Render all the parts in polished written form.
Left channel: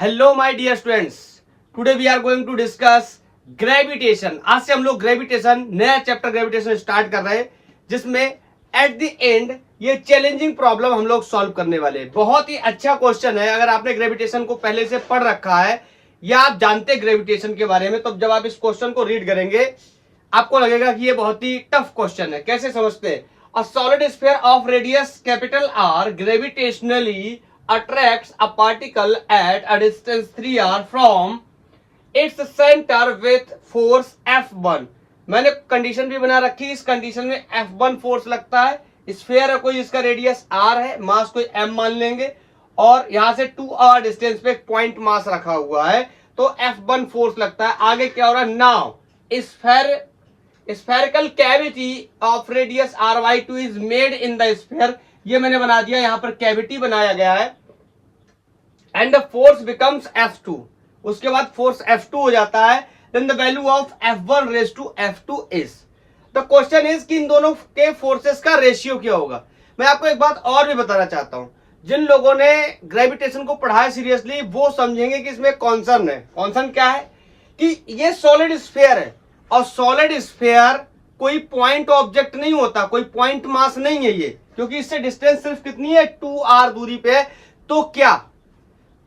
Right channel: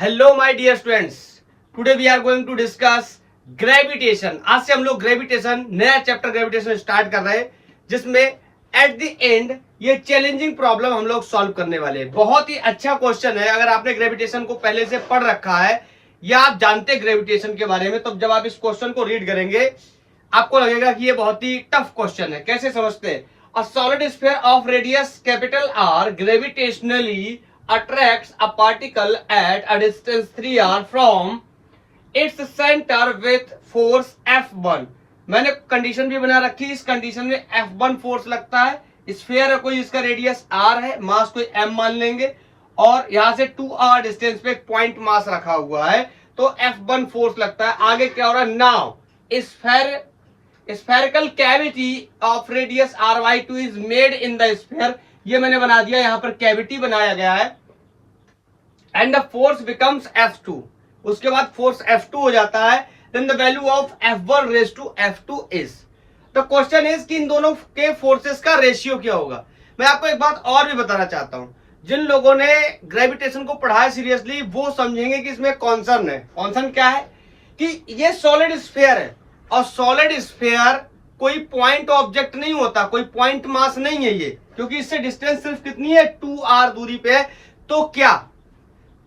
Hello my dear students, today we are going to discuss gravitation. आज से हम लोग ग्रेविटेशन नया चैप्टर ग्रेविटेशन स्टार्ट कर रहे हैं, जिसमें एट द एंड ये चैलेंजिंग प्रॉब्लम हम लोग सॉल्व करने वाले हैं। बहुत ही अच्छा क्वेश्चन है। अगर आपने ग्रेविटेशन को पहले से पढ़ रखा है या आप जानते हैं ग्रेविटेशन के बारे में, तो जब आप इस क्वेश्चन को रीड करेंगे आपको लगेगा कि ये बहुत ही टफ क्वेश्चन है। कैसे समझते हैं? A solid sphere of radius capital R gravitationally attracts a particle at a distance 3r from its center with force F1। मैंने कंडीशन भी बना रखी। इस कंडीशन में F1 फोर्स लगता है। स्फीयर है कोई, इसका रेडियस r है, मास कोई m मान लेंगे, और यहां से 2r डिस्टेंस पे एक पॉइंट मास रखा हुआ है, तो F1 फोर्स लगता है। आगे क्या हो रहा है? Now spherical cavity of radius r/2 is made in the sphere. ये मैंने बना दिया, यहां पर कैविटी बनाया गया है। And the force becomes F2। उसके बाद फोर्स F2 हो जाता है। Then the value of F1 raise to F2 is. The question is कि इन दोनों के फोर्सेस का रेशियो क्या होगा। मैं आपको एक बात और भी बताना चाहता हूं। जिन लोगों ने ग्रेविटेशन को पढ़ा है सीरियसली, वो समझेंगे कि इसमें कॉन्सर्न है। कॉन्सर्न क्या है कि ये सॉलिड स्फीयर है, और सॉलिड स्फीयर कोई पॉइंट ऑब्जेक्ट नहीं होता, कोई पॉइंट मास नहीं है ये, क्योंकि इससे डिस्टेंस सिर्फ कितनी है? 2r दूरी पे है।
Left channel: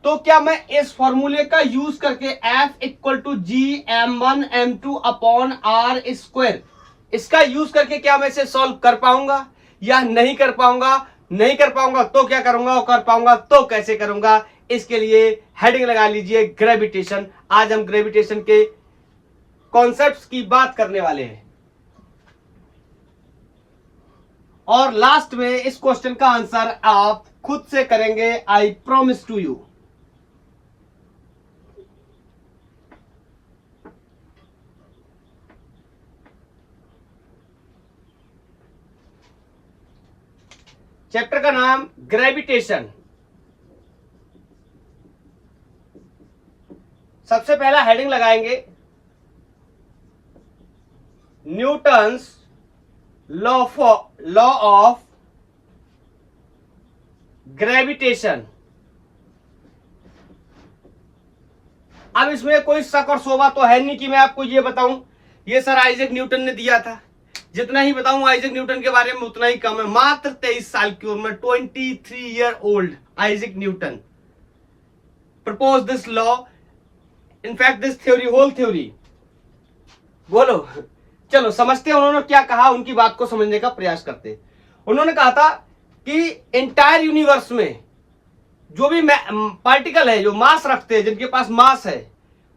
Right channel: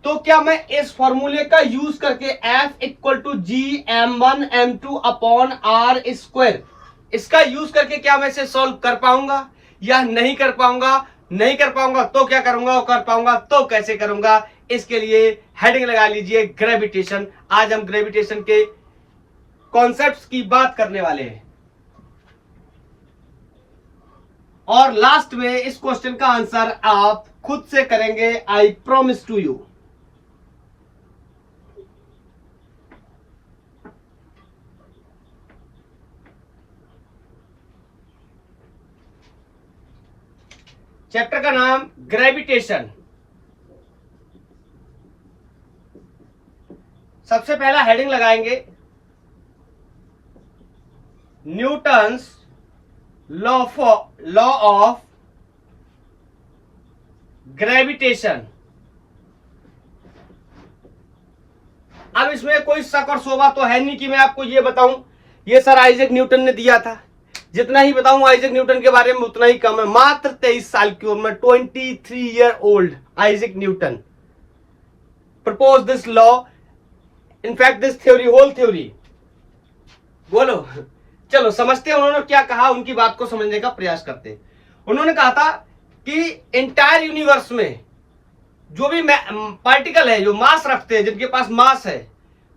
तो क्या मैं इस फॉर्मूले का यूज करके F equal to G m1 m2 upon r square, इसका यूज करके क्या मैं इसे सॉल्व कर पाऊंगा या नहीं कर पाऊंगा? नहीं कर पाऊंगा तो क्या करूंगा, और कर पाऊंगा तो कैसे करूंगा? इसके लिए हेडिंग लगा लीजिए ग्रेविटेशन। आज हम ग्रेविटेशन के कॉन्सेप्ट्स की बात करने वाले हैं, और लास्ट में इस क्वेश्चन का आंसर आप खुद से करेंगे। I promise to you. Chapter का नाम ग्रेविटेशन। सबसे पहला हेडिंग लगाएंगे न्यूटन्स लॉ ऑफ ग्रेविटेशन। अब इसमें कोई शक और शोभा तो है नहीं कि मैं आपको ये बताऊं ये सर आइजैक न्यूटन ने दिया था। जितना ही बताऊं आइजैक न्यूटन के बारे में उतना ही कम है। मात्र 23 साल की उम्र में 23 year old Isaac Newton propose this law. In fact this theory, whole theory. बोलो, चलो समझते हैं उन्होंने क्या कहा, उनकी बात को समझने का प्रयास करते हैं। उन्होंने कहा था कि इंटायर यूनिवर्स में जो भी पार्टिकल है, जो मास रखते हैं, जिनके पास मास है,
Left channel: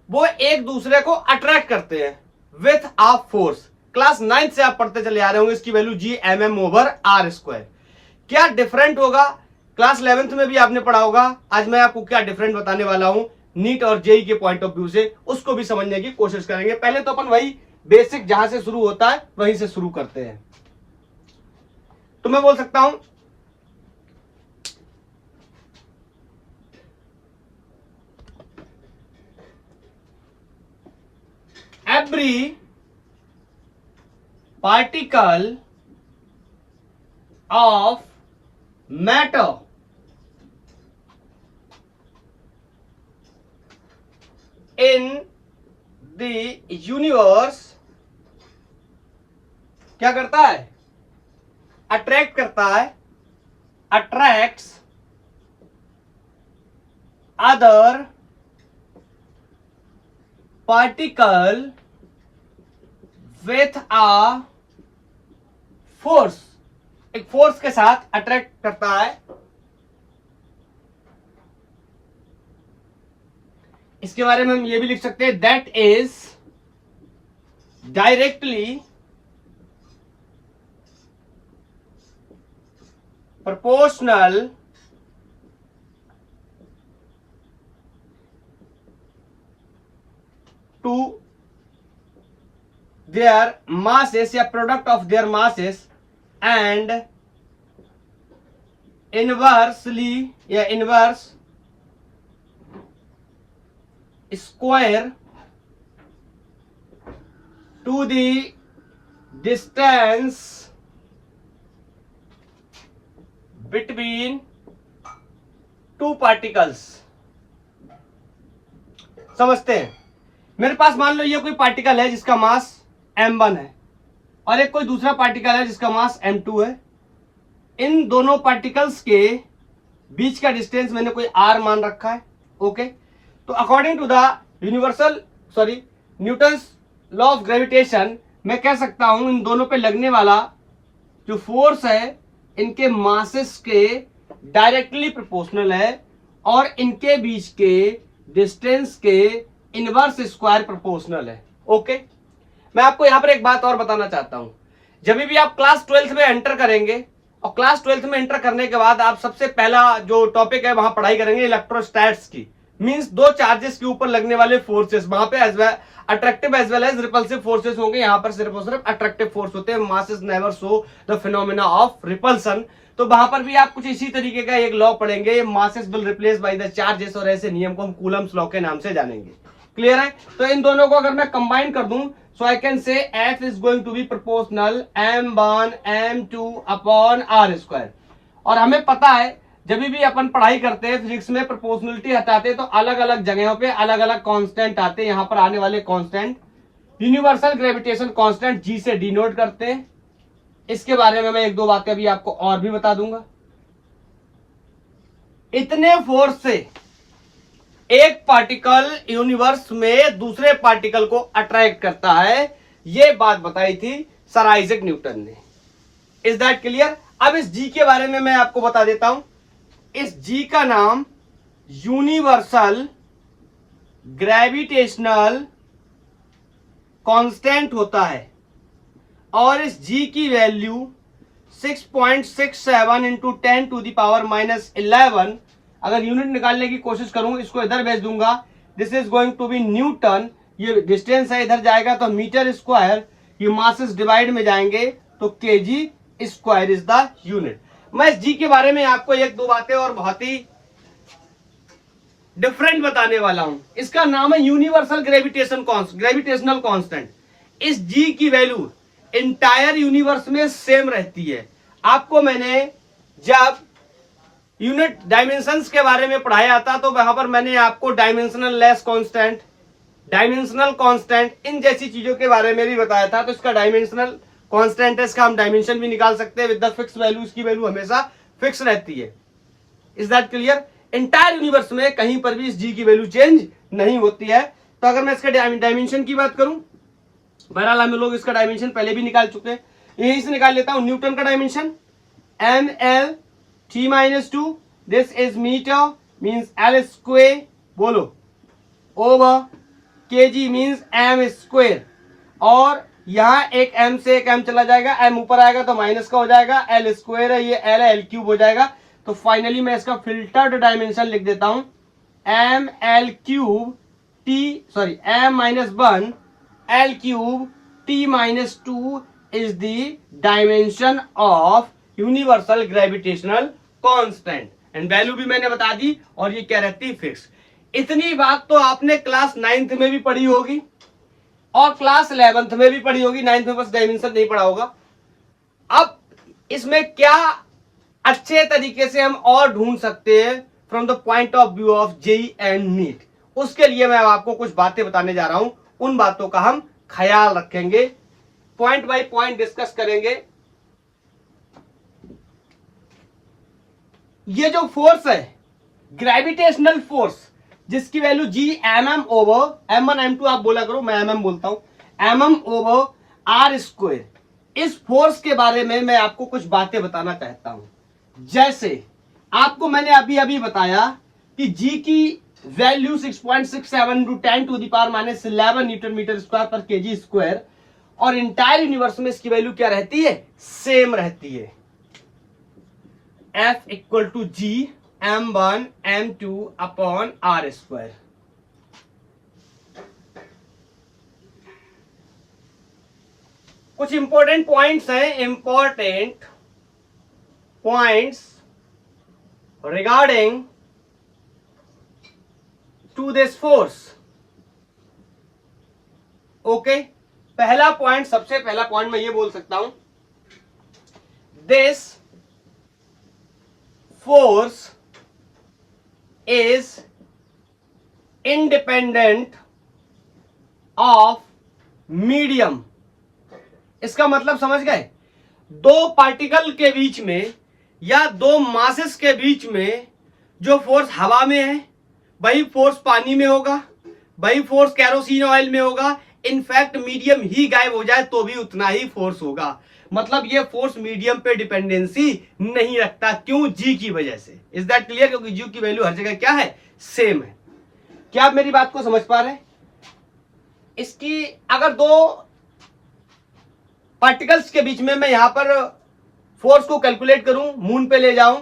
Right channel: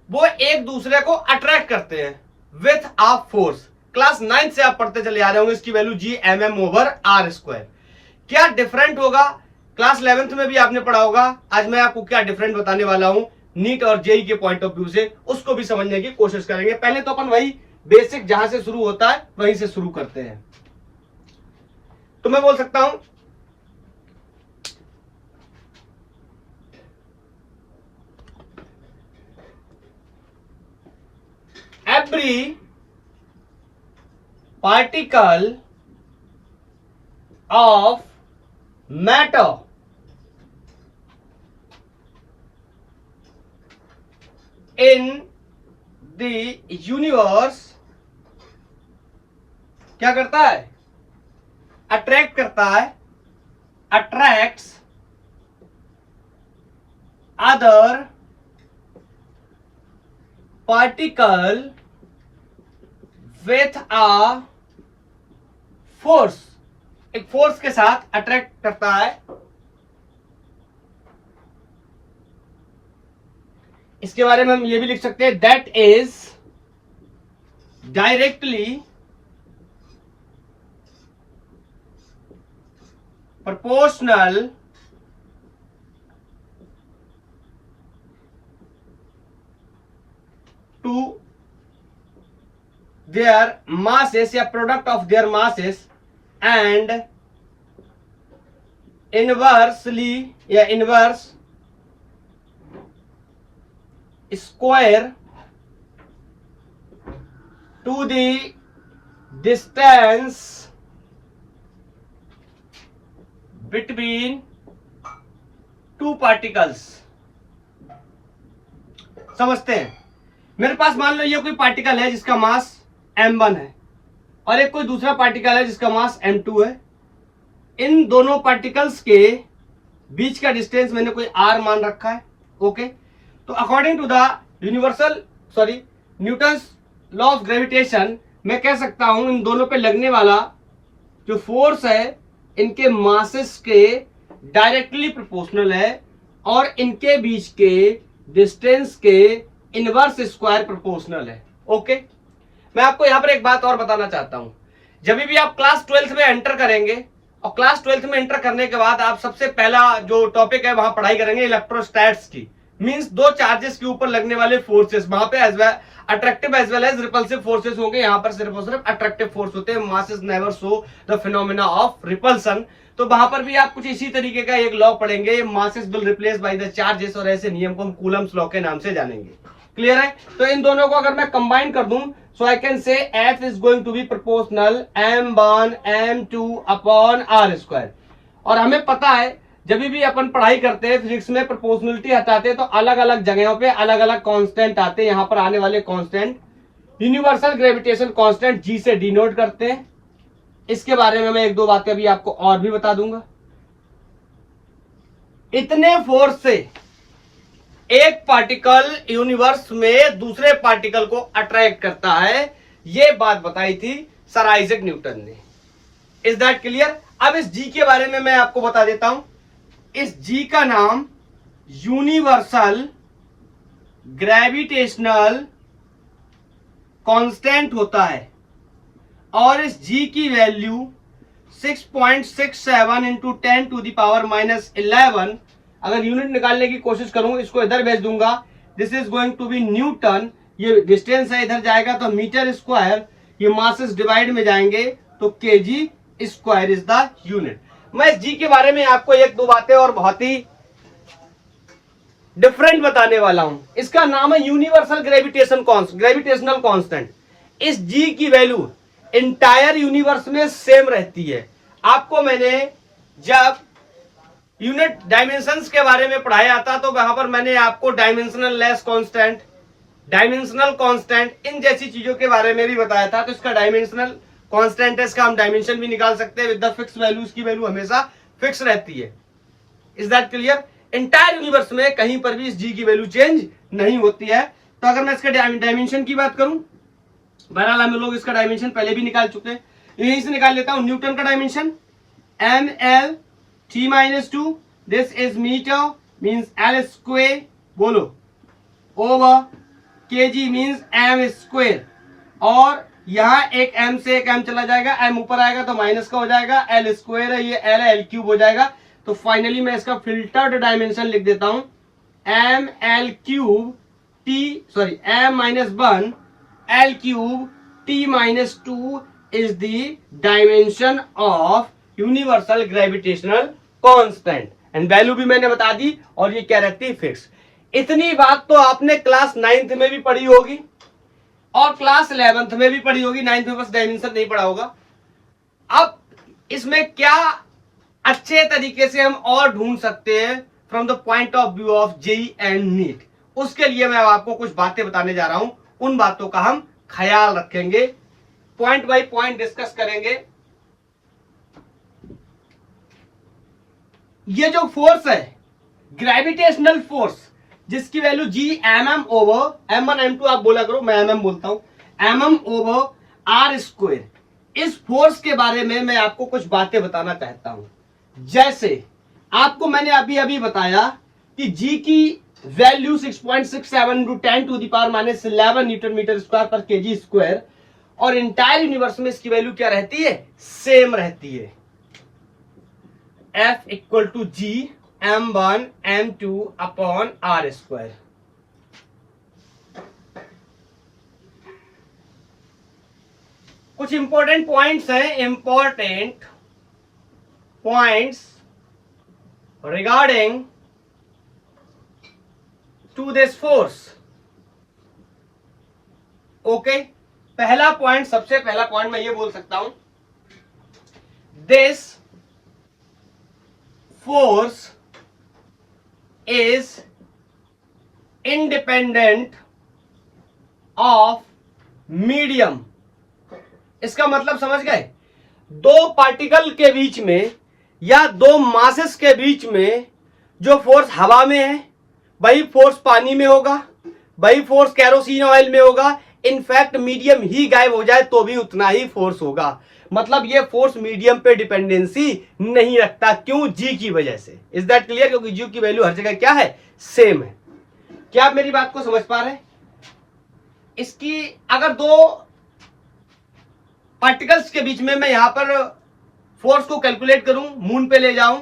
वो एक दूसरे को अट्रैक्ट करते हैं विथ आ फोर्स। क्लास 9 से आप पढ़ते चले आ रहे होंगे, इसकी value Gmm over r square. क्या डिफरेंट होगा? क्लास 11th में भी आपने पढ़ा होगा। आज मैं आपको क्या डिफरेंट बताने वाला हूं नीट और जेई के पॉइंट ऑफ व्यू से, उसको भी समझने की कोशिश करेंगे। पहले तो अपन वही बेसिक जहां से शुरू होता है वहीं से शुरू करते हैं। तो मैं बोल सकता हूं every particle of matter in the universe क्या करता है? अट्रैक्ट करता है, attracts other particle with a force. एक फोर्स के साथ अट्रैक्ट करता है। इसके बारे में हम ये भी लिख सकते हैं that is directly proportional to their masses या product of their masses and inversely या inverse square to the distance between two particles. समझते हैं। मेरे पास मान लो ये कोई पार्टिकल है जिसका मास m1 है और एक कोई दूसरा पार्टिकल है जिसका मास m2 है। इन दोनों पार्टिकल्स के बीच का डिस्टेंस मैंने कोई r मान रखा है। ओके, तो according to the Newton's law of gravitation मैं कह सकता हूं इन दोनों पे लगने वाला जो फोर्स है इनके मासेस के डायरेक्टली प्रोपोर्शनल है और इनके बीच के डिस्टेंस के इनवर्स स्क्वायर प्रोपोर्शनल है। ओके, मैं आपको यहां पर एक बात और बताना चाहता हूं। जब भी आप क्लास 12th में एंटर करेंगे और क्लास 12th में एंटर करने के बाद आप सबसे पहला जो टॉपिक है वहां पढ़ाई करेंगे इलेक्ट्रोस्टैट्स की, मींस दो चार्जेस के ऊपर लगने वाले फोर्सेस, वहां पे attractive as well as repulsive forces होंगे। यहां पर सिर्फ और सिर्फ अट्रैक्टिव फोर्स होते हैं, masses never show the phenomena of repulsion. तो वहां पर भी आप कुछ इसी तरीके का एक लॉ पढ़ेंगे, masses will replace by the charges, और ऐसे नियम को हम कूलम्स लॉ के नाम से जानेंगे। क्लियर है? तो इन दोनों को अगर मैं कंबाइन कर दूं so I can say F is going to be proportional m1 m2 upon r square. और हमें पता है जब भी अपन पढ़ाई करते हैं फिजिक्स में प्रोपोर्शनलिटी हटाते हैं तो अलग अलग जगहों पे अलग अलग कांस्टेंट आते हैं। यहां पर आने वाले constant universal gravitation constant G से डिनोट करते हैं। इसके बारे में मैं एक दो बातें अभी आपको और भी बता दूंगा। इतने फोर्स से एक पार्टिकल यूनिवर्स में दूसरे पार्टिकल को अट्रैक्ट करता है, यह बात बताई थी सर आइजैक न्यूटन ने। Is that clear? अब इस G के बारे में मैं आपको बता देता हूं। इस G का नाम यूनिवर्सल ग्रेविटेशनल कांस्टेंट होता है और इस G की value 6.67 into 10 to the power -11। अगर यूनिट निकालने की कोशिश करूं, इसको इधर भेज दूंगा, this is going to be newton. ये डिस्टेंस है, इधर जाएगा तो मीटर स्क्वायर, ये मासेस डिवाइड में जाएंगे तो KG square is the unit. मैं इस G के बारे में आपको एक दो बातें और बहुत ही डिफरेंट बताने वाला हूं। इसका नाम है यूनिवर्सल ग्रेविटेशनल कांस्टेंट। इस G की वैल्यू इंटायर यूनिवर्स में सेम रहती है। आपको मैंने जब यूनिट डायमेंशंस के बारे में पढ़ाया था तो वहां पर मैंने आपको dimensional less constant, dimensional constant, इन जैसी चीजों के बारे में भी बताया था। तो इसका डायमेंशनल कांस्टेंट है, इसका हम डायमेंशन भी निकाल सकते हैं विद द फिक्स वैल्यू। इसकी वैल्यू हमेशा फिक्स रहती है। Is that clear? Entire universe में कहीं पर भी इस G की वैल्यू चेंज नहीं होती है। तो अगर मैं इसके डायमेंशन की बात करूं, बहरहाल हम लोग इसका डायमेंशन पहले भी निकाल चुके हैं, यहीं से निकाल लेता हूं। न्यूटन का dimension ml t-2, this is metre means l square, बोलो, over kg means m square. और यहां एक m से एक m चला जाएगा, m ऊपर आएगा तो माइनस का हो जाएगा, l स्क्वायर है, ये l है, l क्यूब हो जाएगा। तो फाइनली मैं इसका फिल्टर्ड डायमेंशन लिख देता हूं, m l cube m-1 l cube t-2 is the dimension of universal gravitational constant and value भी मैंने बता दी और ये क्या रहती है? फिक्स। इतनी बात तो आपने क्लास 9th में भी पढ़ी होगी और क्लास 11th में भी पढ़ी होगी। 9th में बस डायमेंशन नहीं पढ़ा होगा। अब इसमें क्या अच्छे तरीके से हम और ढूंढ सकते हैं from the point of view of JEE and NEET, उसके लिए मैं आपको कुछ बातें बताने जा रहा हूं। उन बातों का हम ख्याल रखेंगे, पॉइंट बाय पॉइंट डिस्कस करेंगे। ये जो फोर्स है ग्रेविटेशनल फोर्स, जिसकी value G mm over m1 m2 आप बोला करो, मैं mm बोलता हूं, mm ओवर r स्क्वायर, इस फोर्स के बारे में मैं आपको कुछ बातें बताना चाहता हूं। जैसे आपको मैंने अभी अभी बताया कि G की value 6.67 into 10 to the power -11 newton metre square पर केजी स्क्वायर, और इंटायर यूनिवर्स में इसकी वैल्यू क्या रहती है? सेम रहती है। F equal to G m1 m2 upon r square. कुछ इंपॉर्टेंट पॉइंट्स हैं, important points regarding to this force. Okay, पहला पॉइंट, सबसे पहला पॉइंट मैं ये बोल सकता हूं, this force is independent of medium. इसका मतलब समझ गए, दो पार्टिकल के बीच में या दो मासेस के बीच में जो फोर्स हवा में है वही फोर्स पानी में होगा, वही फोर्स कैरोसिन ऑयल में होगा। इनफैक्ट मीडियम ही गायब हो जाए तो भी उतना ही फोर्स होगा। मतलब ये फोर्स मीडियम पे डिपेंडेंसी नहीं रखता। क्यों? जी की वजह से। Is that clear? क्योंकि जी की वैल्यू हर जगह क्या है? सेम है। क्या आप मेरी बात को समझ पा रहे हैं? इसकी अगर दो पार्टिकल्स के बीच में मैं यहां पर फोर्स को कैलकुलेट करूं, मून पे ले जाऊं,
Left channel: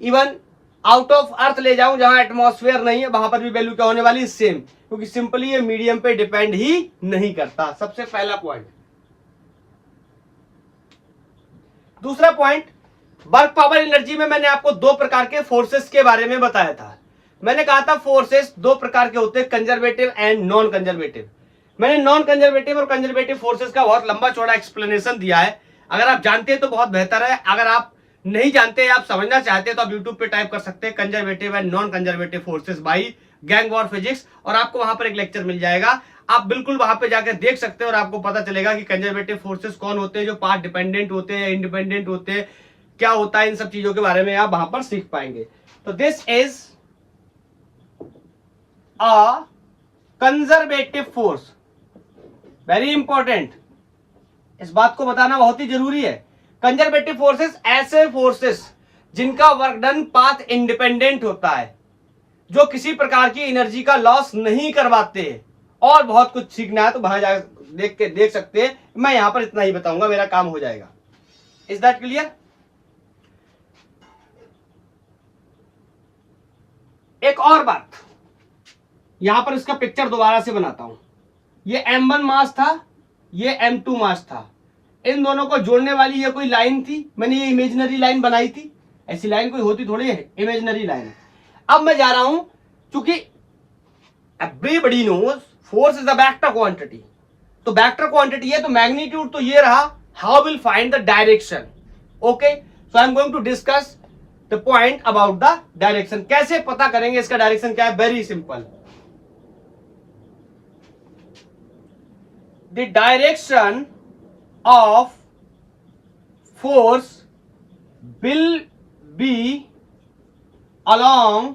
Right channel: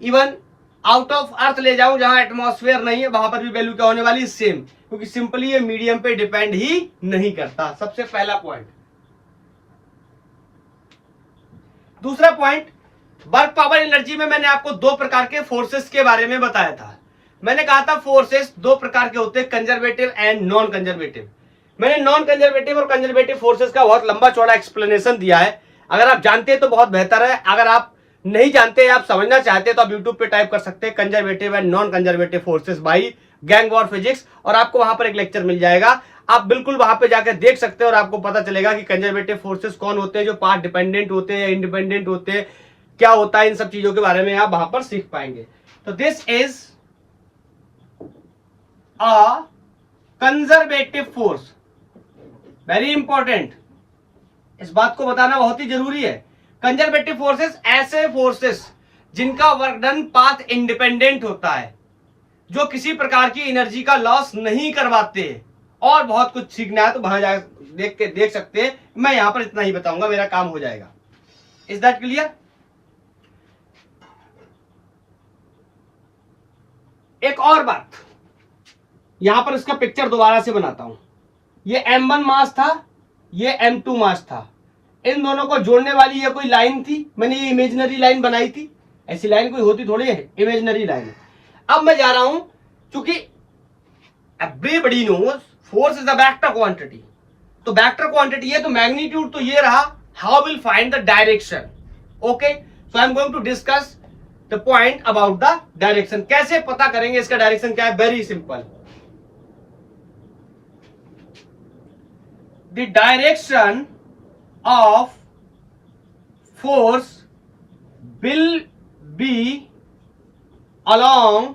इवन आउट ऑफ अर्थ ले जाऊं जहां एटमॉस्फेयर नहीं है, वहां पर भी वैल्यू क्या होने वाली? सेम। क्योंकि सिंपली ये मीडियम पे डिपेंड ही नहीं करता। सबसे पहला पॉइंट। दूसरा पॉइंट, वर्क पावर एनर्जी में मैंने आपको दो प्रकार के फोर्सेस के बारे में बताया था। मैंने कहा था फोर्सेस दो प्रकार के होते हैं, कंजर्वेटिव एंड नॉन कंजर्वेटिव। मैंने नॉन कंजर्वेटिव और कंजर्वेटिव फोर्सेस का बहुत लंबा चौड़ा एक्सप्लेनेशन दिया है। अगर आप जानते हैं तो बहुत बेहतर है, अगर आप नहीं जानते, आप समझना चाहते हैं तो आप यूट्यूब पे टाइप कर सकते हैं conservative and non conservative forces by gang war physics, और आपको वहां पर एक लेक्चर मिल जाएगा। आप बिल्कुल वहां पे जाकर देख सकते हैं और आपको पता चलेगा कि कंजर्वेटिव फोर्सेस कौन होते हैं, जो पाथ डिपेंडेंट होते हैं, इंडिपेंडेंट होते हैं, क्या होता है, इन सब चीजों के बारे में आप वहां पर सीख पाएंगे। तो this is a conservative force, very important. इस बात को बताना बहुत ही जरूरी है। कंजर्वेटिव फोर्सेस ऐसे फोर्सेस जिनका वर्क डन पाथ इंडिपेंडेंट होता है, जो किसी प्रकार की एनर्जी का लॉस नहीं करवाते। और बहुत कुछ सीखना है तो बाहर जाकर देख सकते हैं। मैं यहां पर इतना ही बताऊंगा, मेरा काम हो जाएगा। Is that clear? एक और बात, यहां पर इसका पिक्चर दोबारा से बनाता हूं। ये M1 मास था, ये M2 मास था। इन दोनों को जोड़ने वाली ये कोई लाइन थी, मैंने ये इमेजिनरी लाइन बनाई थी। ऐसी लाइन कोई होती थोड़ी है, इमेजिनरी लाइन। अब मैं जा रहा हूं, क्योंकि everybody knows force is a vector quantity. तो वेक्टर क्वांटिटी है तो मैग्नीट्यूड तो ये रहा। How will find the direction? Okay, so I am going to discuss the point about the direction. कैसे पता करेंगे इसका डायरेक्शन क्या है? Very simple. The direction of force will be along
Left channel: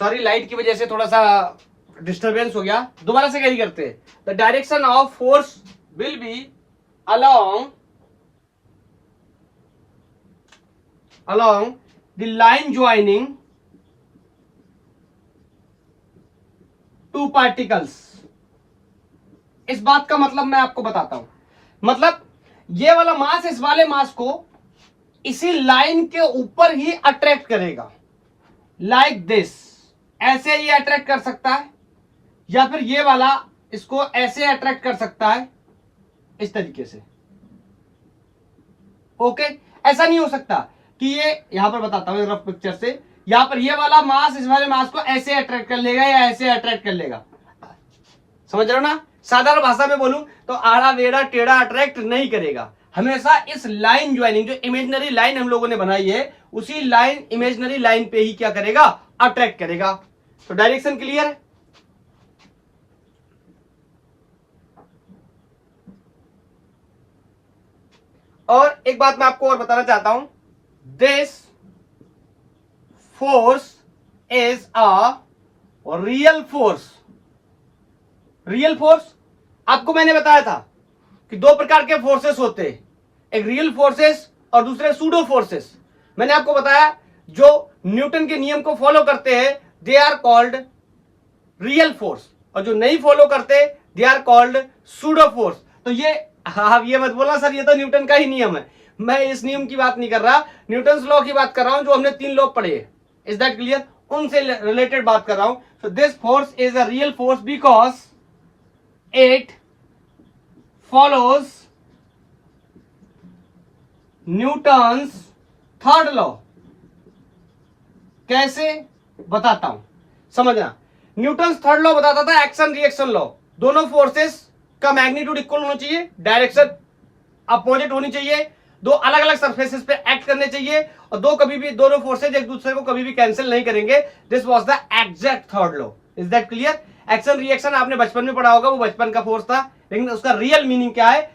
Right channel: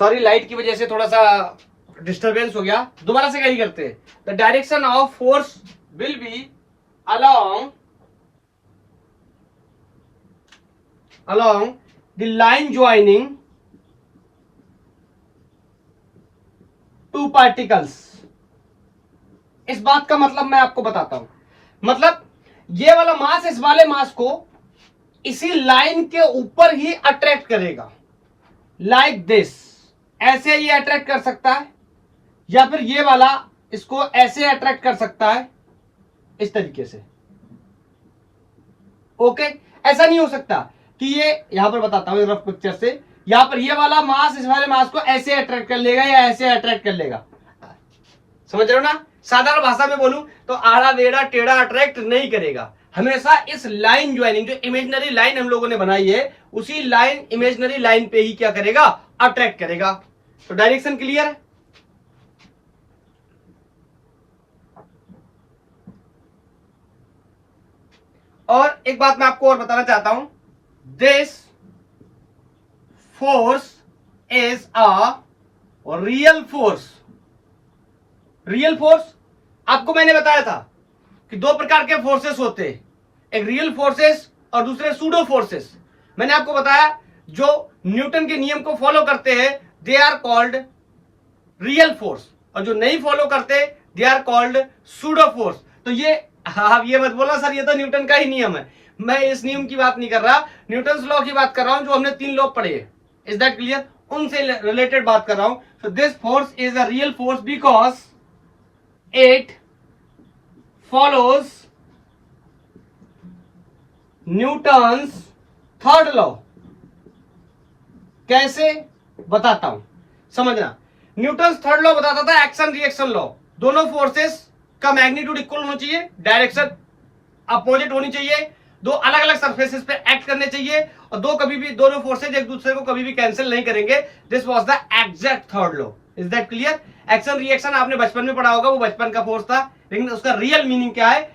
sorry, light की वजह से थोड़ा सा डिस्टरबेंस हो गया। दोबारा से कहीं करते हैं। The direction of force will B along the line joining two particles. इस बात का मतलब मैं आपको बताता हूं। मतलब ये वाला मास इस वाले मास को इसी लाइन के ऊपर ही अट्रैक्ट करेगा, लाइक दिस। ऐसे ये अट्रैक्ट कर सकता है, या फिर ये वाला इसको ऐसे अट्रैक्ट कर सकता है, इस तरीके से। ओके, ऐसा नहीं हो सकता कि ये, यहां पर बताता हूं रफ पिक्चर से, यहां पर ये वाला मास इस वाले मास को ऐसे अट्रैक्ट कर लेगा या ऐसे अट्रैक्ट कर लेगा। समझ रहे हो ना? साधारण भाषा में बोलूं तो आड़ा टेढ़ा टेढ़ा अट्रैक्ट नहीं करेगा। हमेशा इस लाइन ज्वाइनिंग, जो इमेजिनरी लाइन हम लोगों ने बनाई है, उसी लाइन, इमेजिनरी लाइन पे ही क्या करेगा? अट्रैक्ट करेगा। तो डायरेक्शन क्लियर है? और एक बात मैं आपको और बताना चाहता हूं, this force is a real force. Real force आपको मैंने बताया था कि दो प्रकार के फोर्सेस होते हैं, एक रियल फोर्सेस और दूसरे सूडो फोर्सेस। मैंने आपको बताया जो न्यूटन के नियम को फॉलो करते हैं they are called real force, और जो नहीं फॉलो करते they are called pseudo force. तो ये, आप ये मत बोला सर ये तो न्यूटन का ही नियम है। मैं इस नियम की बात नहीं कर रहा, न्यूटन लॉ की बात कर रहा हूं, जो हमने 3 लॉ पढ़े हैं। Is that clear? उनसे रिलेटेड बात कर रहा हूं। So this force is a real force because it follows Newton's third law. कैसे? बताता हूं, समझना। न्यूटन्स थर्ड लॉ बताता था एक्शन रिएक्शन लॉ। दोनों फोर्सेस का मैग्नीट्यूड इक्वल होना चाहिए, डायरेक्शन अपोजिट होनी चाहिए, दो अलग अलग सरफेसेस पे एक्ट करने चाहिए, और दो कभी भी दोनों फोर्सेज एक दूसरे को कभी भी कैंसिल नहीं करेंगे. This was the exact third law. Is that clear? Action reaction आपने बचपन में पढ़ा होगा, वो बचपन का फोर्स था, लेकिन उसका रियल मीनिंग क्या है?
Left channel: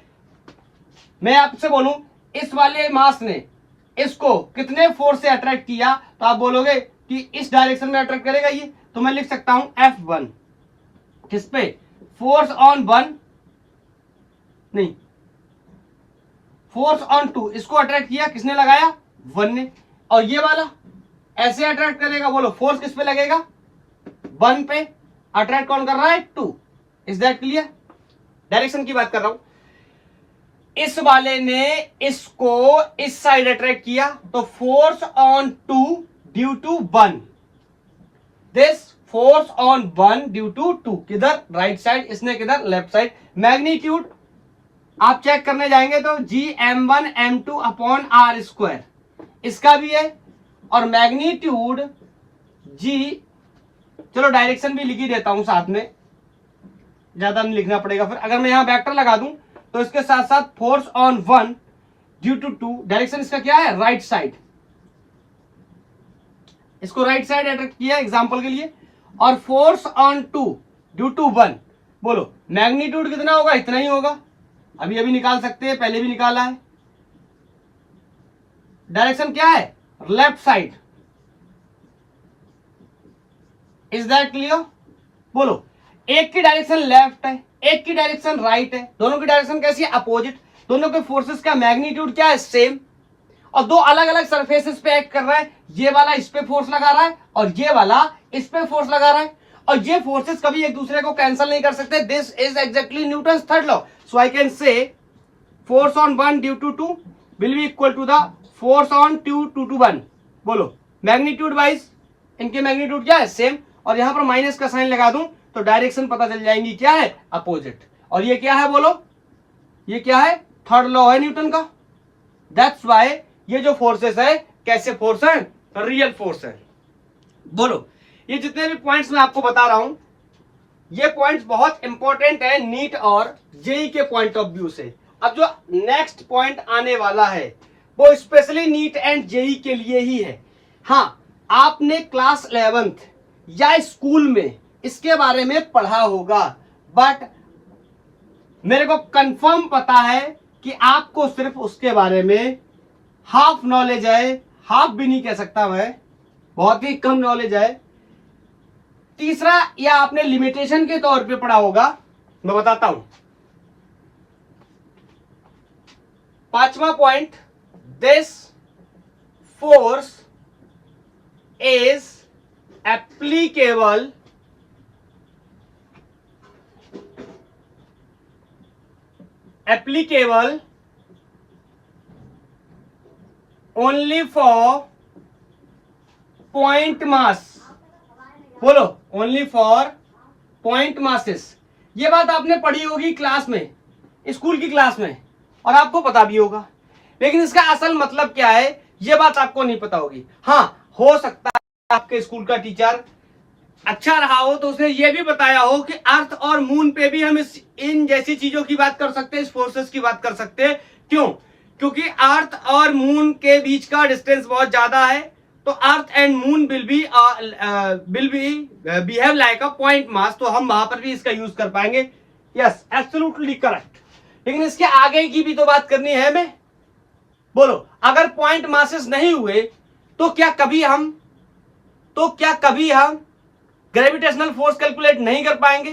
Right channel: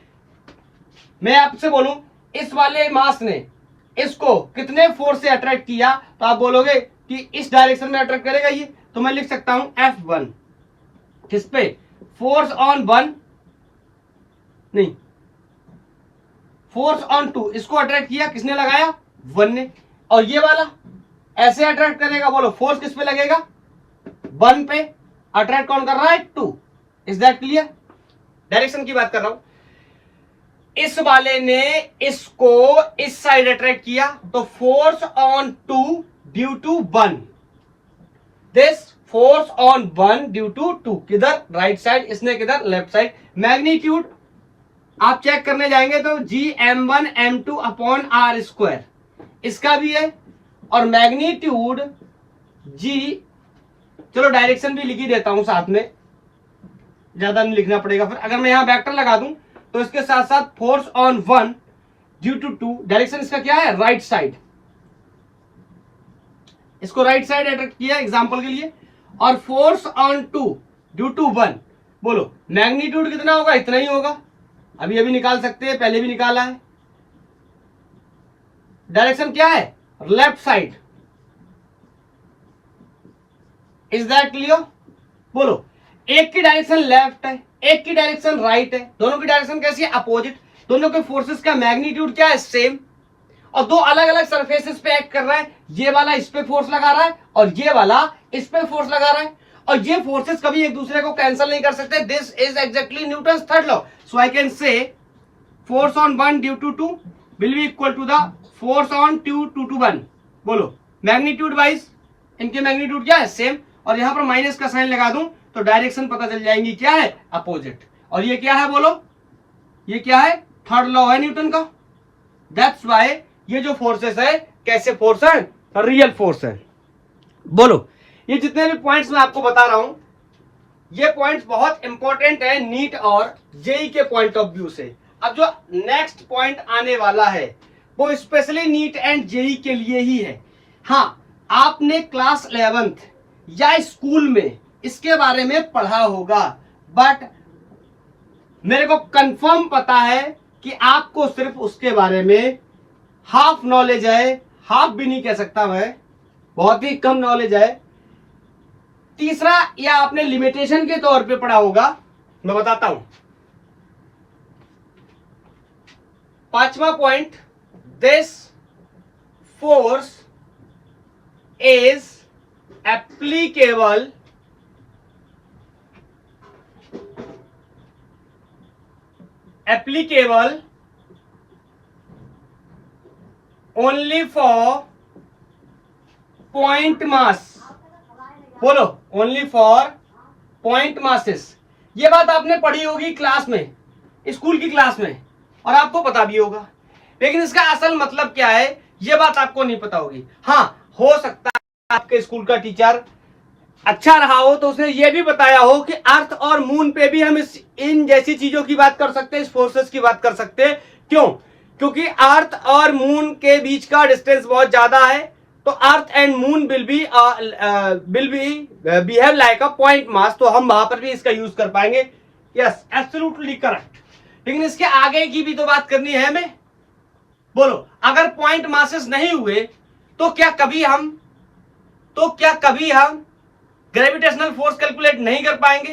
मैं आपसे बोलूं इस वाले मास ने इसको कितने फोर्स से अट्रैक्ट किया, तो आप बोलोगे कि इस डायरेक्शन में अट्रैक्ट करेगा ये, तो मैं लिख सकता हूं F1 किस पे? फोर्स ऑन 1 नहीं, फोर्स ऑन 2. इसको अट्रैक्ट किया किसने? लगाया 1 ने. और ये वाला ऐसे अट्रैक्ट करेगा, बोलो फोर्स किस पे लगेगा? 1 पे. अट्रैक्ट कौन कर रहा है? 2. Is that clear? डायरेक्शन की बात कर रहा हूं. इस वाले ने इसको इस साइड अट्रैक्ट किया, तो force on 2 due to 1. This force on 1 due to 2. किधर? Right side. इसने किधर? Left side. मैग्नीट्यूड आप चेक करने जाएंगे तो Gm1 m2 upon are square इसका भी है, और मैग्नीट्यूड G, चलो डायरेक्शन भी लिख ही देता हूं साथ में, ज्यादा नहीं लिखना पड़ेगा फिर. अगर मैं यहां वेक्टर लगा दूं तो इसके साथ साथ force on 1 due to 2, direction इसका क्या है? Right side. इसको राइट साइड अट्रैक्ट किया एग्जांपल के लिए, और फोर्स ऑन 2 ड्यू टू 1. बोलो मैग्नीट्यूड कितना होगा? इतना ही होगा. अभी अभी निकाल सकते हैं, पहले भी निकाला है. डायरेक्शन क्या है? Left side. Is that clear? बोलो एक की डायरेक्शन लेफ्ट है, एक की डायरेक्शन राइट है, दोनों की डायरेक्शन कैसी है? अपोजिट. दोनों के फोर्सेस का मैग्नीट्यूड क्या है? सेम. और दो अलग अलग सरफेसेस पे एक्ट कर रहा है. ये वाला इस पे फोर्स लगा रहा है और ये वाला इस पे फोर्स लगा रहा है, और ये फोर्सेस कभी एक दूसरे को कैंसिल नहीं कर सकते. This is exactly Newton's third law. So I can say force on 1 due to 2 will be equal to the force on 2 to 1. बोलो मैग्नीट्यूड वाइज इनके मैग्नीट्यूड क्या है? सेम. और यहां पर माइनस का साइन लगा दूं तो डायरेक्शन पता चल जाएंगी क्या है? अपोजिट. और ये क्या है? बोलो ये क्या है? थर्ड लॉ है न्यूटन का. दैट्स व्हाई ये जो फोर्सेस है कैसे फोर्स है? रियल फोर्स है. बोलो ये जितने भी पॉइंट्स मैं आपको बता रहा हूं, ये पॉइंट्स बहुत इंपॉर्टेंट है नीट और जेई के पॉइंट ऑफ व्यू से. अब जो नेक्स्ट पॉइंट आने वाला है वो स्पेशली नीट एंड जेई के लिए ही है. हाँ, आपने क्लास 11th या स्कूल में इसके बारे में पढ़ा होगा, बट मेरे को कंफर्म पता है कि आपको सिर्फ उसके बारे में हाफ नॉलेज है. हाफ भी नहीं कह सकता मैं, बहुत ही कम नॉलेज है. तीसरा, या आपने लिमिटेशन के तौर पे पढ़ा होगा, मैं बताता हूं. पांचवा point, this force is applicable only for point mass. बोलो ओनली फॉर पॉइंट मासेस. ये बात आपने पढ़ी होगी क्लास में, स्कूल की क्लास में, और आपको पता भी होगा, लेकिन इसका असल मतलब क्या है ये बात आपको नहीं पता होगी. हाँ, हो सकता है आपके स्कूल का टीचर अच्छा रहा हो तो उसने ये भी बताया हो कि अर्थ और मून पे भी हम इन जैसी चीजों की बात कर सकते हैं, इस फोर्सेस की बात कर सकते हैं. क्यों? क्योंकि अर्थ और मून के बीच का डिस्टेंस बहुत ज्यादा है, तो earth and moon will be behave like a point mass. तो हम वहां पर भी इसका यूज कर पाएंगे. Yes, absolutely correct. लेकिन इसके आगे की भी तो बात करनी है हमें. बोलो अगर पॉइंट मासेस नहीं हुए तो क्या कभी हम ग्रेविटेशनल फोर्स कैलकुलेट नहीं कर पाएंगे?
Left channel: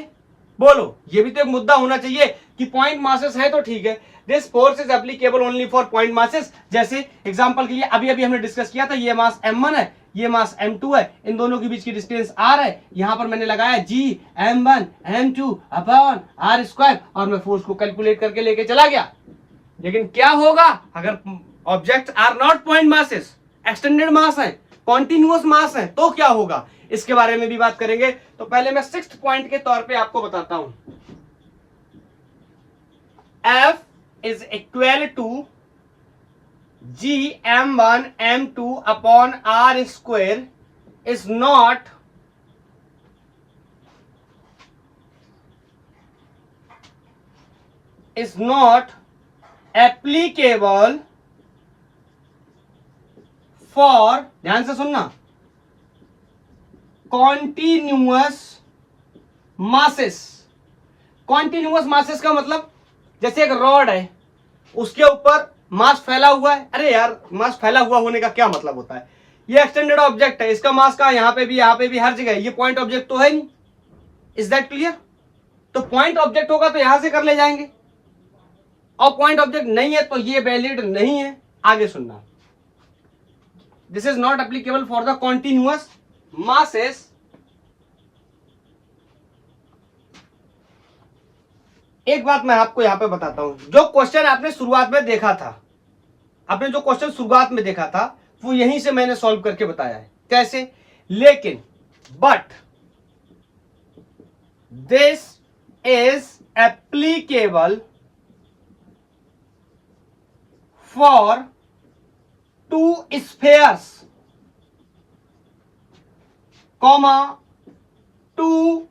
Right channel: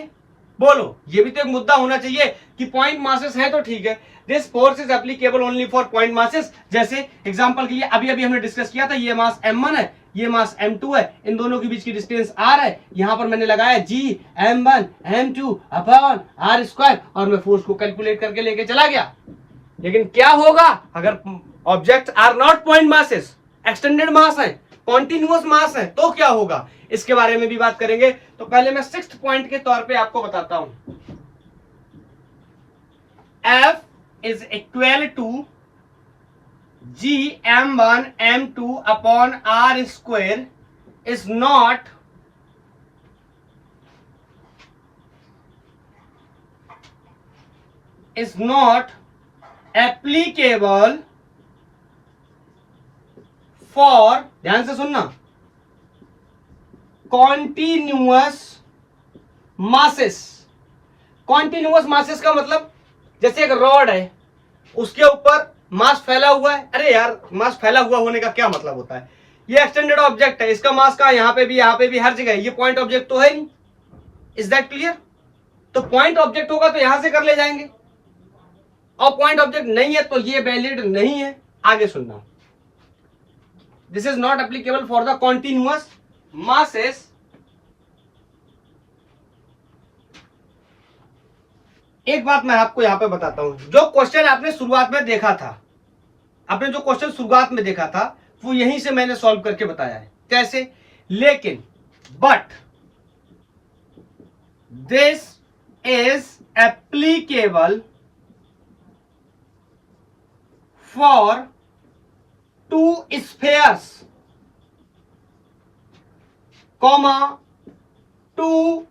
बोलो ये भी तो एक मुद्दा होना चाहिए कि पॉइंट मासेस है तो ठीक है, this force is applicable only for point masses. जैसे एग्जांपल के लिए अभी हमने डिस्कस किया था, ये मास m1 है, ये मास m2 है, इन दोनों के बीच की डिस्टेंस r है. यहां पर मैंने लगाया Gm1 m2 upon r square, और मैं फोर्स को कैलकुलेट करके लेके चला गया. लेकिन क्या होगा अगर object are not point masses, extended mass है, कॉन्टिन्यूअस मास है, तो क्या होगा? इसके बारे में भी बात करेंगे. तो पहले मैं 6th पॉइंट के तौर पे आपको बताता हूं. F is equal to Gm1 m2 upon r square is not applicable for, ध्यान से सुनना, कॉन्टिन्यूअस मासेस। कॉन्टिन्यूअस मासेस का मतलब जैसे एक रॉड है, उसके ऊपर मास फैला हुआ है। अरे यार, मास फैला हुआ होने का क्या मतलब होता है? ये एक्सटेंडेड ऑब्जेक्ट है, इसका मास का यहाँ पे भी हर जगह है। ये पॉइंट ऑब्जेक्ट तो है नहीं। Is that clear? तो पॉइंट ऑब्जेक्ट होगा तो यहां से कर ले जाएंगे, और पॉइंट ऑब्जेक्ट नहीं है तो ये वैलिड नहीं है। आगे सुनना, this is not applicable for the continuous masses एक बात मैं आपको यहां पे बताता हूं, जो क्वेश्चन आपने शुरुआत में देखा था, आपने जो क्वेश्चन शुरुआत में देखा था वो यहीं से मैंने सॉल्व करके बताया है कैसे। लेकिन but this is applicable for two spheres, comma two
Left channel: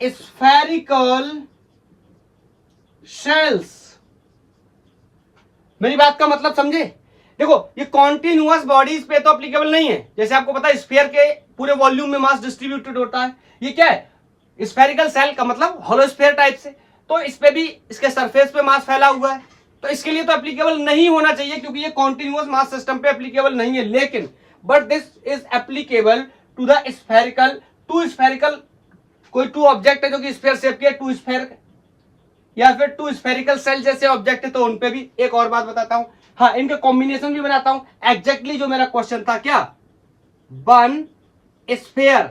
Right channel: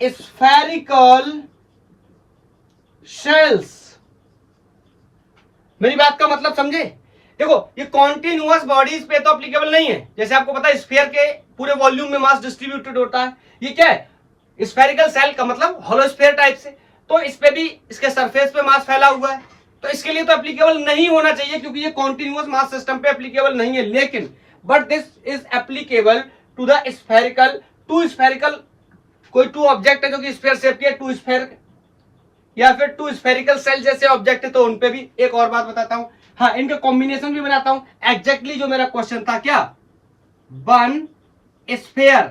spherical shells. मेरी बात का मतलब समझे? देखो, ये कॉन्टिन्यूअस बॉडीज पे तो एप्लीकेबल नहीं है। जैसे आपको पता है स्फीयर के पूरे वॉल्यूम में मास डिस्ट्रीब्यूटेड होता है। ये क्या है? स्फेरिकल सेल का मतलब होलो स्फीयर टाइप से। तो इस पे भी, इसके सरफेस पे मास फैला हुआ है, तो इसके लिए तो एप्लीकेबल नहीं होना चाहिए, क्योंकि ये कॉन्टिन्यूअस मास सिस्टम पे एप्लीकेबल नहीं है। लेकिन but this is applicable to the spherical, two spherical, कोई टू ऑब्जेक्ट है जो कि स्फीयर शेप के, टू स्फीयर या फिर टू स्फेरिकल सेल जैसे ऑब्जेक्ट है, तो उनपे भी। एक और बात बताता हूं, हाँ, इनका कॉम्बिनेशन भी बनाता हूं। एग्जैक्टली जो मेरा क्वेश्चन था, क्या? वन स्फीयर,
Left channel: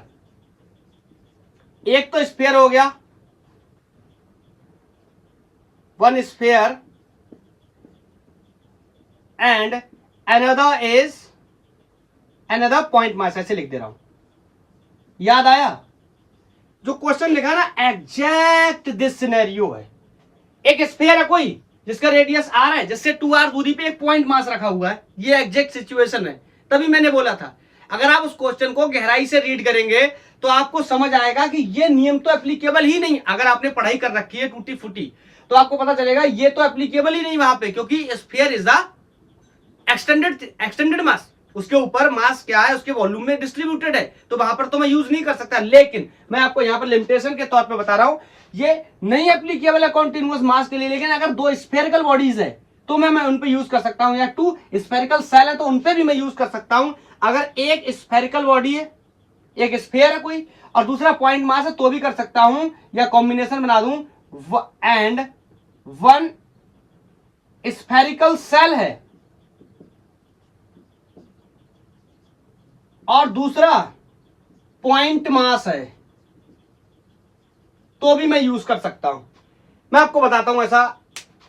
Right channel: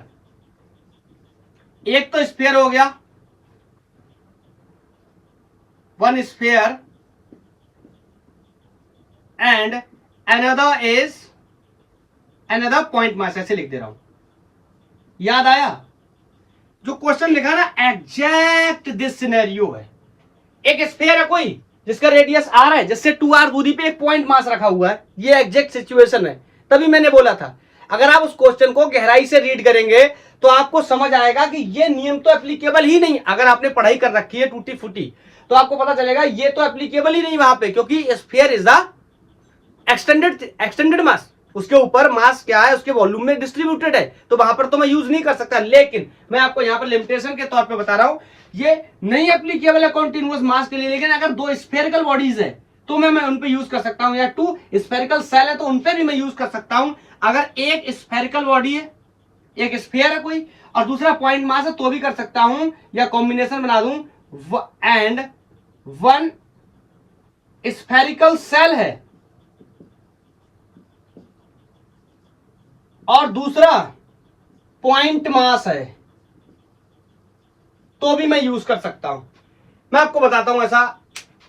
एक तो स्फीयर हो गया, one sphere, and another is another point mass, ऐसे लिख दे रहा हूं। याद आया? जो क्वेश्चन लिखा ना, एग्जैक्ट दिस सिनेरियो है। एक स्फीयर है कोई, जिसका रेडियस आर है, जिससे 2r दूरी पे एक पॉइंट मास रखा हुआ है। ये एग्जैक्ट सिचुएशन है। तभी मैंने बोला था, अगर आप उस क्वेश्चन को गहराई से रीड करेंगे तो आपको समझ आएगा कि ये नियम तो एप्लीकेबल ही नहीं। अगर आपने पढ़ाई कर रखी है टूटी फूटी, तो आपको पता चलेगा ये तो एप्लीकेबल ही नहीं वहां पे, क्योंकि स्फीयर इज द एक्सटेंडेड मास। उसके ऊपर मास क्या है, उसके वॉल्यूम में डिस्ट्रीब्यूटेड है, तो वहां पर तो मैं यूज नहीं कर सकता। लेकिन मैं आपको यहां पर लिमिटेशन के तौर पे बता रहा हूं, ये नहीं एप्लीकेबल है कॉन्टिन्यूअस मास के लिए। लेकिन अगर दो स्फेरिकल बॉडीज है तो मैं उन पे यूज कर सकता हूं, या टू स्फेरिकल सेल है तो उन पे भी मैं यूज कर सकता हूं। अगर एक स्फेरिकल बॉडी है, एक स्फीयर है कोई, और दूसरा पॉइंट मास है, तो भी कर सकता हूं, या कॉम्बिनेशन बना दूं, एंड वन स्फेरिकल सेल है और दूसरा पॉइंट मास है, तो भी मैं यूज कर सकता हूं। मैं आपको बताता हूं, ऐसा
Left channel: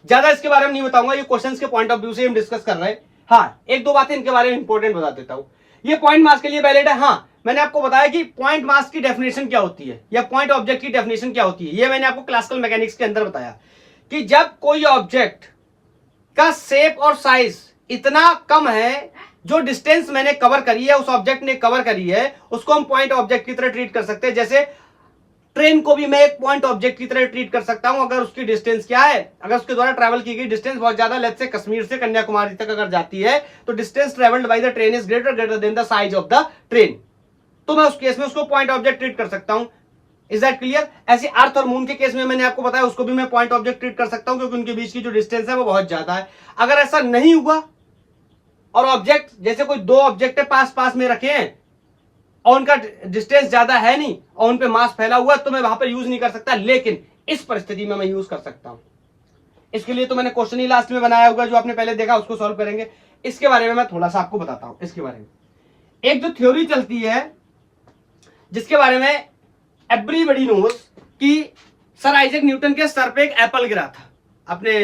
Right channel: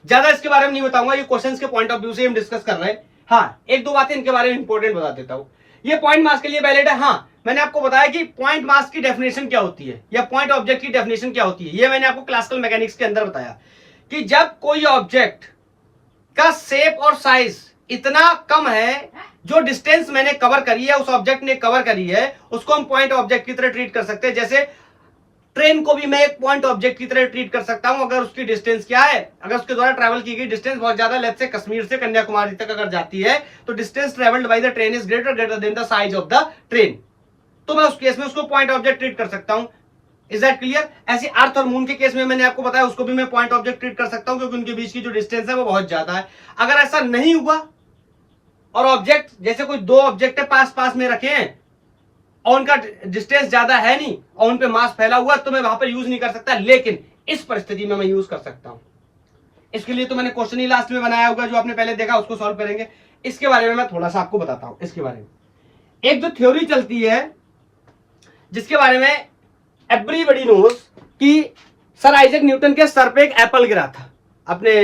ज्यादा इसके बारे में नहीं बताऊंगा, ये क्वेश्चंस के पॉइंट ऑफ व्यू से हम डिस्कस कर रहे हैं। हाँ, एक दो बातें इनके बारे में इंपॉर्टेंट बता देता हूं। ये पॉइंट मास के लिए वैलिड है। हाँ, मैंने आपको बताया कि पॉइंट मास की डेफिनेशन क्या होती है, या पॉइंट ऑब्जेक्ट की डेफिनेशन क्या होती है। ये मैंने आपको क्लासिकल मैकेनिक्स के अंदर बताया कि जब कोई ऑब्जेक्ट का शेप और साइज इतना कम है, जो डिस्टेंस मैंने कवर करी है, उस ऑब्जेक्ट ने कवर करी है, उसको हम पॉइंट ऑब्जेक्ट की तरह ट्रीट कर सकते हैं। जैसे ट्रेन को भी मैं एक पॉइंट ऑब्जेक्ट की तरह ट्रीट कर सकता हूं, अगर उसकी डिस्टेंस क्या है, अगर उसके द्वारा ट्रैवल की गई डिस्टेंस बहुत ज्यादा, लेट्स से कश्मीर से कन्याकुमारी तक अगर जाती है, तो distance travelled by the train is greater than the size of the train, तो मैं उस केस में उसको पॉइंट ऑब्जेक्ट ट्रीट कर सकता हूं। Is that clear? ऐसे अर्थ और मून के केस में मैंने आपको बताया, उसको भी मैं पॉइंट ऑब्जेक्ट ट्रीट कर सकता हूं, क्योंकि उनके बीच की जो डिस्टेंस है वो बहुत ज्यादा है। अगर ऐसा नहीं हुआ और ऑब्जेक्ट, जैसे कोई दो ऑब्जेक्ट पास पास में रखे हैं और उनका डिस्टेंस ज्यादा है नहीं और उन पे मास फैला हुआ है, तो मैं वहां पर यूज नहीं कर सकता। लेकिन इस परिस्थिति में मैं यूज कर सकता हूं। इसके लिए तो मैंने क्वेश्चन ही लास्ट में बनाया होगा, जो आपने पहले देखा, उसको सॉल्व करेंगे। इसके बारे में मैं थोड़ा सा आपको बताता हूं। इसके बारे में एक जो थ्योरी चलती है, जिसके बारे में एवरीबॉडी नोज, कि सर आइजैक न्यूटन के सर पे एक एप्पल गिरा था। आपने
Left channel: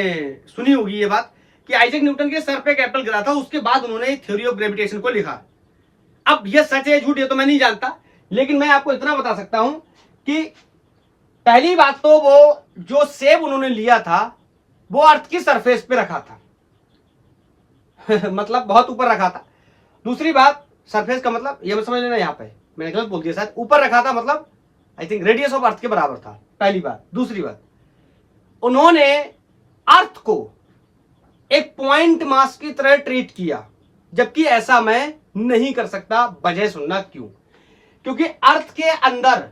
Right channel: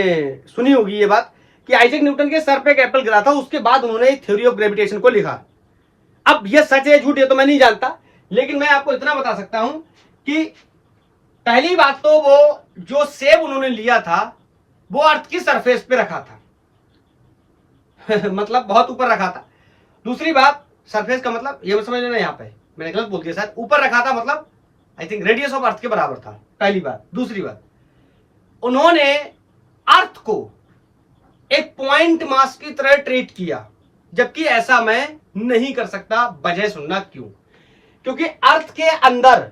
सुनी होगी ये बात कि आइजैक न्यूटन के सर पे एक एप्पल गिरा था, उसके बाद उन्होंने थ्योरी ऑफ ग्रेविटेशन को लिखा। अब ये सच है झूठ है तो मैं नहीं जानता, लेकिन मैं आपको इतना बता सकता हूं कि पहली बात तो वो जो सेब उन्होंने लिया था वो अर्थ की सरफेस पे रखा था मतलब बहुत ऊपर रखा था। दूसरी बात, सरफेस का मतलब ये समझ लेना, यहां पे मैंने गलत बोल दिया शायद, ऊपर रखा था मतलब I think radius of earth के बराबर था, पहली बात। दूसरी बात, उन्होंने अर्थ को एक पॉइंट मास की तरह ट्रीट किया, जबकि ऐसा मैं नहीं कर सकता। वजह सुनना क्यों? क्योंकि अर्थ के अंदर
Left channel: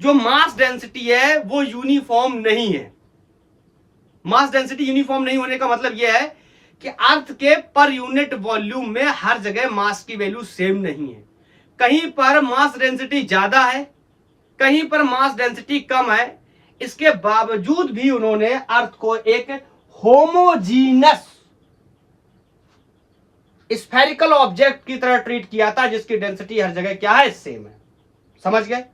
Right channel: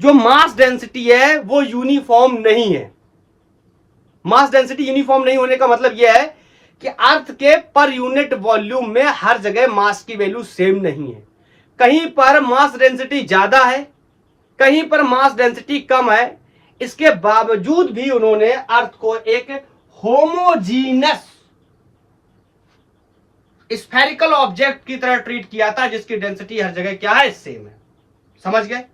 जो मास डेंसिटी है वो यूनिफॉर्म नहीं है। मास डेंसिटी यूनिफॉर्म नहीं होने का मतलब यह है कि अर्थ के पर यूनिट वॉल्यूम में हर जगह मास की वैल्यू सेम नहीं है। कहीं पर मास डेंसिटी ज्यादा है, कहीं पर मास डेंसिटी कम है। इसके बावजूद भी उन्होंने अर्थ को एक होमोजीनस स्फेरिकल ऑब्जेक्ट की तरह ट्रीट किया था, जिसकी डेंसिटी हर जगह क्या है, सेम है। समझ गए?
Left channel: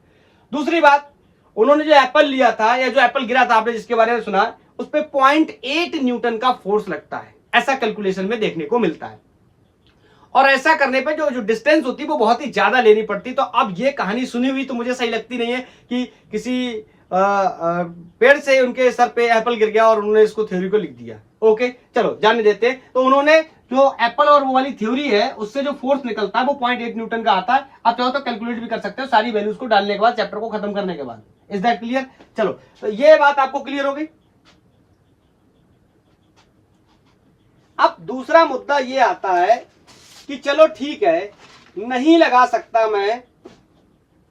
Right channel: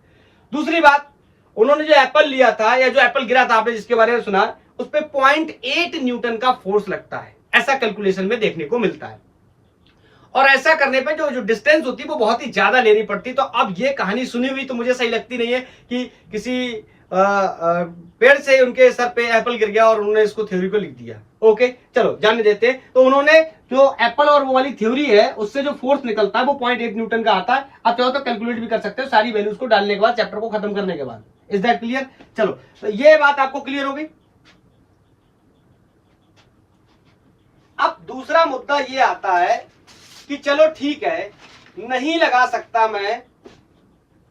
दूसरी बात, उन्होंने जो एप्पल लिया था या जो एप्पल गिरा था, आपने जिसके बारे में सुना, उस पर 0.8 न्यूटन का फोर्स लगता है, ऐसा कैलकुलेशन में देखने को मिलता है। और ऐसा करने पे जो डिस्टेंस होती है वो बहुत ही ज्यादा लेनी पड़ती। तो अब ये कहानी सुनी हुई तो मुझे सही लगती नहीं है कि किसी पेड़ से उनके सर पे एप्पल गिर गया और उन्होंने इसको थ्योरी को लिख दिया। ओके, चलो जानने देते हैं। तो उन्होंने जो एप्पल और वो वाली थ्योरी है, उससे जो फोर्स निकलता है वो 0.8 न्यूटन का आता है। आप चाहो तो कैलकुलेट भी कर सकते हो सारी वैल्यूज को डालने के बाद, चैप्टर को खत्म करने के बाद। Is that clear? चलो, तो ये बात आपको क्लियर हो गई। अब दूसरा मुद्दा ये आता है कि चलो ठीक है, नहीं लगा सकता मैं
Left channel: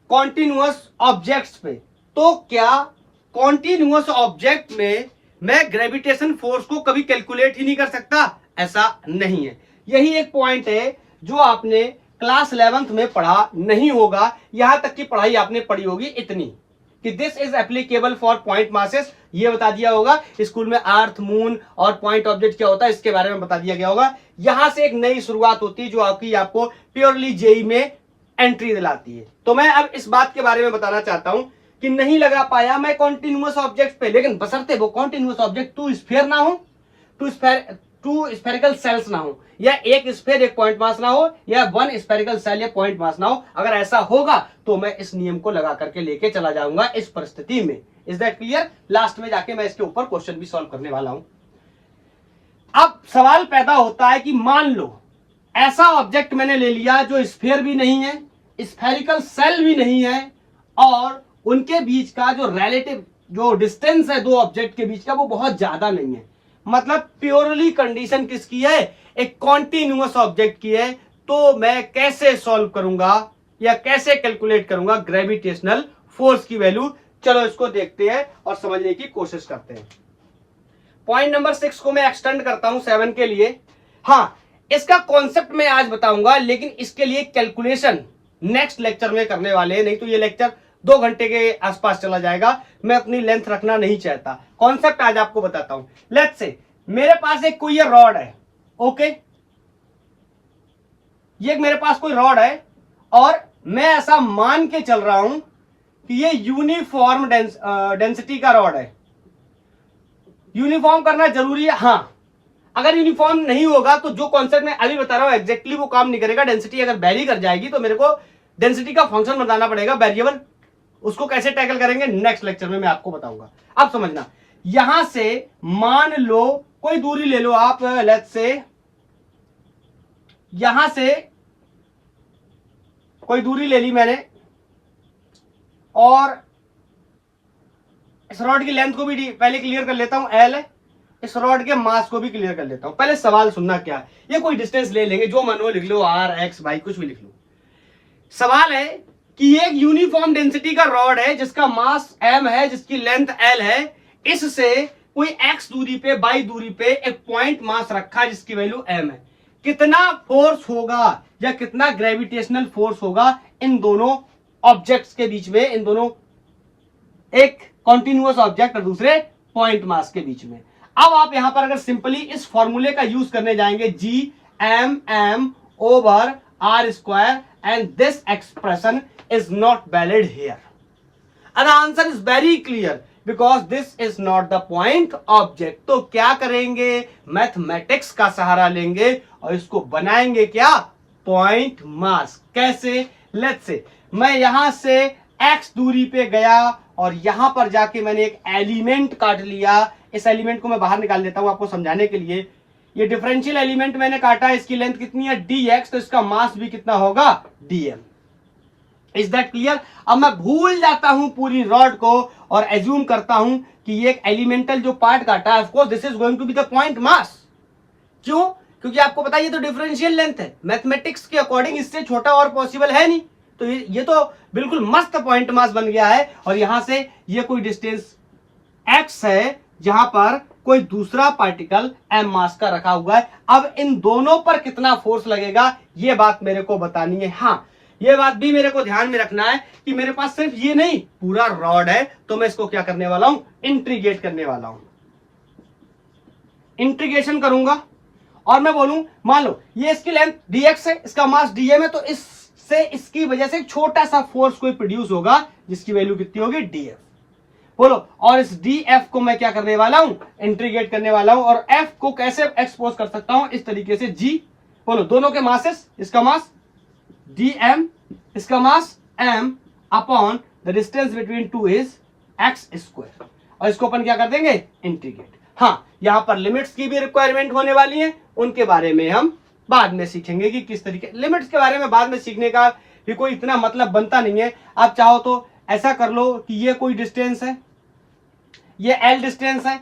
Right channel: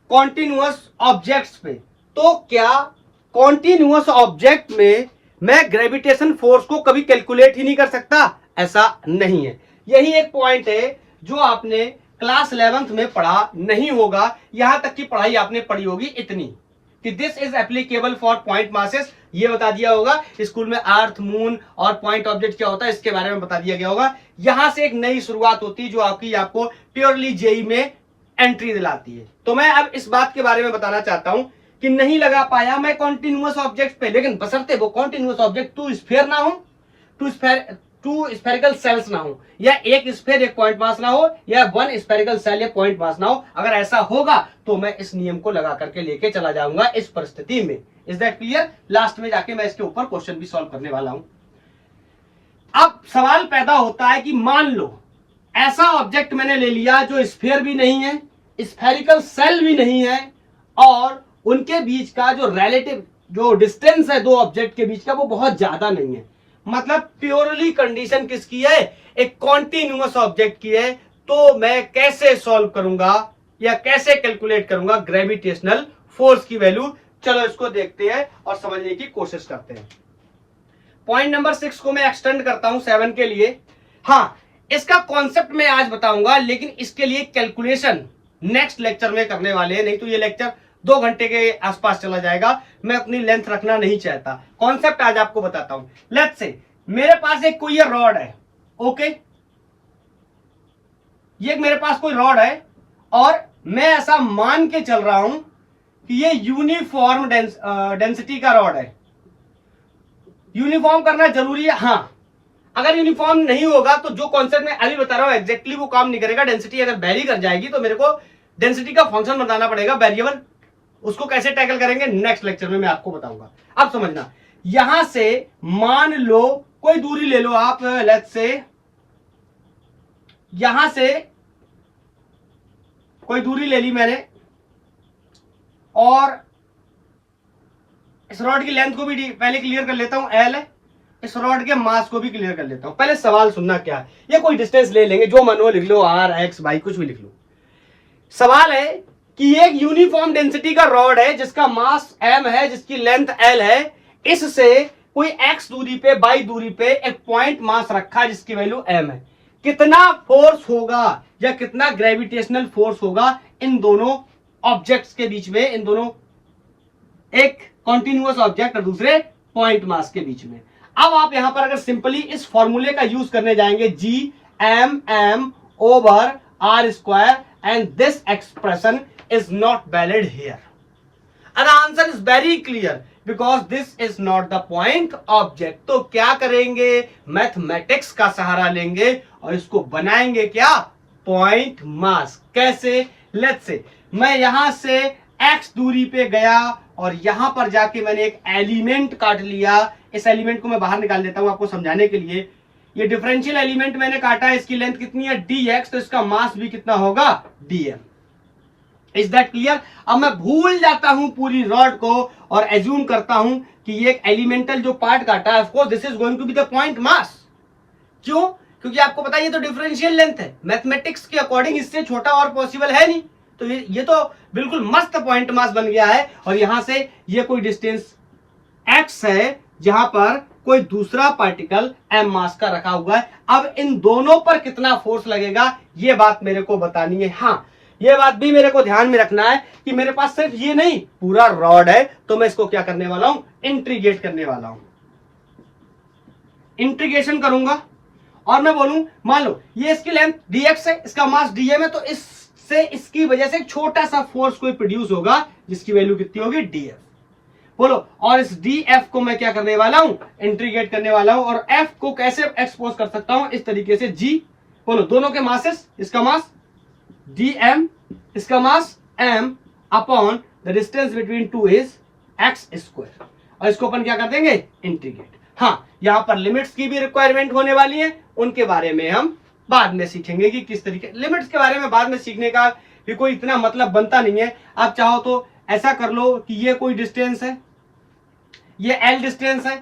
कॉन्टिन्यूअस ऑब्जेक्ट्स पे, तो क्या कॉन्टिन्यूअस ऑब्जेक्ट में मैं ग्रेविटेशन फोर्स को कभी कैलकुलेट ही नहीं कर सकता? ऐसा नहीं है। यही एक पॉइंट है जो आपने क्लास 11th में पढ़ा नहीं होगा। यहां तक की पढ़ाई आपने पढ़ी होगी इतनी कि this is applicable for point masses, ये बता दिया होगा। स्कूल में अर्थ, मून और पॉइंट ऑब्जेक्ट क्या होता है इसके बारे में बता दिया गया होगा। यहां से एक नई शुरुआत होती है जो आपको प्योरली जेई में एंट्री दिलाती है। तो मैं अब इस बात के बारे में बताना चाहता हूं कि नहीं लगा पाया मैं कॉन्टिन्यूअस ऑब्जेक्ट पे, लेकिन बशर्ते वो कॉन्टिन्यूअस ऑब्जेक्ट टू स्फीयर ना हो, टू स्फेरिकल सेल्स ना हो, या एक स्फीयर एक पॉइंट मास ना हो, या वन स्फेरिकल सेल या पॉइंट मास ना हो। अगर ऐसा होगा तो मैं इस नियम को लगा करके लेके चला जाऊंगा इस परिस्थिति में। Is that clear? लास्ट में जाके मैं इसके ऊपर क्वेश्चन भी सॉल्व करने वाला हूं। अब सवाल पैदा होता है कि मान लो ऐसा ऑब्जेक्ट मैंने ले लिया जो स्फीयर भी नहीं है, स्फेरिकल सेल भी नहीं है, और उनके बीच का जो रिलेटिव जो डिस्टेंस है दो ऑब्जेक्ट के बीच का वो बहुत ज्यादा नहीं है। मतलब प्योरली कंडीशन किसकी है? एक कॉन्टिन्यूअस ऑब्जेक्ट की है। तो मैं कैसे सॉल्व करूंगा या कैसे कैलकुलेट करूंगा ग्रेविटेशनल फोर्स की वैल्यू? चलो इसको देखते हैं और समझने की कोशिश करते हैं। पॉइंट नंबर 6 को मैं एक्सटेंड करता हूं 7 के लिए। हाँ, इसका कॉन्सेप्ट मैं आज बताऊंगा, लेकिन इसके लिए कैलकुलेशन नेक्स्ट लेक्चर में करने वाले हैं, नहीं तो ये लेक्चर 2 घंटे के आसपास चला जाएगा। मैं अपनी लेंथ रखना नहीं चाहता। कॉन्सेप्ट आज आपको बताता हूं। लेट्स से मेरे पास एक कोई रॉड है, ओके, ये मेरे पास कोई रॉड है और मैं ऐसा मान के चल रहा हूं कि ये यूनिफॉर्म डेंसिटी का रॉड है। यूनिफॉर्म करना जरूरी है, हाँ। अगर यूनिफॉर्म नहीं होगा तो जो कॉन्सेप्ट मैं अभी बता रहा हूं एग्जैक्टली वो काम नहीं करेगा। डेंसिटी अगर वेरी कर जाएगी तो मेरे को डेंसिटी का फंक्शन बताना पड़ेगा, वेरिएबल। उसको कैसे टैकल करेंगे नेक्स्ट लेक्चर में मैं आपको बताऊंगा। अब समझना, यहां से मान लो कोई दूरी ले लो आप, लेट्स से यहां से कोई दूरी ले ली मैंने, और इस रॉड की लेंथ को भी पहले क्लियर कर लेता हूं, एल है। इस रॉड के मास को भी क्लियर कर लेता हूं। पहले सवाल सुनना क्या है, ये कोई डिस्टेंस ले लेंगे, जो मन हो लिख लो, आर एक्स वाई कुछ भी लिख लो। सवाल है कि एक यूनिफॉर्म डेंसिटी का रॉड है जिसका मास m है, जिसकी लेंथ l है। इससे कोई x दूरी पे, y दूरी पे एक पॉइंट मास रखा है जिसकी वैल्यू m है। कितना फोर्स होगा या कितना ग्रेविटेशनल फोर्स होगा इन दोनों ऑब्जेक्ट्स के बीच में, इन दोनों, एक कॉन्टिन्यूअस ऑब्जेक्ट और दूसरे पॉइंट मास के बीच में। अब आप यहां पर अगर सिंपली इस फॉर्मूले का यूज करने जाएंगे, G M M over R square, and this expression is not valid here. And the answer is very clear because this is not the point object. तो क्या करेंगे? मैथमेटिक्स का सहारा लेंगे और इसको बनाएंगे क्या? Point mass. कैसे? लेट्स से मैं यहां से x दूरी पे गया और यहां पर जाके मैंने एक एलिमेंट काट लिया। इस एलिमेंट को मैं बाहर निकाल देता हूं आपको समझाने के लिए। ये डिफरेंशियल एलिमेंट मैंने काटा है, इसकी लेंथ कितनी है? dx, तो इसका मास भी कितना होगा? dm। Is that clear? अब मैं भूल जाता हूं पूरी रॉड को और एज्यूम करता हूं कि ये एक एलिमेंटल जो पार्ट काटा है, of course this is going to be the point mass. क्यों? क्योंकि आपको पता है ये तो डिफरेंशियल लेंथ है, मैथमेटिक्स के अकॉर्डिंग इससे छोटा और पॉसिबल है नहीं। तो ये तो बिल्कुल मस्त पॉइंट मास बन गया है। और यहां से ये कोई डिस्टेंस x है जहां पर कोई दूसरा पार्टिकल m मास का रखा हुआ है। अब इन दोनों पर कितना फोर्स लगेगा ये बात मेरे को बतानी है। हाँ, ये बात भी मेरे को ध्यान में रखना है कि मेरे पास सिर्फ ये नहीं पूरा रॉड है, तो मैं इसको क्या करने वाला हूं, इंटीग्रेट करने वाला हूं। इंटीग्रेशन करूंगा और मैं बोलूं मान लो ये इसकी लेंथ dx है, इसका मास dm है, तो इससे इसकी वजह से एक छोटा सा फोर्स कोई प्रोड्यूस होगा जिसकी वैल्यू कितनी होगी, df। बोलो, और इस df को मैं क्या करने वाला हूं, इंटीग्रेट करने वाला हूं। और f को कैसे एक्सपोज कर सकता हूं, इस तरीके से g। बोलो, दोनों के मासेस, इसका मास dm, इसका मास m upon the distance between two is x square. और इसको अपन क्या कर देंगे, इंटीग्रेट। हाँ, यहां पर लिमिट्स की भी रिक्वायरमेंट होने वाली है, उनके बारे में हम बाद में सीखेंगे कि किस तरीके। लिमिट्स के बारे में बाद में सीखने का भी कोई इतना मतलब बनता नहीं है। आप चाहो तो ऐसा कर लो कि ये कोई डिस्टेंस है, ये l डिस्टेंस है,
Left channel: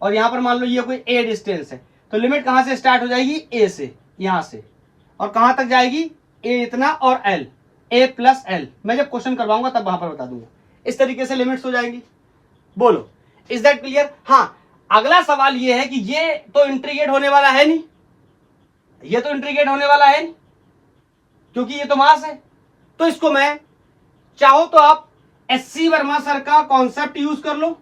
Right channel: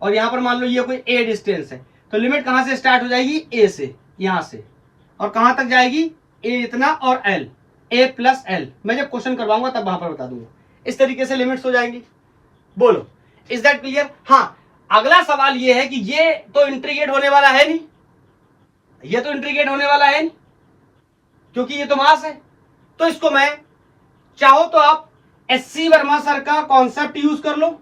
और यहां पर मान लो ये कोई a डिस्टेंस है, तो लिमिट कहां से स्टार्ट हो जाएगी, a से, यहां से, और कहां तक जाएगी, a इतना और l, a प्लस l। मैं जब क्वेश्चन करवाऊंगा तब वहां पर बता दूंगा। इस तरीके से लिमिट्स हो जाएंगी। बोलो, इज दैट क्लियर? हाँ, अगला सवाल ये है कि ये तो इंटीग्रेट होने वाला है नहीं, ये तो इंटीग्रेट होने वाला है नहीं क्योंकि ये तो मास है। तो इसको मैं चाहो तो आप एससी वर्मा सर का कॉन्सेप्ट यूज कर लो,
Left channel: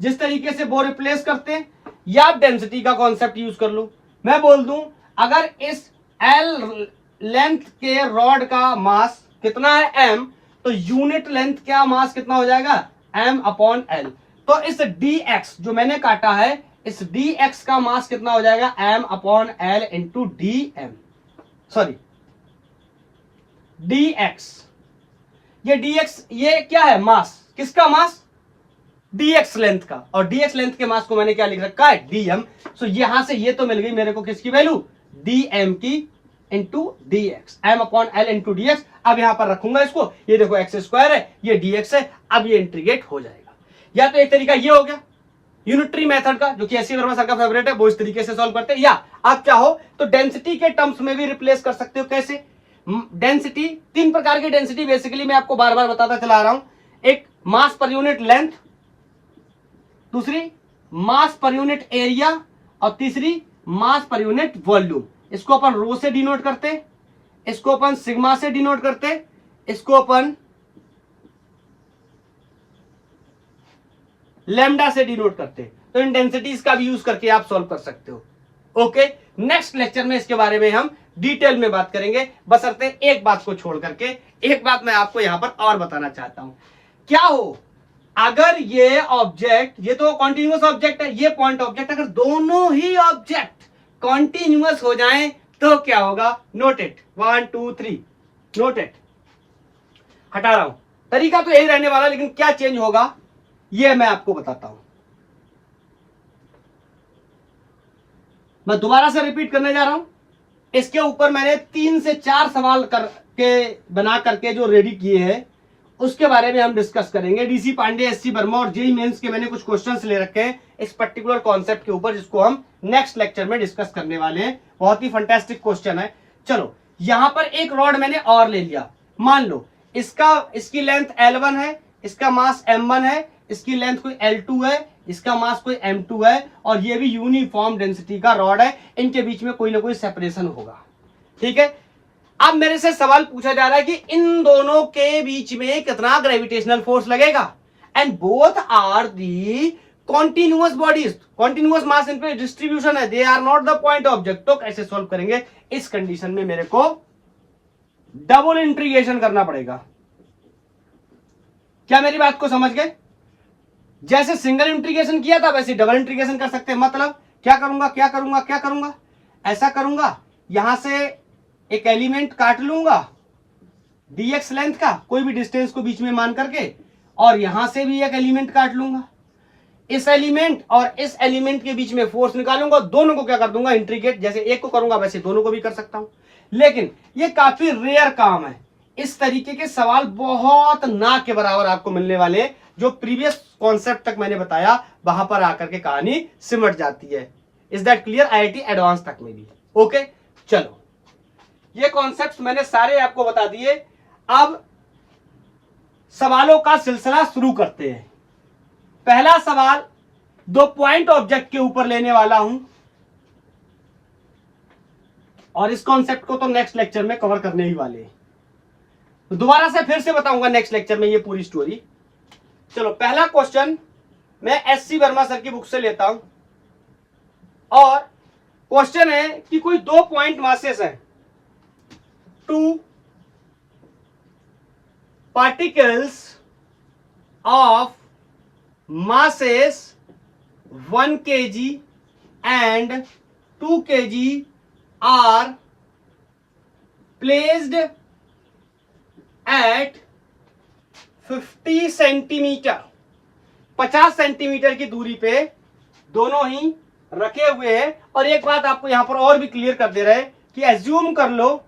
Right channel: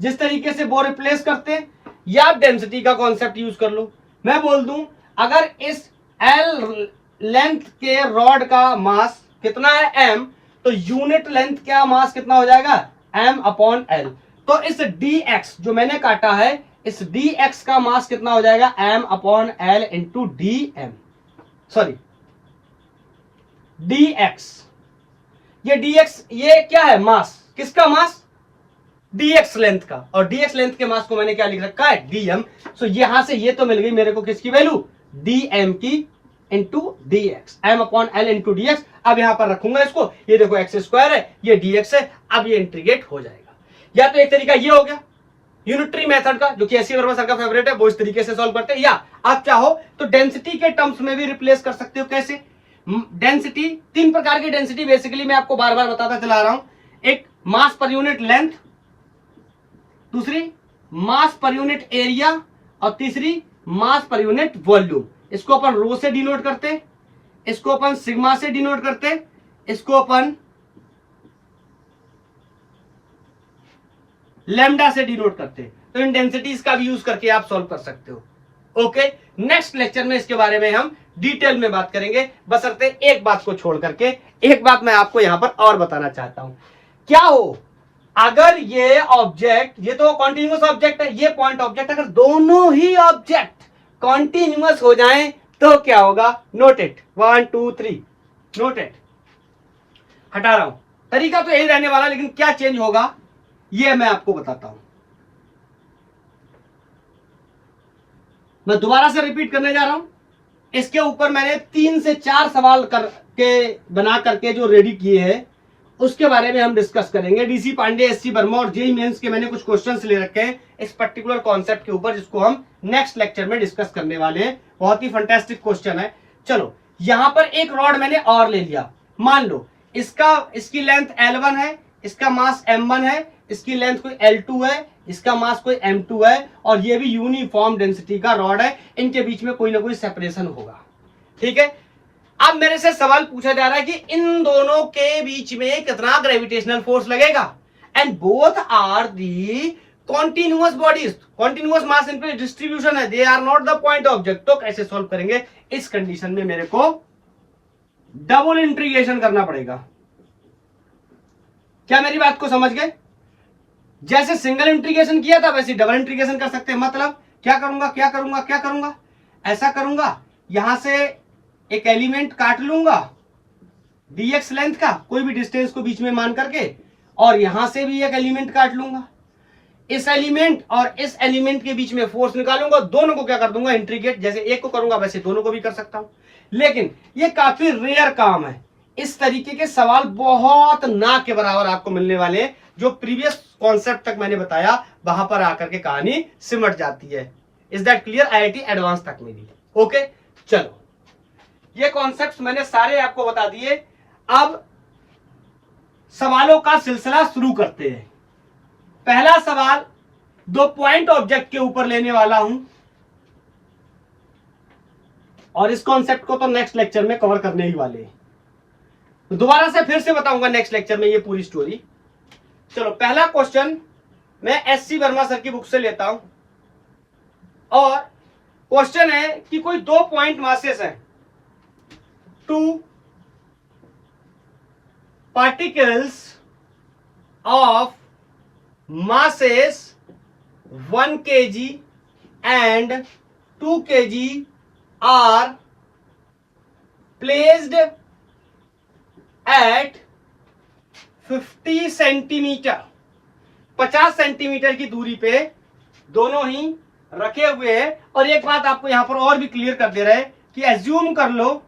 जिस तरीके से वो रिप्लेस करते हैं, या आप डेंसिटी का कॉन्सेप्ट यूज कर लो। मैं बोल दूं अगर इस एल लेंथ के रॉड का मास कितना है, m, तो यूनिट लेंथ का मास कितना हो जाएगा, m अपॉन l। तो इस dx जो मैंने काटा है, इस dx का मास कितना हो जाएगा, m upon l into dm, sorry dx। ये dx ये क्या है, मास, किसका मास, dx लेंथ का, और dx लेंथ के मास को मैंने क्या लिख रखा है, dm। सो यहां से ये तो मिल गई मेरे को किसकी वैल्यू, dm की into dx, m upon l into dx। अब यहां पर रखूंगा इसको, ये देखो x स्क्वायर है, ये dx है, अब ये इंटीग्रेट हो जाएगा। या तो एक तरीका ये हो गया यूनिटरी मेथड का, जो कि एससी वर्मा सर का फेवरेट है, वो इस तरीके से सॉल्व करते हैं। या आप चाहो तो डेंसिटी के टर्म्स में भी रिप्लेस कर सकते हो। कैसे, डेंसिटी, तीन प्रकार की डेंसिटी बेसिकली मैं आपको बार बार बताता चला रहा हूं। एक मास पर यूनिट लेंथ, दूसरी मास पर यूनिट एरिया, और तीसरी मास पर यूनिट वॉल्यूम। इसको अपन रो से डिनोट करते, इसको अपन सिग्मा से डिनोट करते, इसको अपन लैम्डा से डिनोट करते हैं। तो इन डेंसिटीज का भी यूज करके आप सॉल्व कर सकते हो। ओके, नेक्स्ट लेक्चर में इसके बारे में हम डिटेल में बात करेंगे। बशर्ते एक बात को छोड़ करके, एक बात मैं आपको यहां पर और बताना चाहता हूं। क्या हो अगर ये ऑब्जेक्ट, ये तो कॉन्टिन्यूअस ऑब्जेक्ट है, ये पॉइंट ऑब्जेक्ट, अगर दोनों ही ऑब्जेक्ट कॉन्टिन्यूअस हो जाएं तो क्या होगा, नोट इट, 1 2 3, नोट इट। हटा रहा हूं, तरीका तो यही रहने वाला, लेकिन क्या चेंज होगा ये मैं आपको बताता हूं। मैं दोबारा से रिपीट करने जा रहा हूं। इसके ऊपर मैंने 3 से 4 सवाल करके बना करके जो रेडी किए हैं, उसके बारे में हम डिस्कस करेंगे। डीसी पांडे, एससी वर्मा और जेई मेंस के मैंने कुछ क्वेश्चंस ले रखे हैं इस पर्टिकुलर कॉन्सेप्ट के ऊपर, जिसको हम नेक्स्ट लेक्चर में डिस्कस करने वाले हैं। बहुत ही फंटास्टिक क्वेश्चन है। चलो, यहां पर एक रॉड मैंने और ले लिया। मान लो इसकी लेंथ L1 है, इसका मास M1 है, इसकी लेंथ कोई L2 है, इसका मास कोई M2 है, और ये भी यूनिफॉर्म डेंसिटी का रॉड है। इनके बीच में कोई ना कोई सेपरेशन होगा, ठीक है। अब मेरे से सवाल पूछा जा रहा है कि इन दोनों के बीच में कितना ग्रेविटेशनल फोर्स लगेगा, and both are the continuous bodies, continuous mass इन पे डिस्ट्रीब्यूशन है, they are not the point object. तो कैसे सॉल्व करेंगे, इस कंडीशन में मेरे को डबल इंटीग्रेशन करना पड़ेगा। क्या मेरी बात को समझ गए? जैसे सिंगल इंटीग्रेशन किया था वैसे डबल इंटीग्रेशन कर सकते हैं। मतलब क्या करूंगा, ऐसा करूंगा, यहां से एक एलिमेंट काट लूंगा dx लेंथ का, कोई भी डिस्टेंस को बीच में मान करके, और यहां से भी एक एलिमेंट काट लूंगा। इस एलिमेंट और इस एलिमेंट के बीच में फोर्स निकालूंगा, दोनों को क्या कर दूंगा, इंटीग्रेट। जैसे एक को करूंगा वैसे दोनों को भी कर सकता हूं, लेकिन ये काफी रेयर काम है। इस तरीके के सवाल बहुत ना के बराबर आपको मिलने वाले, जो प्रीवियस कॉन्सेप्ट तक मैंने बताया वहां पर आकर के कहानी सिमट जाती है। Is that clear? IIT advance तक में भी। ओके चलो, ये कॉन्सेप्ट मैंने सारे आपको बता दिए। अब सवालों का सिलसिला शुरू करते हैं। पहला सवाल 2 पॉइंट ऑब्जेक्ट के ऊपर लेने वाला हूं, और इस कॉन्सेप्ट को तो नेक्स्ट लेक्चर में कवर करने ही वाले हैं, तो दोबारा से फिर से बताऊंगा नेक्स्ट लेक्चर में ये पूरी स्टोरी। चलो, पहला क्वेश्चन मैं SC वर्मा सर की बुक से लेता हूं, और क्वेश्चन है कि कोई 2 पॉइंट मासेस हैं, 2 particles of masses 1 kg and 2 kg are placed at 50 centimetre, 50 centimetre की दूरी पे दोनों ही रखे हुए हैं। और एक बात आपको यहां पर और भी क्लियर कर दे रहे हैं कि एज्यूम कर लो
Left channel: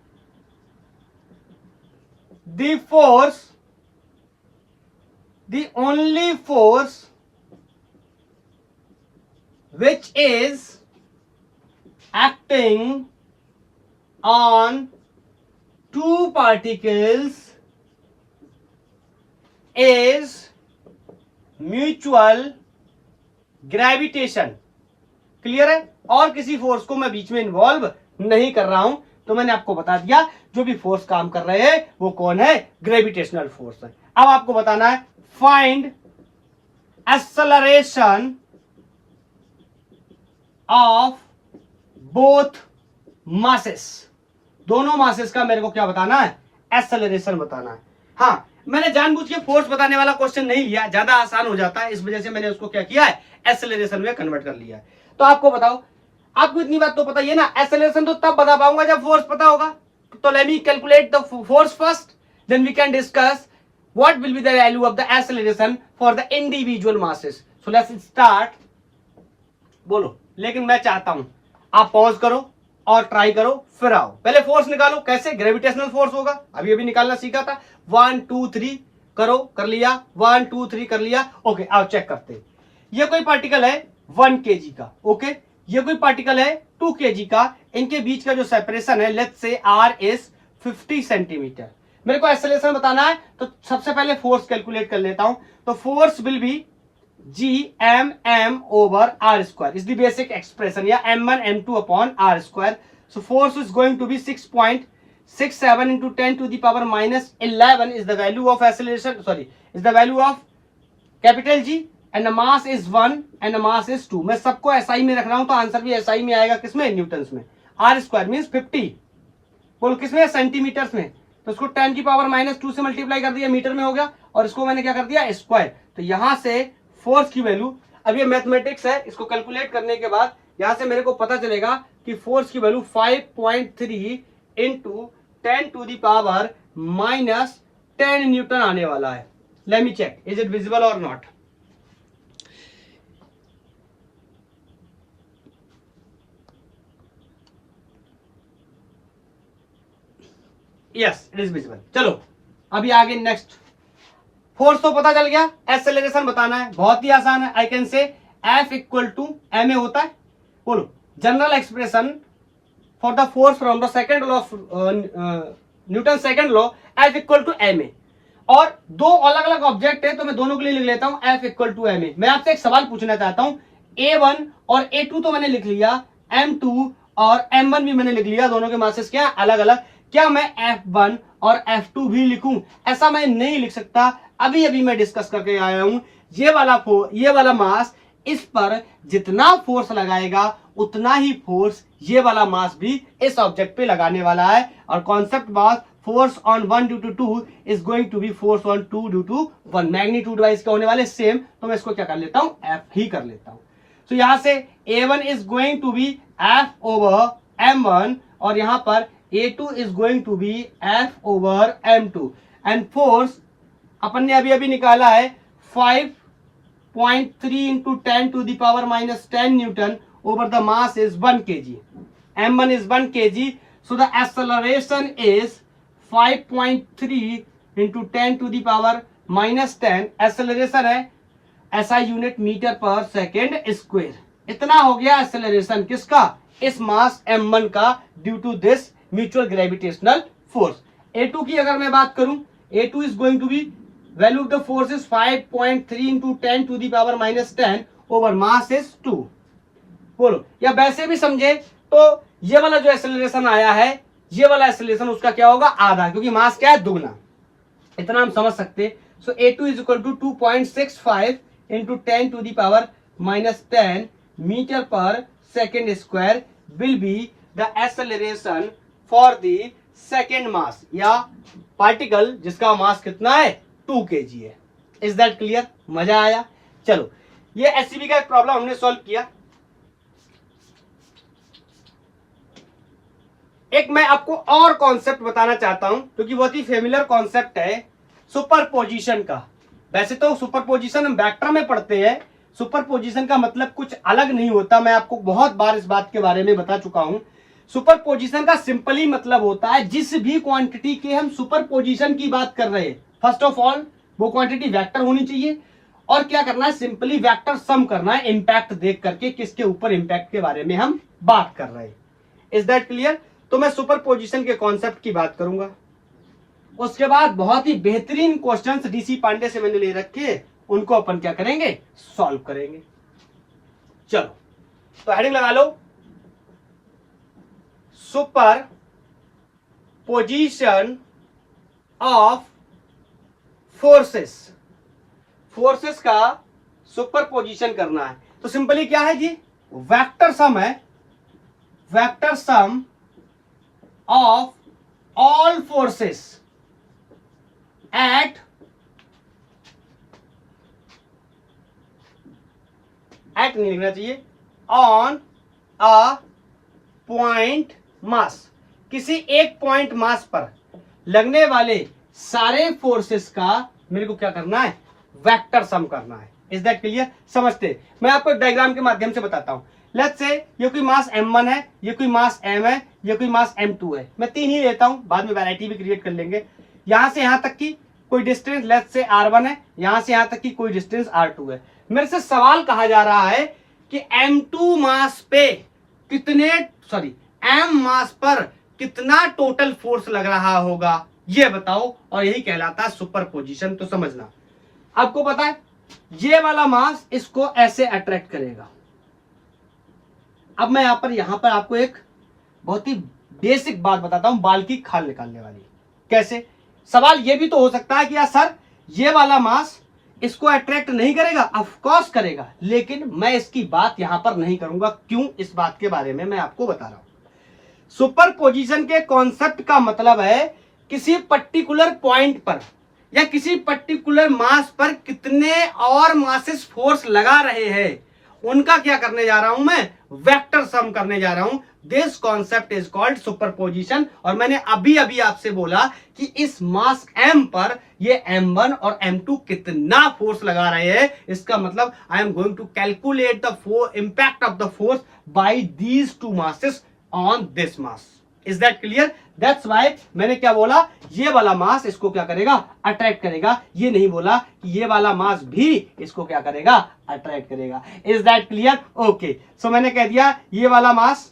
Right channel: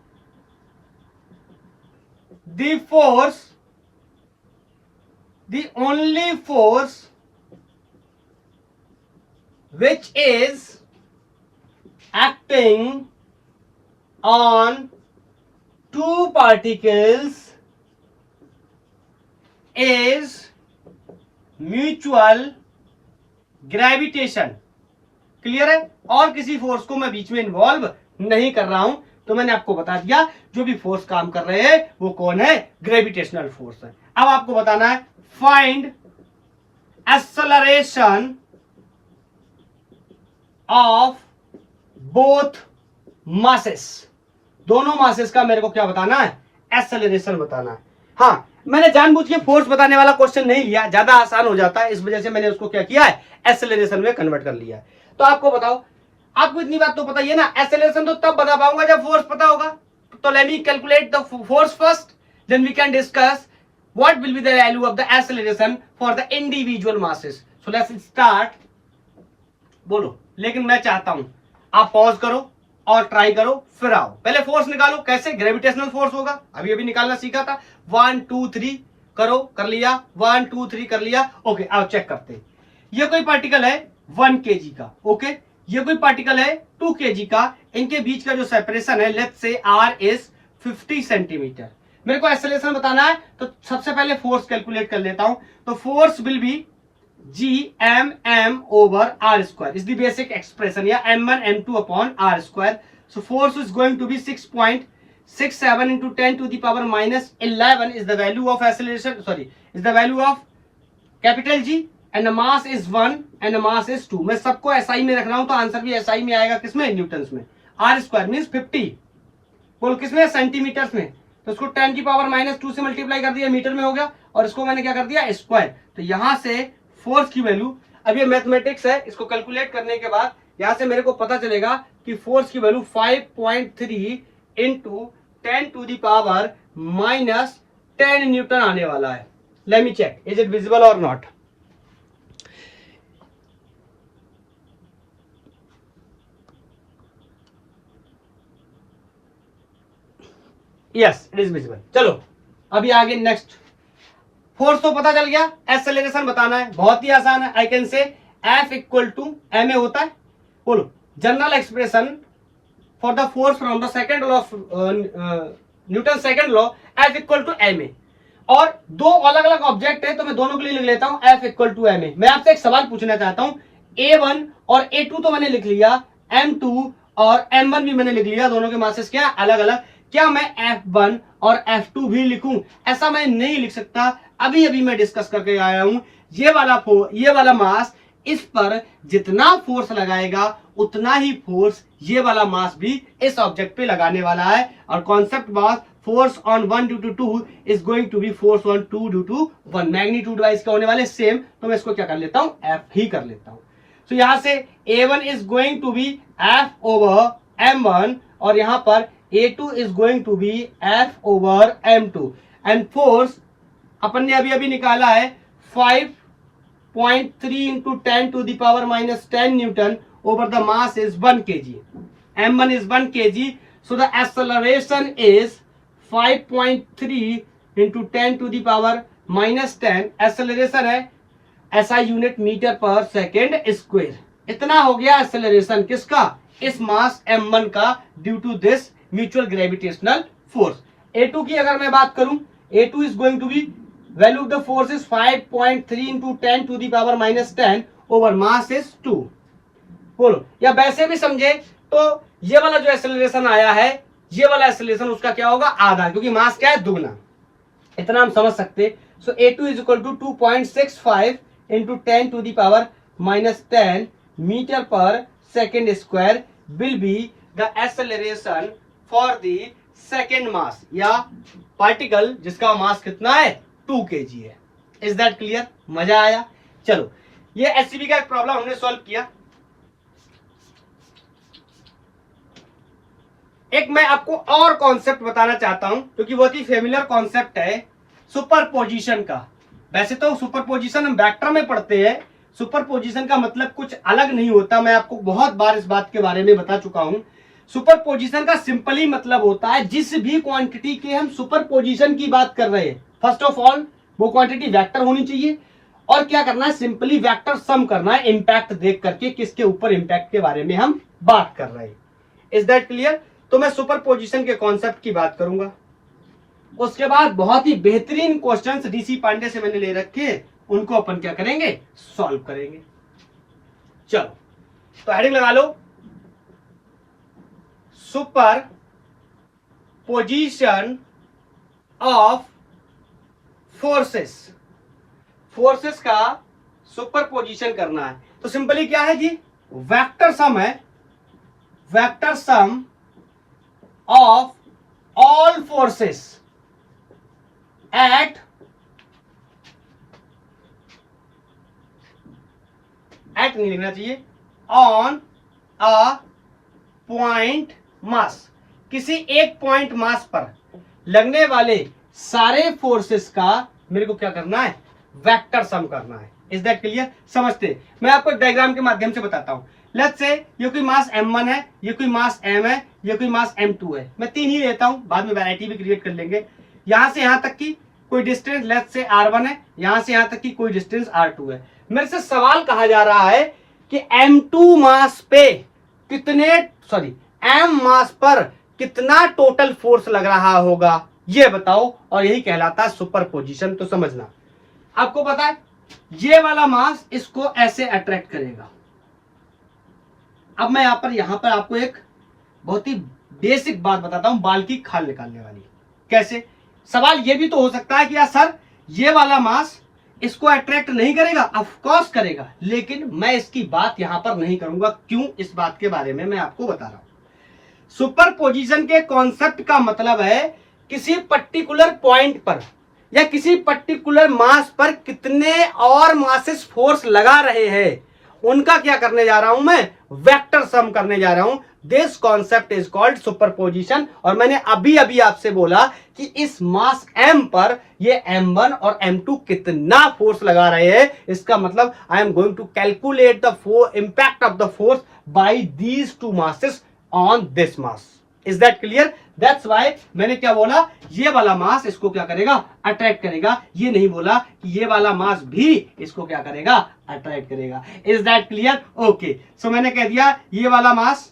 the force, the only force which is acting on 2 particles is mutual gravitation. Clear है? और किसी फोर्स को मैं बीच में इन्वॉल्व नहीं कर रहा हूं, तो मैंने आपको बता दिया जो भी फोर्स काम कर रहे हैं वो कौन है? ग्रेविटेशनल फोर्स है। अब आपको बताना है find acceleration of both masses. दोनों मासेस का मेरे को क्या बताना है? एक्सेलरेशन बताना है। हाँ, मैंने जानबूझ के फोर्स बताने वाला क्वेश्चन नहीं लिया, ज्यादा आसान हो जाता है, इस वजह से मैंने उसको क्या किया है? एक्सेलरेशन में कन्वर्ट कर लिया है। तो आपको बताओ, आपको इतनी बात तो पता ही है ना, एक्सेलरेशन तो तब बता पाऊंगा जब फोर्स पता होगा। तो let me calculate the force first, then we can discuss what will be the value of the acceleration for the individual masses. So let's start. बोलो, लेकिन मैं चाहता हूं आप पॉज करो और ट्राई करो, फिर आओ। पहले फोर्स निकालो, कैसे? ग्रेविटेशनल फोर्स होगा, अभी अभी निकालना सीखा था। 1 2 3 करो, कर लिया। 1 2 3 कर लिया। ओके, आओ चेक करते हैं। ये कोई पार्टिकल है 1 kg का, ओके, ये कोई पार्टिकल है 2 kg का। इनके बीच का जो सेपरेशन है, let's say r is 50 centimetre. मेरे को एक्सेलरेशन बताना है, तो सबसे पहले फोर्स कैलकुलेट कर लेता हूं। तो force will B Gmm over r square is the basic expression, या m1 m2 upon r square. So force is going to be 6.67 into 10 to the power minus 11 is the value of acceleration, sorry, is the value of capital G, and the mass is 1 and the mass is 2. मैं सबको SI में रख रहा हूं, तो answer भी SI में आएगा। किसमें? न्यूटन्स में। r square means 50, बोलो किसमें? सेंटीमीटर्स में। तो इसको 10 की पावर माइनस 2 से मल्टीप्लाई कर दिया, मीटर में हो गया, और इसको मैंने क्या कर दिया? स्क्वायर। तो यहां से फोर्स की वैल्यू, अब ये मैथमेटिक्स है, इसको कैलकुलेट करने के बाद यहां से मेरे को पता चलेगा कि फोर्स की value 5.3 into 10 to the power minus 10 Newton आने वाला है। Let me check, is it visible और not? Yes, it is visible. चलो अभी आगे नेक्स्ट। फोर्स तो पता चल गया, एक्सेलरेशन बताना है, बहुत ही आसान है। I can say F equal to ma होता है। बोलो, general expression for the force from the second law of Newton second law, F equal to ma। और दो अलग अलग ऑब्जेक्ट है, तो मैं दोनों के लिए लिख लेता हूं F इक्वल टू ma। मैं आपसे एक सवाल पूछना चाहता हूं, A1 और A2 तो मैंने लिख लिया, M2 और M1 भी मैंने लिख लिया, दोनों के मासेस क्या अलग अलग। क्या मैं F1 और F2 भी लिखूं? ऐसा मैं नहीं लिख सकता। अभी अभी मैं डिस्कस करके आया हूं, ये वाला मास इस पर जितना फोर्स लगाएगा उतना ही फोर्स ये वाला मास भी इस ऑब्जेक्ट पे लगाने वाला है। और concept was force on 1 due to 2 is going to be force on 2 due to 1। Magnitude wise क्या होने वाले? सेम। तो मैं इसको क्या कर लेता हूं? F ही कर लेता हूं। तो यहां से A1 is going to be F over M1, और यहां पर A2 is going to be F over M2। And force अपन ने अभी अभी निकाला है 5.3 into 10 to the power minus 10 Newton over the mass is 1 kg। M1 is 1 kg, so the acceleration is 5.3 into 10 to the power minus 10। Acceleration है SI unit metre पर second square. इतना हो गया एक्सेलरेशन किसका, इस मास m1 का, due to this mutual gravitational force. a2 की अगर मैं बात करूं, a2 is going to be value of the force is 5.3 into 10 to the power -10 over mass is 2। बोलो, या वैसे भी समझे तो ये वाला जो एक्सेलरेशन आया है, ये वाला एक्सेलरेशन उसका क्या होगा, आधा, क्योंकि मास क्या है, दुगना। इतना हम समझ सकते। So a2 is equal to 2.65 into 10 to the power -10 metre पर second square will be the acceleration for the second mass, या पार्टिकल जिसका मास कितना है, 2 kg है। Is that clear? मजा आया? चलो, ये एससीबी का एक प्रॉब्लम हमने सॉल्व किया। एक मैं आपको और कॉन्सेप्ट बताना चाहता हूं, क्योंकि बहुत ही फेमिलियर कॉन्सेप्ट है, सुपरपोजिशन का। वैसे तो सुपरपोजिशन हम वेक्टर में पढ़ते हैं, सुपरपोजिशन का मतलब कुछ अलग नहीं होता, मैं आपको बहुत बार इस बात के बारे में बता चुका हूं। सुपरपोजिशन का सिंपली मतलब होता है, जिस भी क्वांटिटी के हम सुपरपोजिशन की बात कर रहे हैं, फर्स्ट ऑफ ऑल वो क्वांटिटी वेक्टर होनी चाहिए, और क्या करना है, सिंपली वेक्टर सम करना है, इंपैक्ट देख करके किसके ऊपर इंपैक्ट के बारे में हम बात कर रहे हैं। Is that clear? तो मैं सुपरपोजिशन के कॉन्सेप्ट की बात करूंगा। उसके बाद बहुत ही बेहतरीन क्वेश्चंस डीसी पांडे से मैंने ले रखे, उनको अपन क्या करेंगे, सॉल्व करेंगे। चलो, तो हेडिंग लगा लो, superposition of forces. Forces का सुपर पोजिशन करना है, तो सिंपली क्या है जी, वेक्टर सम है, vector sum of all forces eight नहीं लिखना चाहिए, ऑन अ पॉइंट मास, किसी एक पॉइंट मास पर लगने वाले सारे फोर्सेस का मेरे को क्या करना है, वेक्टर सम करना है। Is that clear? समझते? मैं आपको डायग्राम के माध्यम से बताता हूं। लेट्स से ये कोई मास m1 है, ये कोई मास m है, ये कोई मास m2 है, मैं 3 ही लेता हूं, बाद में वैरायटी भी क्रिएट कर लेंगे। यहां से यहां तक की कोई डिस्टेंस लेट्स से r1 है, यहां से यहां तक की कोई डिस्टेंस r2 है। मेरे से सवाल कहा जा रहा है कि m2 मास पे कितने, सॉरी m मास पर कितना टोटल फोर्स लग रहा होगा, ये बताओ, और यही कहलाता है सुपरपोजिशन। तो समझना, आपको पता है ये वाला मास इसको ऐसे अट्रैक्ट करेगा। अब मैं यहां पर आपको एक बहुत ही बेसिक बात बताता हूं, बाल की खाल निकालने वाली। कैसे? सवाल ये भी तो हो सकता है कि यार सर ये वाला मास इसको अट्रैक्ट नहीं करेगा, ऑफ कोर्स करेगा, लेकिन मैं इसकी बात यहां पर नहीं करूंगा। क्यों? इस बात के बारे में मैं आपको बता रहा हूं। सुपरपोजिशन के कॉन्सेप्ट का मतलब है किसी पर्टिकुलर पॉइंट पर या किसी पर्टिकुलर मास पर कितने और मासेस फोर्स लगा रहे हैं, उनका क्या करने जा रहा हूं मैं, वेक्टर सम करने जा रहा हूं। This concept is called superposition. और मैंने अभी अभी आपसे बोला कि इस मास m पर ये m1 और m2 कितना फोर्स लगा रहे हैं, इसका मतलब I am going to calculate the impact of the force by these two masses on this mass. Is that clear? That's why मैंने क्या बोला, ये वाला मास इसको क्या करेगा, अट्रैक्ट करेगा। ये नहीं बोला कि ये वाला मास भी इसको क्या करेगा, अट्रैक्ट करेगा। Is that clear? ओके, सो मैंने कह दिया ये वाला मास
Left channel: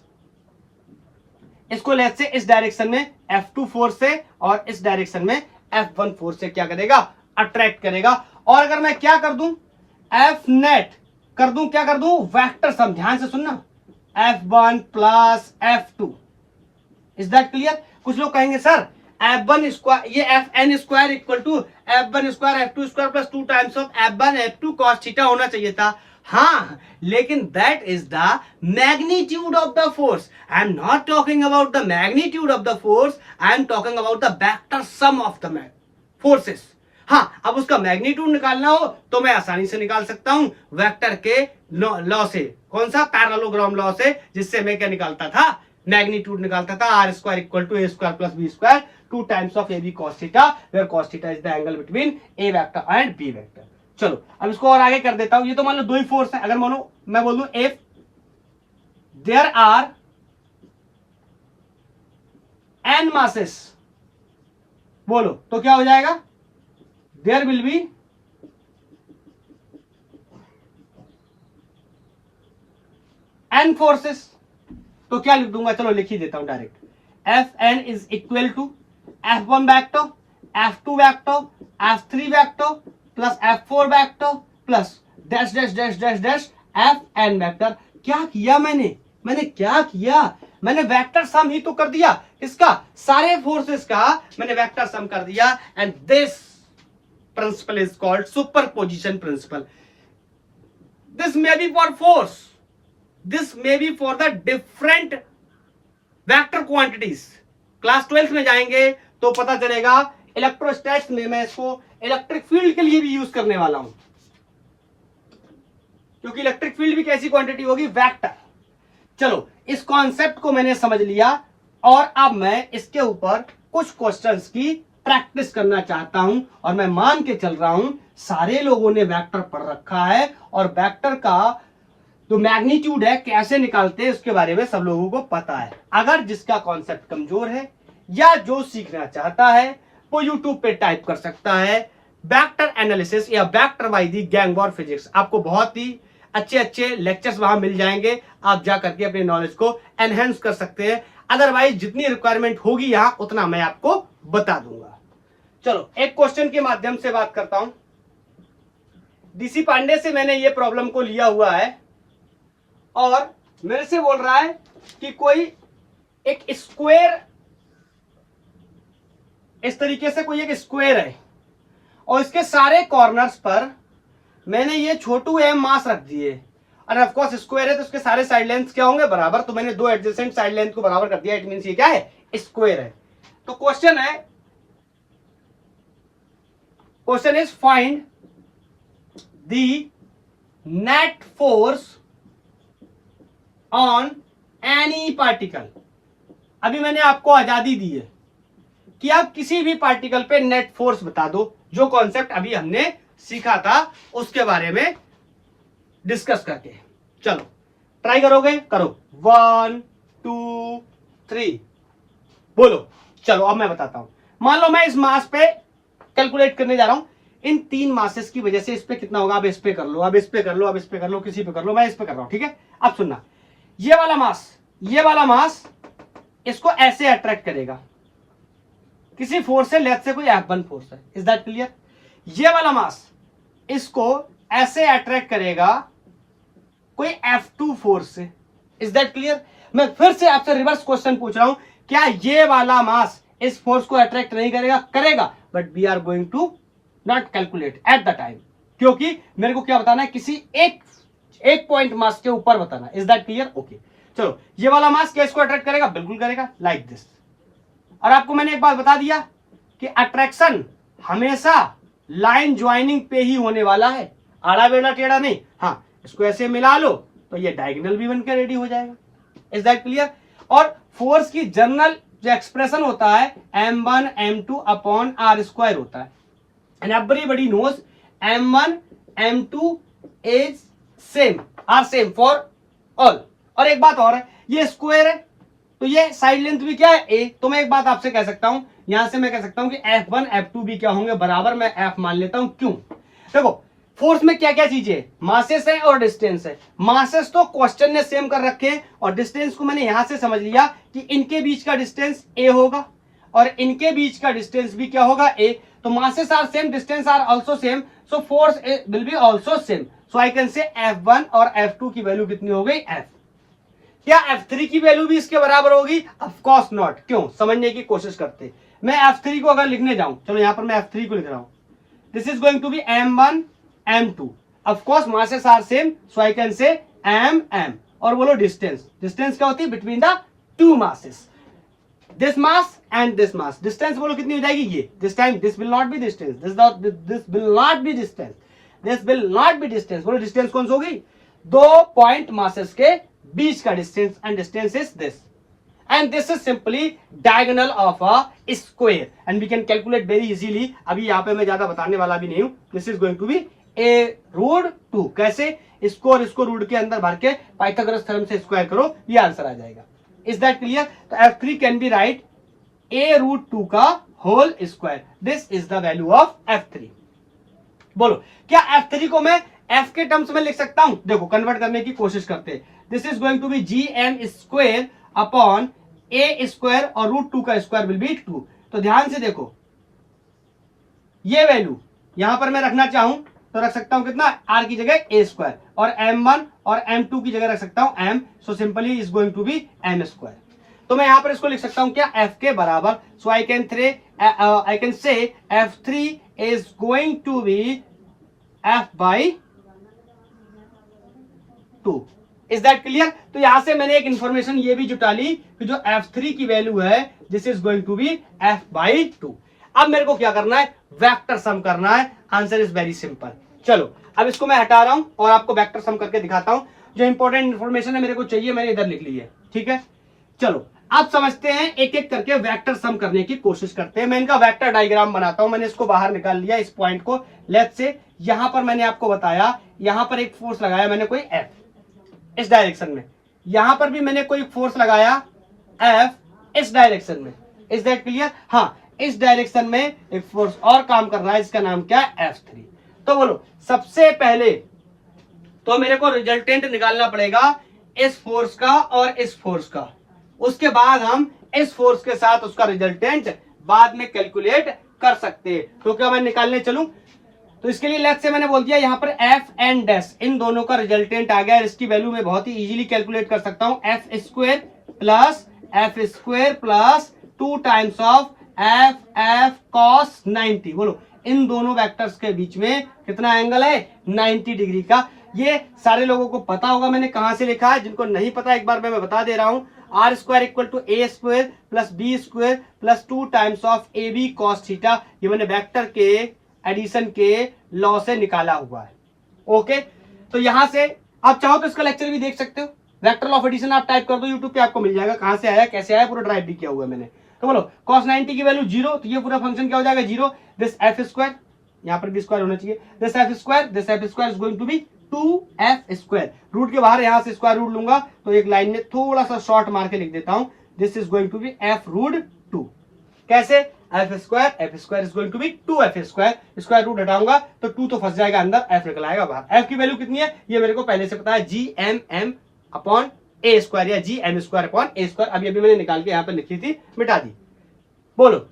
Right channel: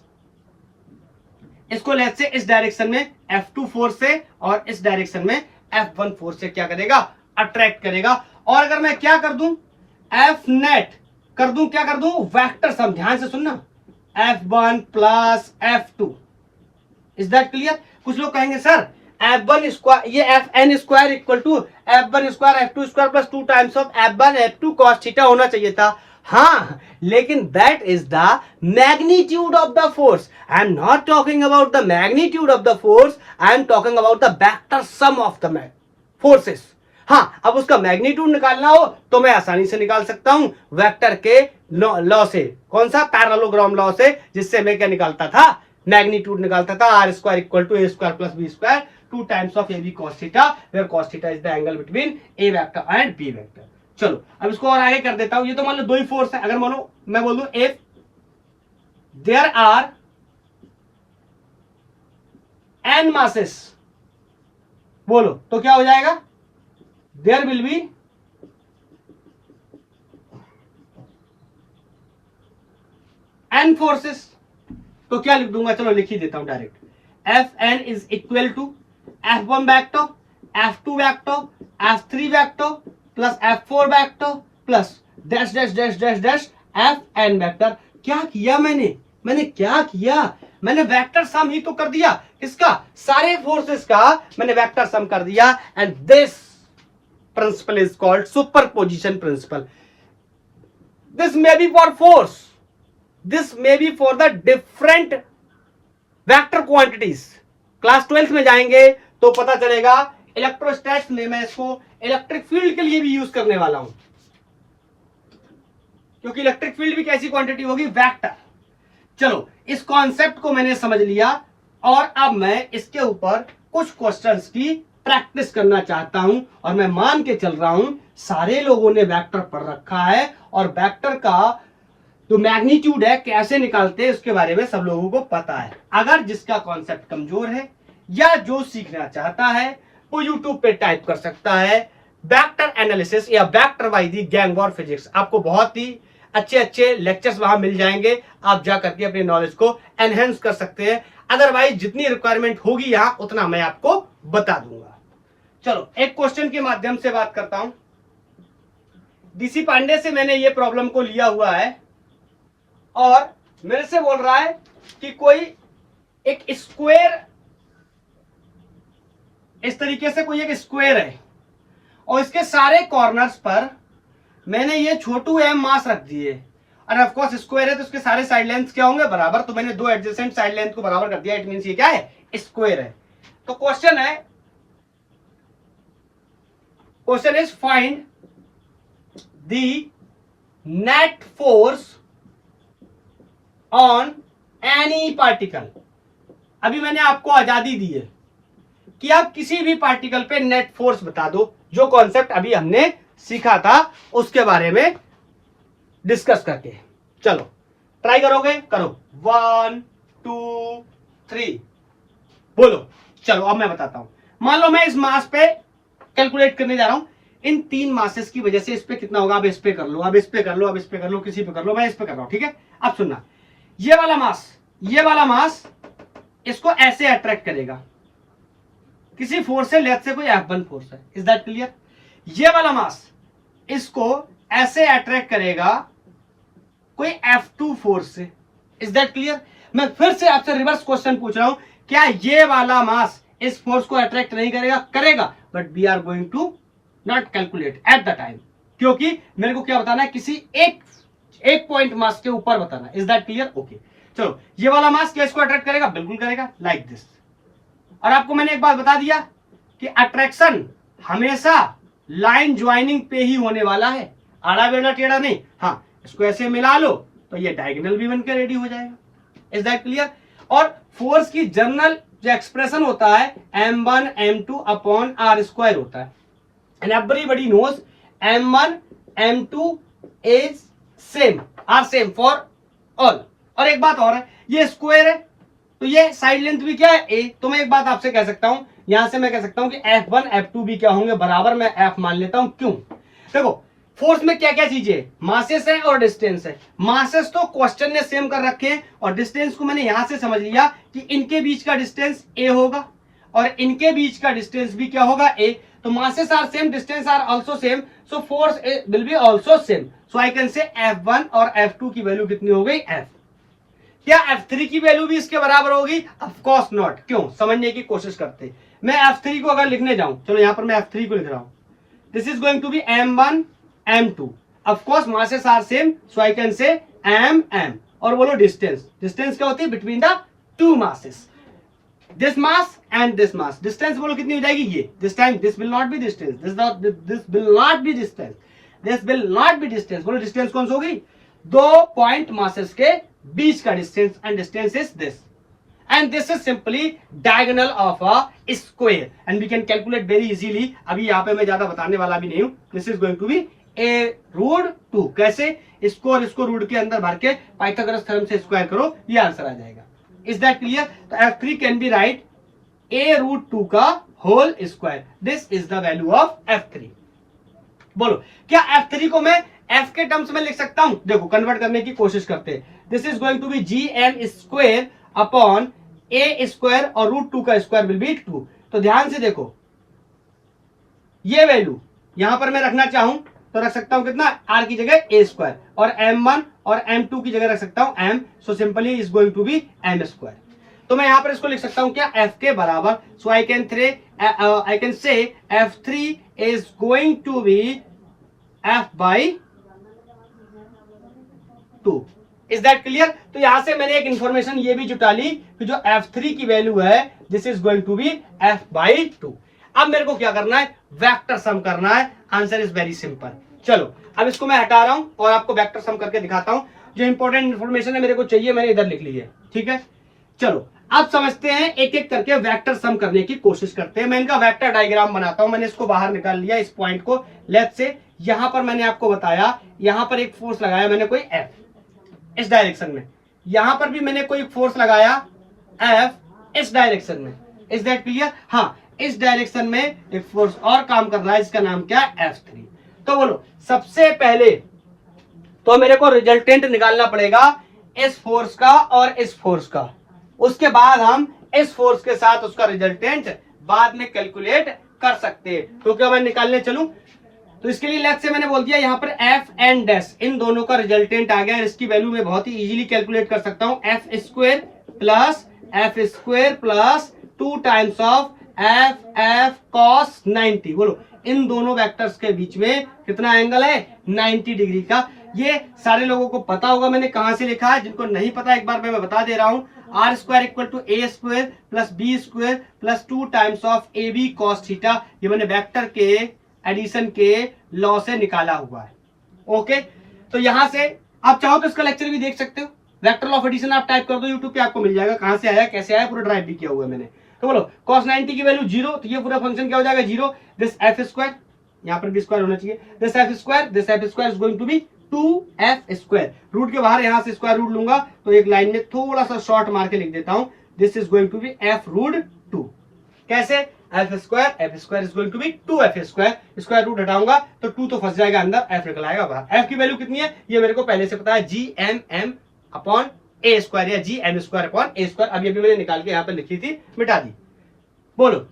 इसको लेट से इस डायरेक्शन में F2 फोर्स से और इस डायरेक्शन में F1 फोर्स से क्या करेगा, अट्रैक्ट करेगा। और अगर मैं क्या कर दूं, F नेट कर दूं, क्या कर दूं, वेक्टर सम। ध्यान से सुनना, F1 plus F2। Is that clear? कुछ लोग कहेंगे सर F1 स्क्वायर, ये Fn square equal to F1 square F2 square plus 2 times of F1 F2 cos theta होना चाहिए था। हाँ, लेकिन that is the magnitude of the force. I am not talking about the magnitude of the force, I am talking about the vector sum of the forces. हाँ, अब उसका magnitude निकालना हो तो मैं आसानी से निकाल सकता हूं वेक्टर के लॉ से। कौन सा? पैरेललोग्राम लॉ से, जिससे मैं क्या निकालता था, मैग्नीट्यूड निकालता था, R square equal to A square plus B square 2 times of A B cos theta, where cos theta is the angle between A vector and B vector. चलो, अब इसको और आगे कर देता हूं। ये तो मान लो दो ही फोर्स है। अगर मानो मैं बोल दूं if there are n masses, बोलो तो क्या हो जाएगा, there will be n forces, तो क्या लिख दूंगा, चलो लिख ही देता हूं direct, Fn is equal to F1 vector, F2 vector, F3 vector plus F4 vector plus dash dash dash dash dash Fn vector. क्या किया मैंने क्या किया, मैंने वेक्टर सम ही तो कर दिया, इसका सारे फोर्सेस का मैंने वेक्टर सम कर दिया। And this principle is called superposition principle. This may be for force, this may be for the different vector quantities. Class 12th में जाएंगे तो पता चलेगा। इलेक्ट्रोस्टैटिक्स में मैं इसको इलेक्ट्रिक फील्ड के लिए भी यूज करने वाला हूं, क्योंकि इलेक्ट्रिक फील्ड भी कैसी क्वांटिटी होगी, वेक्टर। चलो इस कॉन्सेप्ट को मैंने समझ लिया और अब मैं इसके ऊपर कुछ क्वेश्चंस की प्रैक्टिस करना चाहता हूं। और मैं मान के चल रहा हूं सारे लोगों ने वेक्टर पढ़ रखा है और वेक्टर का जो मैग्नीट्यूड है कैसे निकालते हैं उसके बारे में सब लोगों को पता है। अगर जिसका कॉन्सेप्ट कमजोर है या जो सीखना चाहता है वो यूट्यूब पे टाइप कर सकता है वेक्टर एनालिसिस या वेक्टर बाय द गैंगबॉर फिजिक्स। आपको बहुत ही अच्छे अच्छे लेक्चर्स वहां मिल जाएंगे, आप जा करके अपने नॉलेज को एनहेंस कर सकते हैं। अदरवाइज जितनी रिक्वायरमेंट होगी यहां उतना मैं आपको बता दूंगा। चलो एक क्वेश्चन के माध्यम से बात करता हूं। डीसी पांडे से मैंने ये प्रॉब्लम को लिया हुआ है और मेरे से बोल रहा है कि कोई एक स्क्वायर, इस तरीके से कोई एक स्क्वायर है और इसके सारे कॉर्नर्स पर मैंने ये छोटू एम मास रख दिए और ऑफ कोर्स स्क्वायर है तो उसके सारे साइड लेंथ क्या होंगे, बराबर। तो मैंने दो एडजेसेंट साइड लेंथ को बराबर कर दिया, इट मींस ये क्या है, स्क्वायर है। तो question is find the net force on any particle. अभी मैंने आपको आजादी दी है कि आप किसी भी पार्टिकल पे नेट फोर्स बता दो, जो कॉन्सेप्ट अभी हमने सीखा था उसके बारे में डिस्कस करके। चलो ट्राई करोगे, करो, 1 2 3 बोलो। चलो अब मैं बताता हूं। मान लो मैं इस मास पे कैलकुलेट करने जा रहा हूं, इन 3 मासेस की वजह से इस पे कितना होगा। अब इस पे कर लो, अब इस पे कर लो, अब इस पे कर लो, किसी पे कर लो, मैं इस पे कर रहा हूं, ठीक है। अब सुनना, ये वाला मास इसको ऐसे अट्रैक्ट करेगा किसी फोर्स से, लेट से कोई F1 फोर्स है, इज दैट क्लियर। ये वाला मास इसको ऐसे अट्रैक्ट करेगा कोई F2 फोर्स से, इज दैट क्लियर। मैं फिर से आपसे रिवर्स क्वेश्चन पूछ रहा हूं, क्या ये वाला मास इस फोर्स को अट्रैक्ट नहीं करेगा, करेगा, but we are going to not calculate at the time, क्योंकि मेरे को क्या बताना है, किसी एक पॉइंट मास के ऊपर बताना, इज दैट क्लियर। ओके चलो, ये वाला मास क्या इसको अट्रैक्ट करेगा, बिल्कुल करेगा, लाइक दिस। और आपको मैंने एक बात बता दिया कि अट्रैक्शन हमेशा लाइन ज्वाइनिंग पे ही होने वाला है, आड़ा बेड़ा टेढ़ा नहीं। हाँ, इसको ऐसे मिला लो तो ये डायगोनल भी बनकर रेडी हो जाएगा, इज दैट क्लियर। और फोर्स की जनरल जो एक्सप्रेशन होता है m1 m2 upon r square होता है, and everybody knows m1 m2 is same, are same for all. और एक बात और है, ये स्क्वायर है तो ये साइड लेंथ भी क्या है, a। तो मैं एक बात आपसे कह सकता हूं, यहां से मैं कह सकता हूं कि F1 F2 भी क्या होंगे, बराबर। मैं F मान लेता हूं, क्यों, देखो फोर्स में क्या क्या चीजें, मासेस है और डिस्टेंस है। मासेस तो क्वेश्चन ने सेम कर रखे हैं और डिस्टेंस को मैंने यहां से समझ लिया कि इनके बीच का डिस्टेंस a होगा और इनके बीच का डिस्टेंस भी क्या होगा, a। तो masses are same, distance are also same, so force will be also same. So I can say F1 और F2 की वैल्यू कितनी हो गई, F। क्या F3 की वैल्यू भी इसके बराबर होगी, ऑफ कोर्स नॉट। क्यों, समझने की कोशिश करते। मैं F3 को अगर लिखने जाऊं, चलो यहां पर मैं F3 को लिख रहा हूं, this is going to be m1 m2, of course masses are same, so I can say m। और बोलो डिस्टेंस, डिस्टेंस क्या होती है, between the two masses, this mass and this mass. Distance बोलो कितनी हो जाएगी, ये। This time this will not be distance, this will not be distance, this will not be distance. बोलो डिस्टेंस कौन सी होगी, 2 पॉइंट मासेस के बीच का distance, and distance is this, and this is simply diagonal of a square, and we can calculate very easily. अभी यहाँ पे मैं ज्यादा बताने वाला भी नहीं हूं। This is going to be a√2। कैसे, इसको और इसको रूट के अंदर भर के पाइथागोरस थ्योरम से स्क्वायर करो, ये आंसर आ जाएगा, इज दैट क्लियर। तो F3 can be right a√2 का whole square, this is the value of F3। बोलो क्या F3 को मैं F के टर्म्स में लिख सकता हूं, देखो कन्वर्ट करने की कोशिश करते हैं। This is going to be gm² upon a² और √2 का स्क्वायर विल बी 2। तो ध्यान से देखो, ये वैल्यू यहां पर मैं रखना चाहूं तो रख सकता हूं कितना, r की जगह a² और m1 और m2 की जगह रख सकता हूं m, so simply is going to be m²। तो मैं यहां पर इसको लिख सकता हूं क्या, f के बराबर, सो I can say f3 is going to be f/2। Is that clear? तो यहां से मैंने एक इंफॉर्मेशन ये भी जुटा ली कि जो f3 की वैल्यू है this is going to be f/2। अब मेरे को क्या करना है, वेक्टर सम करना है। Answer is very simple. चलो अब इसको मैं हटा रहा हूं और आपको वेक्टर सम करके दिखाता हूं। जो इंपॉर्टेंट इंफॉर्मेशन है मेरे को चाहिए, मैंने इधर लिख ली है, ठीक है। चलो अब समझते हैं, एक एक करके वेक्टर सम करने की कोशिश करते हैं। मैं इनका वेक्टर डायग्राम बनाता हूं। मैंने इसको बाहर निकाल लिया, इस पॉइंट को। लेट्स से यहां पर मैंने आपको बताया, यहां पर एक फोर्स लगाया मैंने कोई F इस डायरेक्शन में, यहां पर भी मैंने कोई फोर्स लगाया F इस डायरेक्शन में। Is that clear? हाँ, इस डायरेक्शन में एक फोर्स और काम कर रहा है, इसका नाम क्या है, F3। तो बोलो सबसे पहले तो मेरे को रिजल्टेंट निकालना पड़ेगा इस फोर्स का और इस फोर्स का। उसके बाद हम इस फोर्स के साथ उसका रिजल्टेंट बाद में कैलकुलेट कर सकते हैं। तो क्या मैं निकालने चलूं, तो इसके लिए लेफ्ट से मैंने बोल दिया यहां पर F एंड डैश, इन दोनों का रिजल्टेंट आ गया। इसकी वैल्यू मैं बहुत ही इजीली कैलकुलेट कर सकता हूं, f² plus 2 times of f cos 90। बोलो इन दोनों वेक्टर्स के बीच में कितना एंगल है, 90 डिग्री का। ये सारे लोगों को पता होगा मैंने कहां से लिखा है, जिनको नहीं पता एक बार मैं बता दे रहा हूं। r² = a² plus b² plus 2 times of ab cos theta. ये मैंने वेक्टर के एडिशन के लॉ से निकाला हुआ है। ओके, तो यहां से आप चाहो तो इसका लेक्चर भी देख सकते हो। वेक्टर लॉ ऑफ एडिशन आप टाइप कर दो यूट्यूब पे, आपको मिल जाएगा कहां से आया कैसे आया, पूरा ड्राइव भी किया हुआ है मैंने। तो बोलो cos 90 की वैल्यू 0, तो ये पूरा फंक्शन क्या हो जाएगा 0। दिस f², यहां पर भी स्क्वायर होना चाहिए, this f² is going to be 2f²। Root के बाहर यहां से स्क्वायर रूट लूंगा तो एक लाइन में थोड़ा सा शॉर्ट मार के लिख देता हूं, this is going to be f√2। कैसे, f² is going to be 2f²। Square root हटाऊंगा तो 2 तो फंस जाएगा अंदर, f निकल आएगा बाहर। f की वैल्यू कितनी है ये मेरे को पहले से पता है, gmm अपॉन a² या gm² अपॉन a²। अभी मैंने निकाल के यहां पर लिखी थी, मिटा दी। बोलो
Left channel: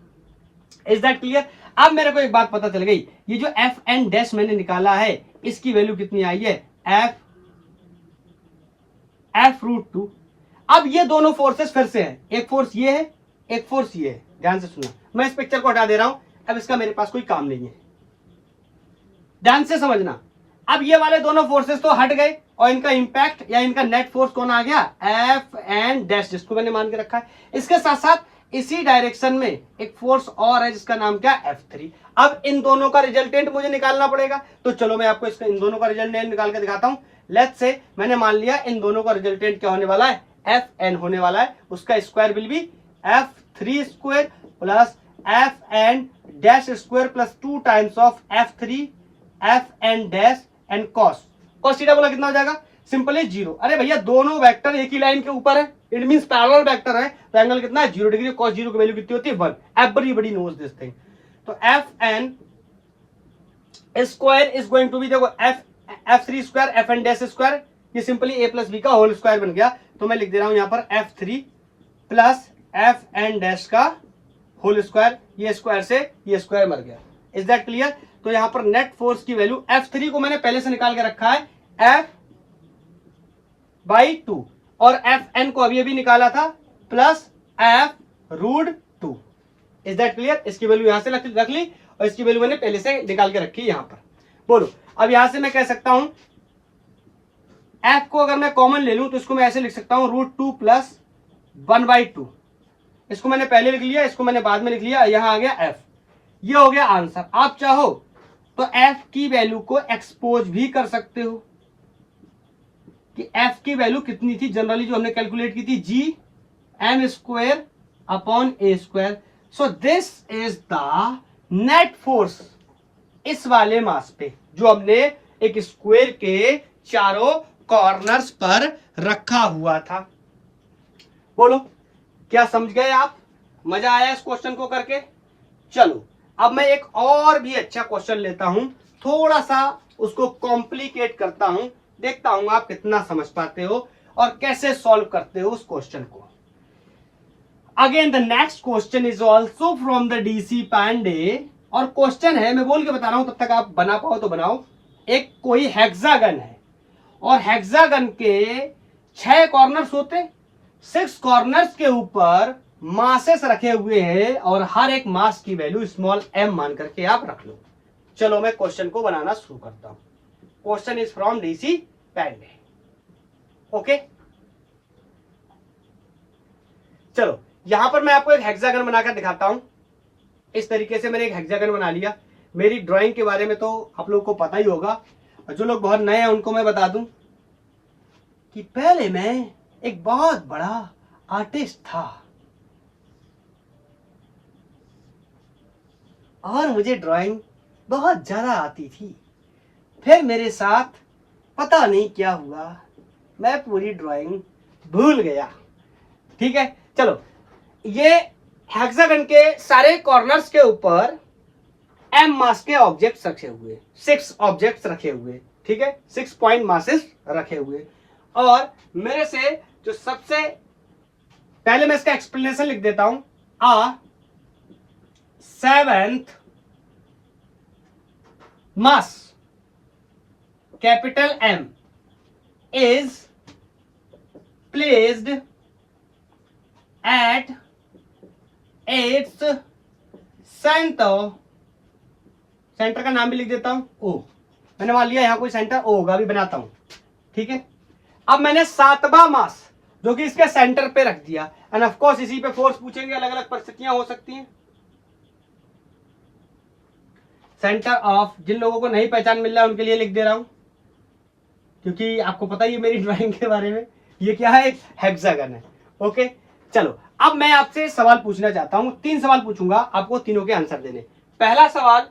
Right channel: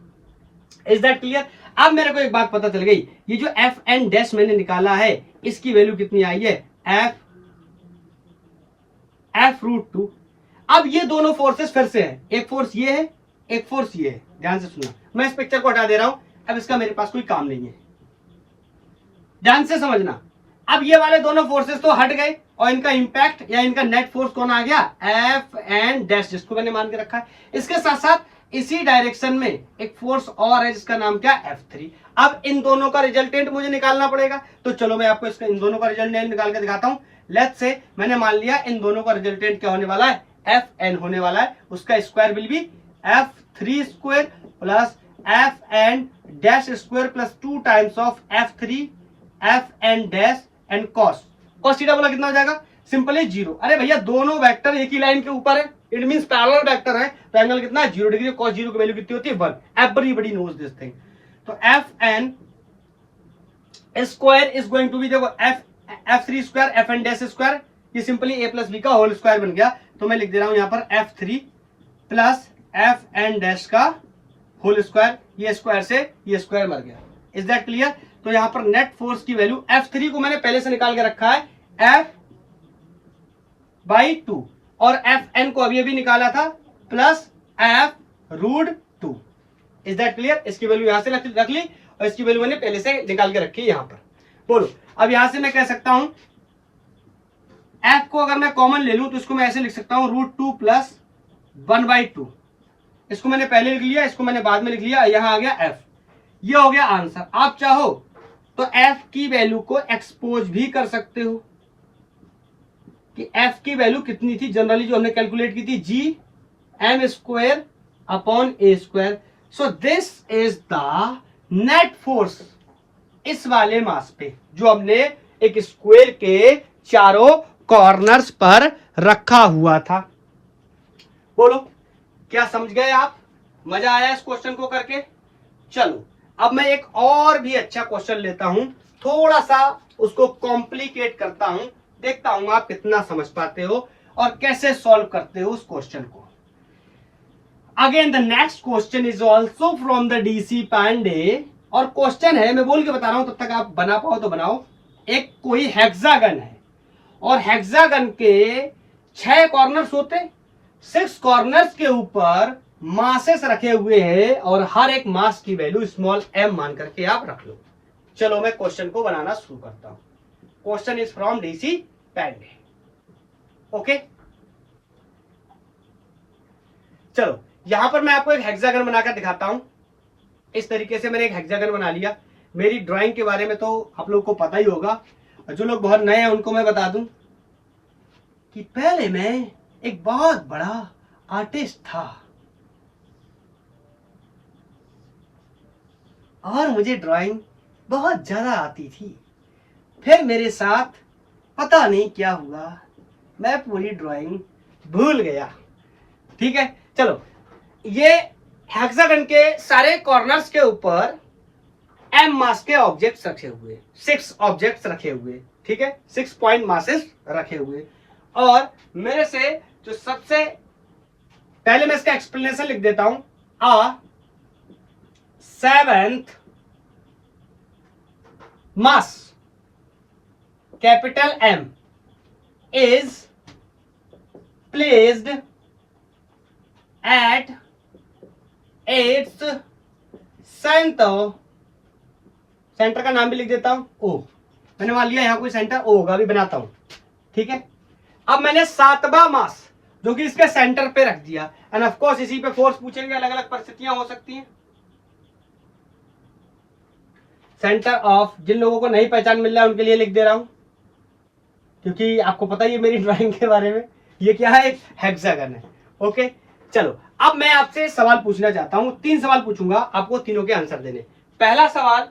इज दैट क्लियर? अब मेरे को एक बात पता चल गई, ये जो f एंड डैश मैंने निकाला है इसकी वैल्यू कितनी आई है, f√2। अब ये दोनों फोर्सेस फिर से है, एक फोर्स ये है एक फोर्स ये है। ध्यान से सुनना, मैं इस पिक्चर को हटा दे रहा हूं, अब इसका मेरे पास कोई काम नहीं है, ध्यान से समझना। अब ये वाले दोनों फोर्सेस तो हट गए और इनका इंपैक्ट या इनका नेट फोर्स कौन आ गया, f एंड डैश, जिसको मैंने मान के रखा है। इसके साथ साथ इसी डायरेक्शन में एक फोर्स और है जिसका नाम क्या, F3। अब इन दोनों का रिजल्टेंट मुझे निकालना पड़ेगा, तो चलो मैं आपको इसका इन दोनों का रिजल्टेंट निकाल के दिखाता हूं। लेट्स से मैंने मान लिया इन दोनों का रिजल्टेंट क्या होने वाला है, Fn होने वाला है। उसका square will B f3² plus fn dash square plus 2 times of f3 fn dash and cos theta बोला कितना हो जाएगा, सिंपली 0। अरे भैया दोनों वेक्टर एक ही लाइन के ऊपर है, इट मींस पैरेलल वेक्टर है, तो एंगल कितना है 0 डिग्री। cos 0 की वैल्यू कितनी होती है 1। Everybody knows this thing. तो fn square is going to be, देखो f3² fn डैश स्क्वायर, ये सिंपली a प्लस b का होल स्क्वायर बन गया। तो मैं लिख दे रहा हूं यहां पर f3 प्लस fn डैश का होल स्क्वायर, ये स्क्वायर से ये स्क्वायर मर गया। Is that clear? तो यहां पर नेट फोर्स की वैल्यू f3 को मैंने पहले से निकाल के रखा है f/2 और fn को अभी निकाला था plus f√2। Is that clear? इसकी वैल्यू यहां से रख ली और इसकी वैल्यू मैंने पहले से निकाल के रखी है यहां पर। बोलो अब यहां से मैं कह सकता हूं f को अगर मैं कॉमन ले लूं तो इसको मैं ऐसे लिख सकता हूं √2 प्लस 1/2। इसको मैंने पहले लिख लिया, इसको मैंने बाद में लिख लिया, यहां आ गया f। ये हो गया आंसर। आप चाहो तो f की वैल्यू को एक्सपोज भी कर सकते हो कि f की वैल्यू कितनी थी, जनरली जो हमने कैलकुलेट की थी gm² upon a²। So this is the net force इस वाले मास पे जो हमने एक स्क्वायर के चारों कॉर्नर्स पर रखा हुआ था। बोलो क्या समझ गए आप? मजा आया इस क्वेश्चन को करके? चलो अब मैं एक और भी अच्छा क्वेश्चन लेता हूं, थोड़ा सा उसको कॉम्प्लिकेट करता हूं, देखता हूं आप कितना समझ पाते हो और कैसे सॉल्व करते हो उस क्वेश्चन को। Again the next question is also from the DC Pandey, और क्वेश्चन है, मैं बोल के बता रहा हूं, तब तक आप बना पाओ तो बनाओ। एक कोई हेक्सागन है और हेक्सागन के 6 कॉर्नर्स होते, 6 कॉर्नर्स के ऊपर मासेस रखे हुए हैं और हर एक मास की वैल्यू स्मॉल m मान करके आप रख लो। चलो मैं क्वेश्चन को बनाना शुरू करता हूं। Question is from DC Pandey. Okay, चलो यहां पर मैं आपको एक हेक्सागन बनाकर दिखाता हूं। इस तरीके से मैंने एक हेक्सागन बना लिया। मेरी ड्राइंग के बारे में तो आप लोगों को पता ही होगा, और जो लोग बहुत नए हैं उनको मैं बता दूं कि पहले मैं एक बहुत बड़ा आर्टिस्ट था और मुझे ड्राइंग बहुत ज्यादा आती थी। फिर मेरे साथ पता नहीं क्या हुआ, मैं पूरी ड्राइंग भूल गया। ठीक है, चलो ये हेक्सागन के सारे कॉर्नर्स के ऊपर m मास के ऑब्जेक्ट्स रखे हुए, 6 ऑब्जेक्ट्स रखे हुए, ठीक है, 6 पॉइंट मासेस रखे हुए। और मेरे से जो सबसे पहले मैं इसका एक्सप्लेनेशन लिख देता हूं, आ 7th mass capital M is placed at its center, centre का नाम भी लिख देता हूं O, मैंने मान लिया यहां कोई सेंटर O होगा, अभी बनाता हूं। ठीक है, अब मैंने 7वां मास जो कि इसके सेंटर पे रख दिया, एंड ऑफ कोर्स इसी पे फोर्स पूछेंगे, अलग अलग परिस्थितियां हो सकती हैं। सेंटर ऑफ, जिन लोगों को नहीं पहचान मिल रहा है उनके लिए लिख दे रहा हूं, क्योंकि आपको पता ही है मेरी ड्राइंग के बारे में, ये क्या है, एक हेक्सागन है। ओके, चलो अब मैं आपसे सवाल पूछना चाहता हूं। 3 सवाल पूछूंगा, आपको तीनों के आंसर देने। पहला सवाल,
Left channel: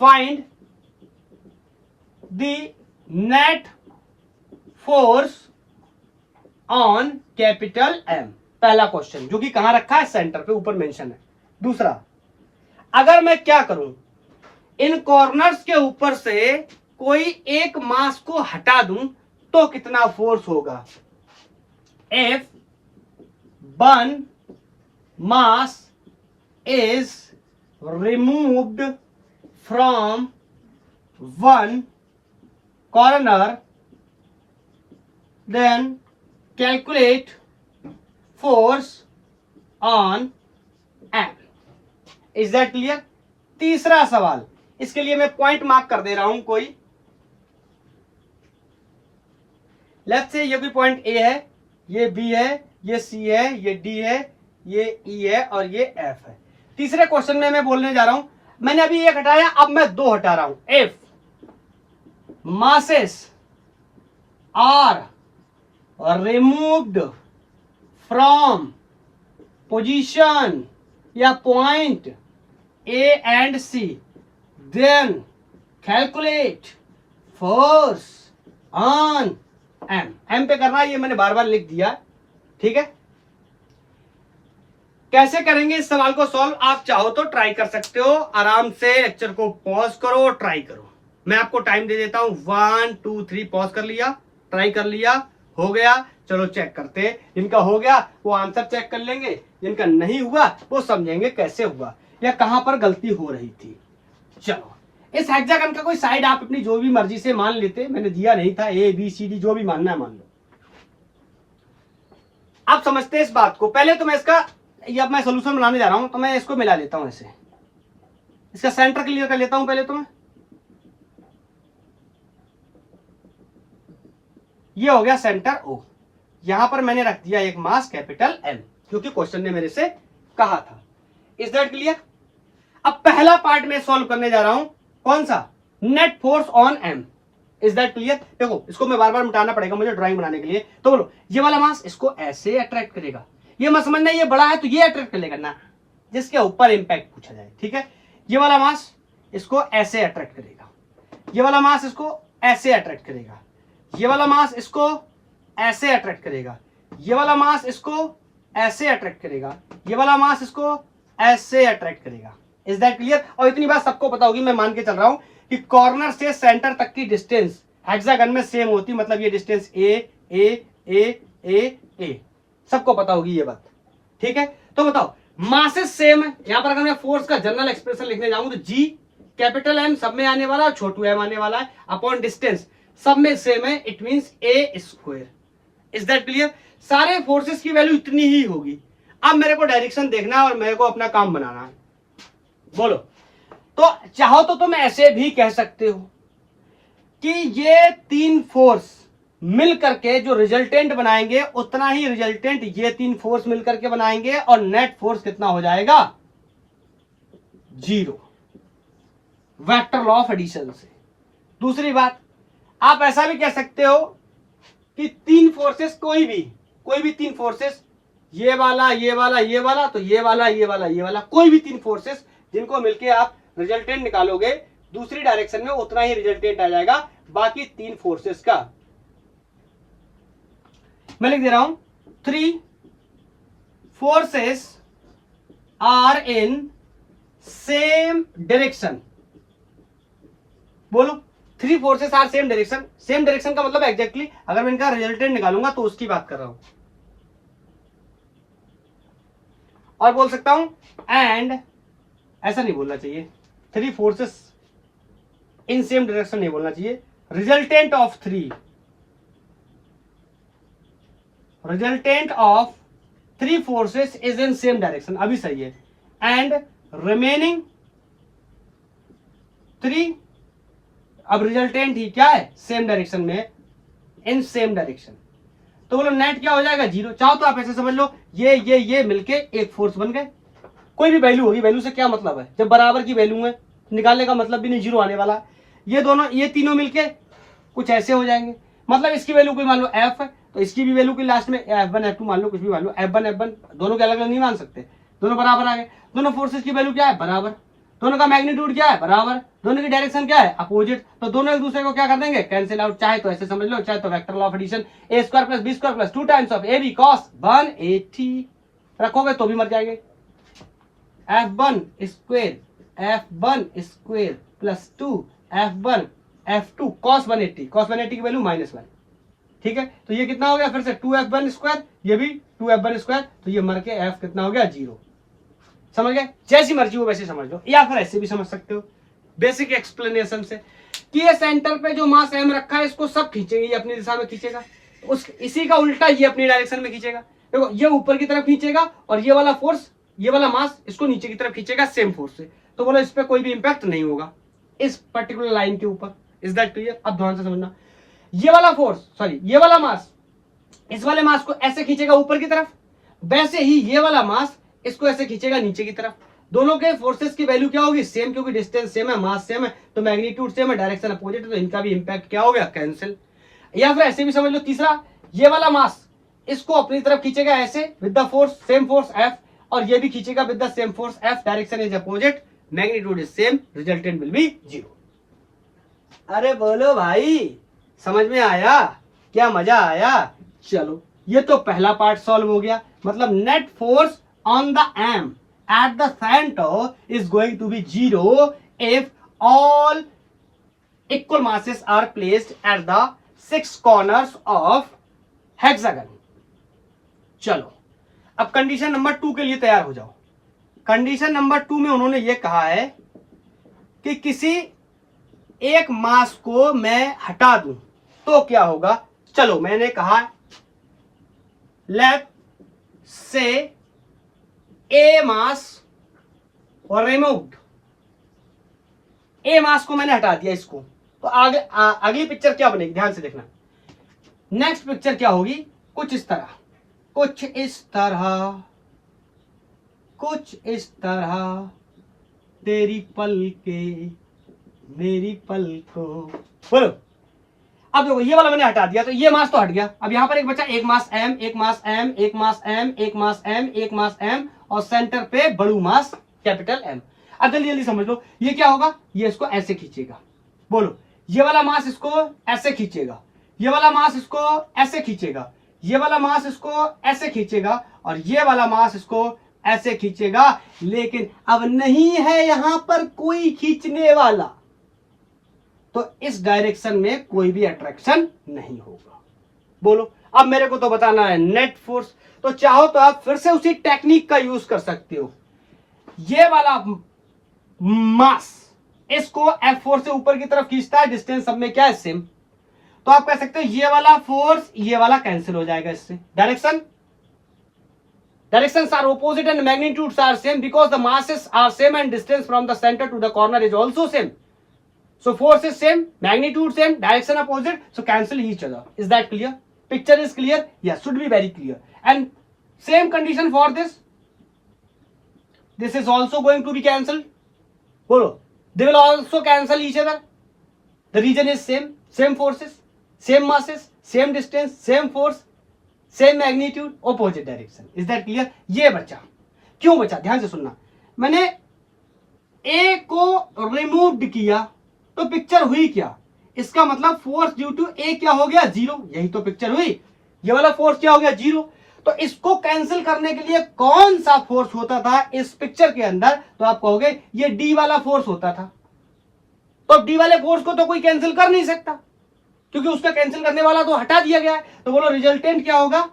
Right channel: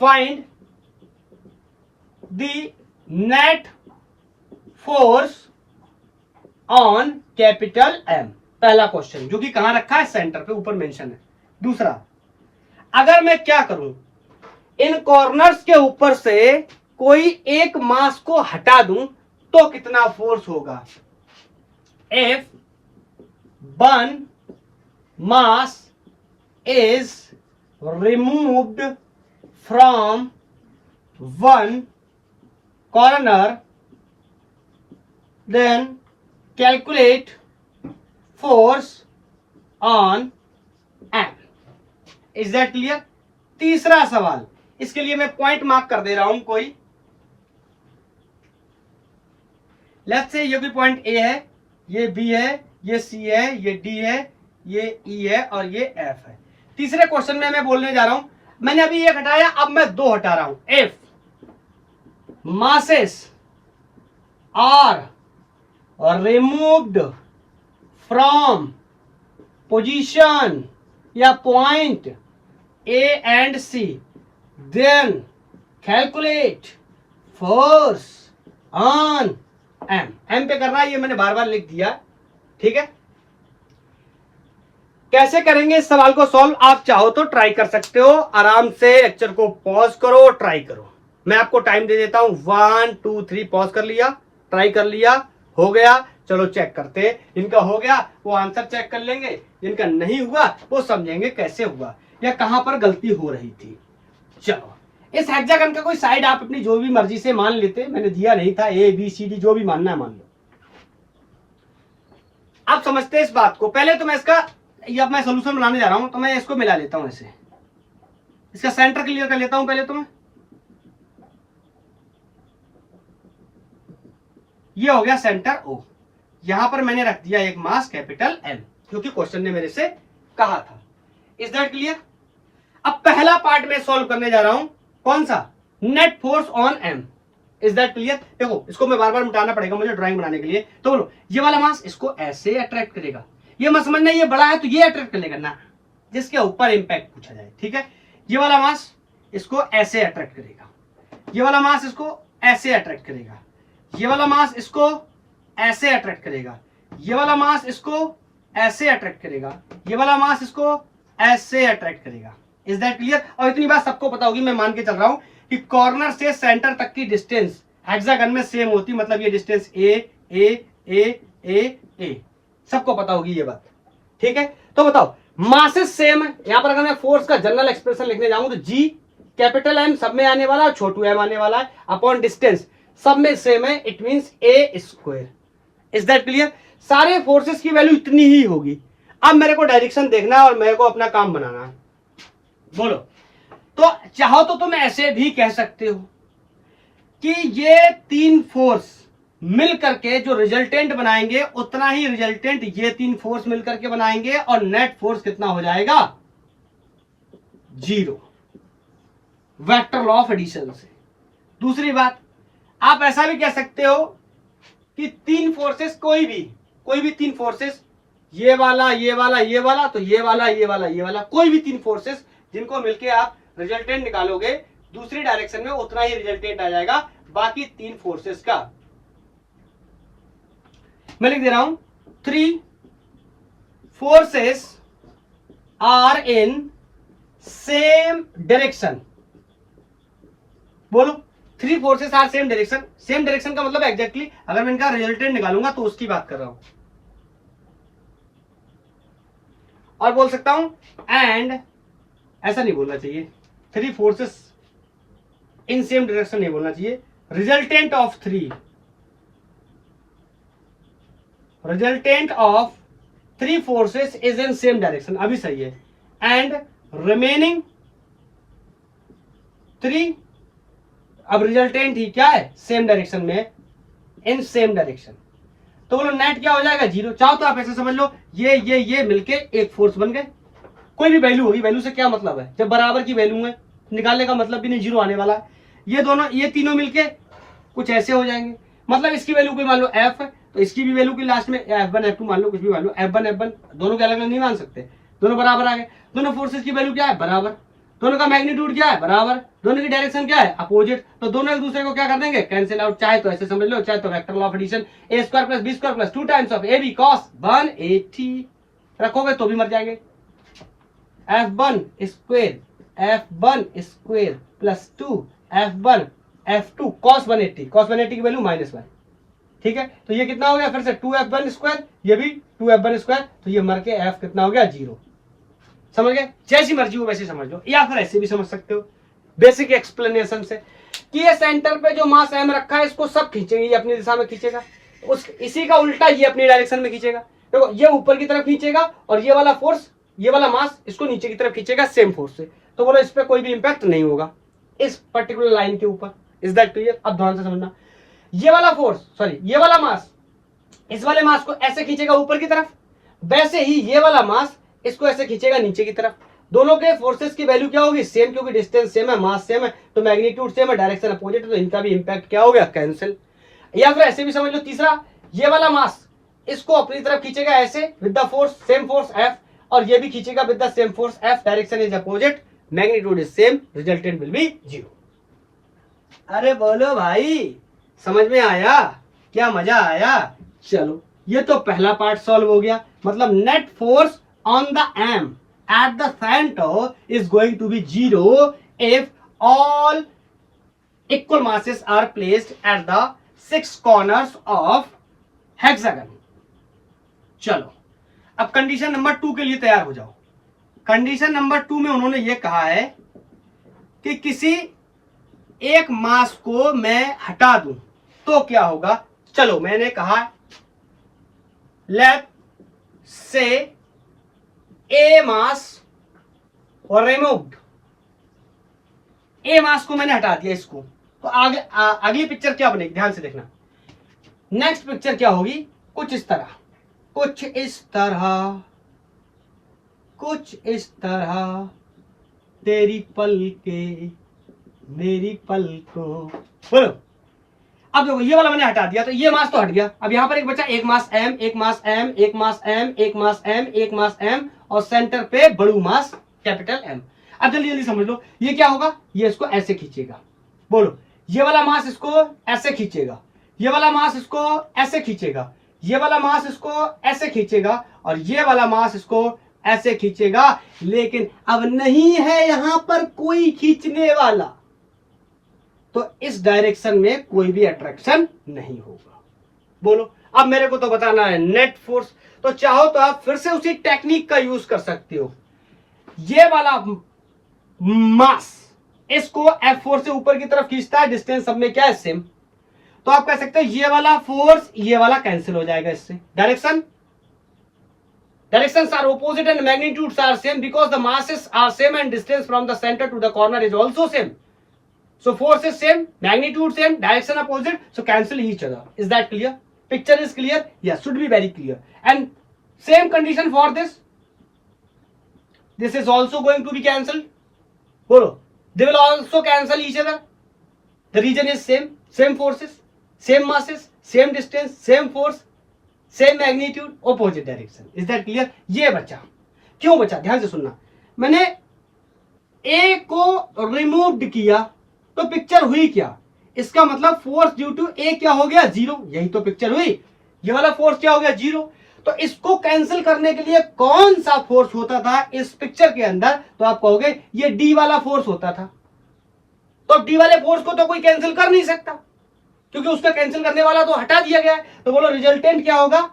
find the net force on capital M, पहला क्वेश्चन, जो कि कहां रखा है, सेंटर पे, ऊपर मेंशन है। दूसरा, अगर मैं क्या करूं, इन कॉर्नर्स के ऊपर से कोई एक मास को हटा दूं तो कितना फोर्स होगा। If one mass is removed from one corner, then calculate force on M. Is that clear? तीसरा सवाल, इसके लिए मैं पॉइंट मार्क कर दे रहा हूं कोई। लेट्स से ये भी पॉइंट A है, ये B है, ये C है, ये D है, ये E है और ये F है। तीसरे क्वेश्चन में मैं बोलने जा रहा हूं, मैंने अभी एक हटाया, अब मैं 2 हटा रहा हूं। If masses are removed from position या point A and C, then calculate force on M. M पे करना है, ये मैंने बार बार लिख दिया। ठीक है, कैसे करेंगे इस सवाल को सॉल्व, आप चाहो तो ट्राई कर सकते हो। आराम से लेक्चर को पॉज करो, ट्राई करो। मैं आपको टाइम दे देता हूं, 1 2 3, पॉज कर लिया, ट्राई कर लिया, हो गया, चलो चेक करते हैं। जिनका हो गया वो आंसर चेक कर लेंगे, जिनका नहीं हुआ वो समझेंगे कैसे हुआ या कहां पर गलती हो रही थी। चलो, इस हेक्सागन का कोई साइड आप अपनी जो भी मर्जी से मान लेते, मैंने दिया नहीं था, A B C D जो भी मानना है मान लो। आप समझते हैं इस बात को। पहले तो मैं इसका, अब मैं सोल्यूशन बनाने जा रहा हूं, तो मैं इसको मिला लेता हूं ऐसे, इसका सेंटर क्लियर कर लेता हूं पहले तो मैं। ये हो गया सेंटर O, यहां पर मैंने रख दिया एक मास कैपिटल M, क्योंकि क्वेश्चन ने मेरे से कहा था। Is that clear? अब पहला पार्ट में सॉल्व करने जा रहा हूं, कौन सा, net force on M। Is that clear? देखो, इसको मैं बार बार मिटाना पड़ेगा मुझे ड्राइंग बनाने के लिए, तो बोलो, ये वाला मास इसको ऐसे अट्रैक्ट करेगा, ये मत समझना ये बड़ा है तो ये अट्रैक्ट करेगा ना, जिसके ऊपर इंपैक्ट पूछा जाए। ठीक है, ये वाला मास इसको ऐसे अट्रैक्ट करेगा, ये वाला मास इसको ऐसे अट्रैक्ट करेगा, ये वाला मास इसको ऐसे अट्रैक्ट करेगा, ये वाला मास इसको ऐसे अट्रैक्ट करेगा, ये वाला मास इसको ऐसे अट्रैक्ट करेगा। Is that clear? और इतनी बात सबको पता होगी, मैं मान के चल रहा हूं कि कॉर्नर से सेंटर तक की डिस्टेंस हेक्सागन में सेम होती, मतलब ये डिस्टेंस ए ए ए ए ए, सबको पता होगी ये बात, ठीक है। तो बताओ मासेस सेम है, यहां पर अगर मैं फोर्स का जनरल एक्सप्रेशन लिखने जाऊं तो जी कैपिटल एम सब में आने वाला है, छोटू एम आने वाला है, अपॉन डिस्टेंस सब में सेम है, it means A square. Is that clear? सारे फोर्सेस की वैल्यू इतनी ही होगी। अब मेरे को डायरेक्शन देखना है और मेरे को अपना काम बनाना है। बोलो, तो चाहो तो तुम ऐसे भी कह सकते हो कि ये तीन फोर्स मिल करके जो रिजल्टेंट बनाएंगे उतना ही रिजल्टेंट ये तीन फोर्स मिल करके बनाएंगे, और नेट फोर्स कितना हो जाएगा? 0, वेक्टर लॉ ऑफ एडिशन से। दूसरी बात, आप ऐसा भी कह सकते हो कि तीन फोर्सेस कोई भी तीन फोर्सेस, ये वाला ये वाला ये वाला, तो ये वाला ये वाला ये वाला, कोई भी तीन फोर्सेस जिनको मिलके आप रिजल्टेंट निकालोगे दूसरी डायरेक्शन में उतना ही रिजल्टेंट आ जाएगा बाकी तीन फोर्सेस का। मैं लिख दे रहा हूं, 3 forces are in same direction. बोलो, 3 forces are same direction. Same direction का मतलब एग्जैक्टली अगर मैं इनका रिजल्टेंट निकालूंगा तो उसकी बात कर रहा हूं। और बोल सकता हूं एंड, ऐसा नहीं बोलना चाहिए, 3 फोर्सेस इन सेम डायरेक्शन नहीं बोलना चाहिए, resultant of 3 forces is in same direction, अभी सही है। एंड रिमेनिंग 3, अब रिजल्टेंट ही क्या है? सेम डायरेक्शन में, इन सेम डायरेक्शन। तो बोलो नेट क्या हो जाएगा? 0। चाहो तो आप ऐसे समझ लो, ये मिलके एक फोर्स बन गए। कोई भी वैल्यू होगी, वैल्यू से क्या मतलब है? जब बराबर की वैल्यू है निकालने का मतलब भी नहीं 0 आने वाला। ये तीनों मिलके कुछ ऐसे हो जाएंगे, मतलब इसकी वैल्यू कोई मान लो f है तो इसकी भी वैल्यू की लास्ट में f1 f2 मान लो, कुछ भी मान लो, f1 दोनों के अलग अलग नहीं मान सकते, दोनों बराबर आ गए। दोनों फोर्सेस की वैल्यू क्या है? बराबर। दोनों का मैग्नीट्यूड क्या है? बराबर। दोनों की डायरेक्शन क्या है? अपोजिट। तो दोनों एक दूसरे को क्या कर देंगे? Cancel out. चाहे तो ऐसे समझ लो, चाहे तो vector law of addition, a square plus b square plus 2 times of ab cos 180 रखोगे तो भी मर जाएंगे। f1 square plus 2 f1 f2 cos 180 की वैल्यू -1। ठीक है, तो ये कितना हो गया? फिर से 2f1 स्क्वायर, ये भी 2f1 स्क्वायर, तो ये मर के f कितना हो गया? 0। समझ गए? जैसी मर्जी हो वैसे समझ लो, या फिर ऐसे भी समझ सकते हो बेसिक एक्सप्लेनेशन से कि ये सेंटर पे जो मास m रखा है इसको सब खींचेंगे, ये अपनी दिशा में खींचेगा, इसी का उल्टा ये अपनी डायरेक्शन में खींचेगा। देखो, ये ऊपर की तरफ खींचेगा और ये वाला फोर्स, ये वाला मास इसको नीचे की तरफ खींचेगा सेम फोर्स से। तो बोलो इस पे कोई भी इंपैक्ट नहीं होगा इस पर्टिकुलर लाइन के ऊपर। Is that clear? अब ध्यान से समझना, ये वाला मास इस वाले मास को ऐसे खींचेगा ऊपर की तरफ, वैसे ही ये वाला मास इसको ऐसे खींचेगा नीचे की तरफ। दोनों के फोर्सेस की वैल्यू क्या होगी? सेम, क्योंकि डिस्टेंस सेम है, मास सेम है, तो मैग्नीट्यूड सेम है, डायरेक्शन अपोजिट है, तो इनका भी इंपैक्ट क्या हो गया? कैंसिल। या फिर ऐसे भी समझ लो, तीसरा, ये वाला मास इसको अपनी तरफ खींचेगा ऐसे with the force, same force F, और ये भी खींचेगा with the same force F, direction is opposite, magnitude is same, resultant will be 0। अरे बोलो भाई, समझ में आया? क्या मजा आया? चलो, ये तो पहला पार्ट सॉल्व हो गया। मतलब net force on the M at the centre is going to be 0 if all equal masses are placed at the 6 corners of hexagon। चलो, अब कंडीशन नंबर 2 के लिए तैयार हो जाओ। कंडीशन नंबर 2 में उन्होंने ये कहा है कि किसी एक मास को मैं हटा दूं तो क्या होगा। चलो, मैंने कहा लेट से ए मास और रिमूव्ड, ए मास को मैंने हटा दिया इसको, तो आगे अगली पिक्चर क्या बनेगी? ध्यान से देखना। नेक्स्ट पिक्चर क्या होगी? कुछ इस तरह तेरी पलके मेरी पलकों। बोलो, अब देखो, ये वाला मैंने हटा दिया तो ये मास तो हट गया। अब यहां पर एक बचा, एक मास m, एक मास m, एक मास m, एक मास m, एक मास m, और सेंटर पे बड़ू मास कैपिटल M। अब जल्दी जल्दी समझ लो, ये क्या होगा? ये इसको ऐसे खींचेगा। बोलो, ये वाला मास इसको ऐसे खींचेगा, ये वाला मास इसको ऐसे खींचेगा, ये वाला मास इसको ऐसे खींचेगा, और ये वाला मास इसको ऐसे खींचेगा। लेकिन अब नहीं है यहां पर कोई खींचने वाला, तो इस डायरेक्शन में कोई भी अट्रैक्शन नहीं होगा। बोलो, अब मेरे को तो बताना है नेट फोर्स। तो चाहो तो आप फिर से उसी टेक्निक का यूज कर सकते हो। ये वाला मास इसको F4 से ऊपर की तरफ खींचता है, डिस्टेंस सब में क्या है, सेम। तो आप कह सकते हो ये वाला फोर्स ये वाला कैंसिल हो जाएगा इससे। Directions are opposite and magnitudes are same because the masses are same and distance from the center to the corner is also same. So force is same, magnitude same, direction opposite, so cancel each other. Is that clear? Picture is clear? Yes, should be very clear. And same condition for this. This is also going to be cancelled. Bolo, they will also cancel each other. The region is same, same forces, same masses, same distance, same force, same magnitude, opposite direction. Is that clear? ये बचा, क्यों बचा, ध्यान से सुनना। मैंने ए को remove किया तो पिक्चर हुई क्या, इसका मतलब फोर्स ड्यू टू ए क्या हो गया, जीरो। यही तो पिक्चर हुई। ये वाला फोर्स क्या हो गया, जीरो। तो इसको कैंसिल करने के लिए कौन सा फोर्स होता था इस पिक्चर के अंदर, तो आप कहोगे ये डी वाला फोर्स होता था। तो डी वाले फोर्स को तो कोई कैंसिल कर नहीं सकता, क्योंकि उसका कैंसिल करने वाला तो हटा दिया गया है। तो बोलो रिजल्टेंट क्या होगा,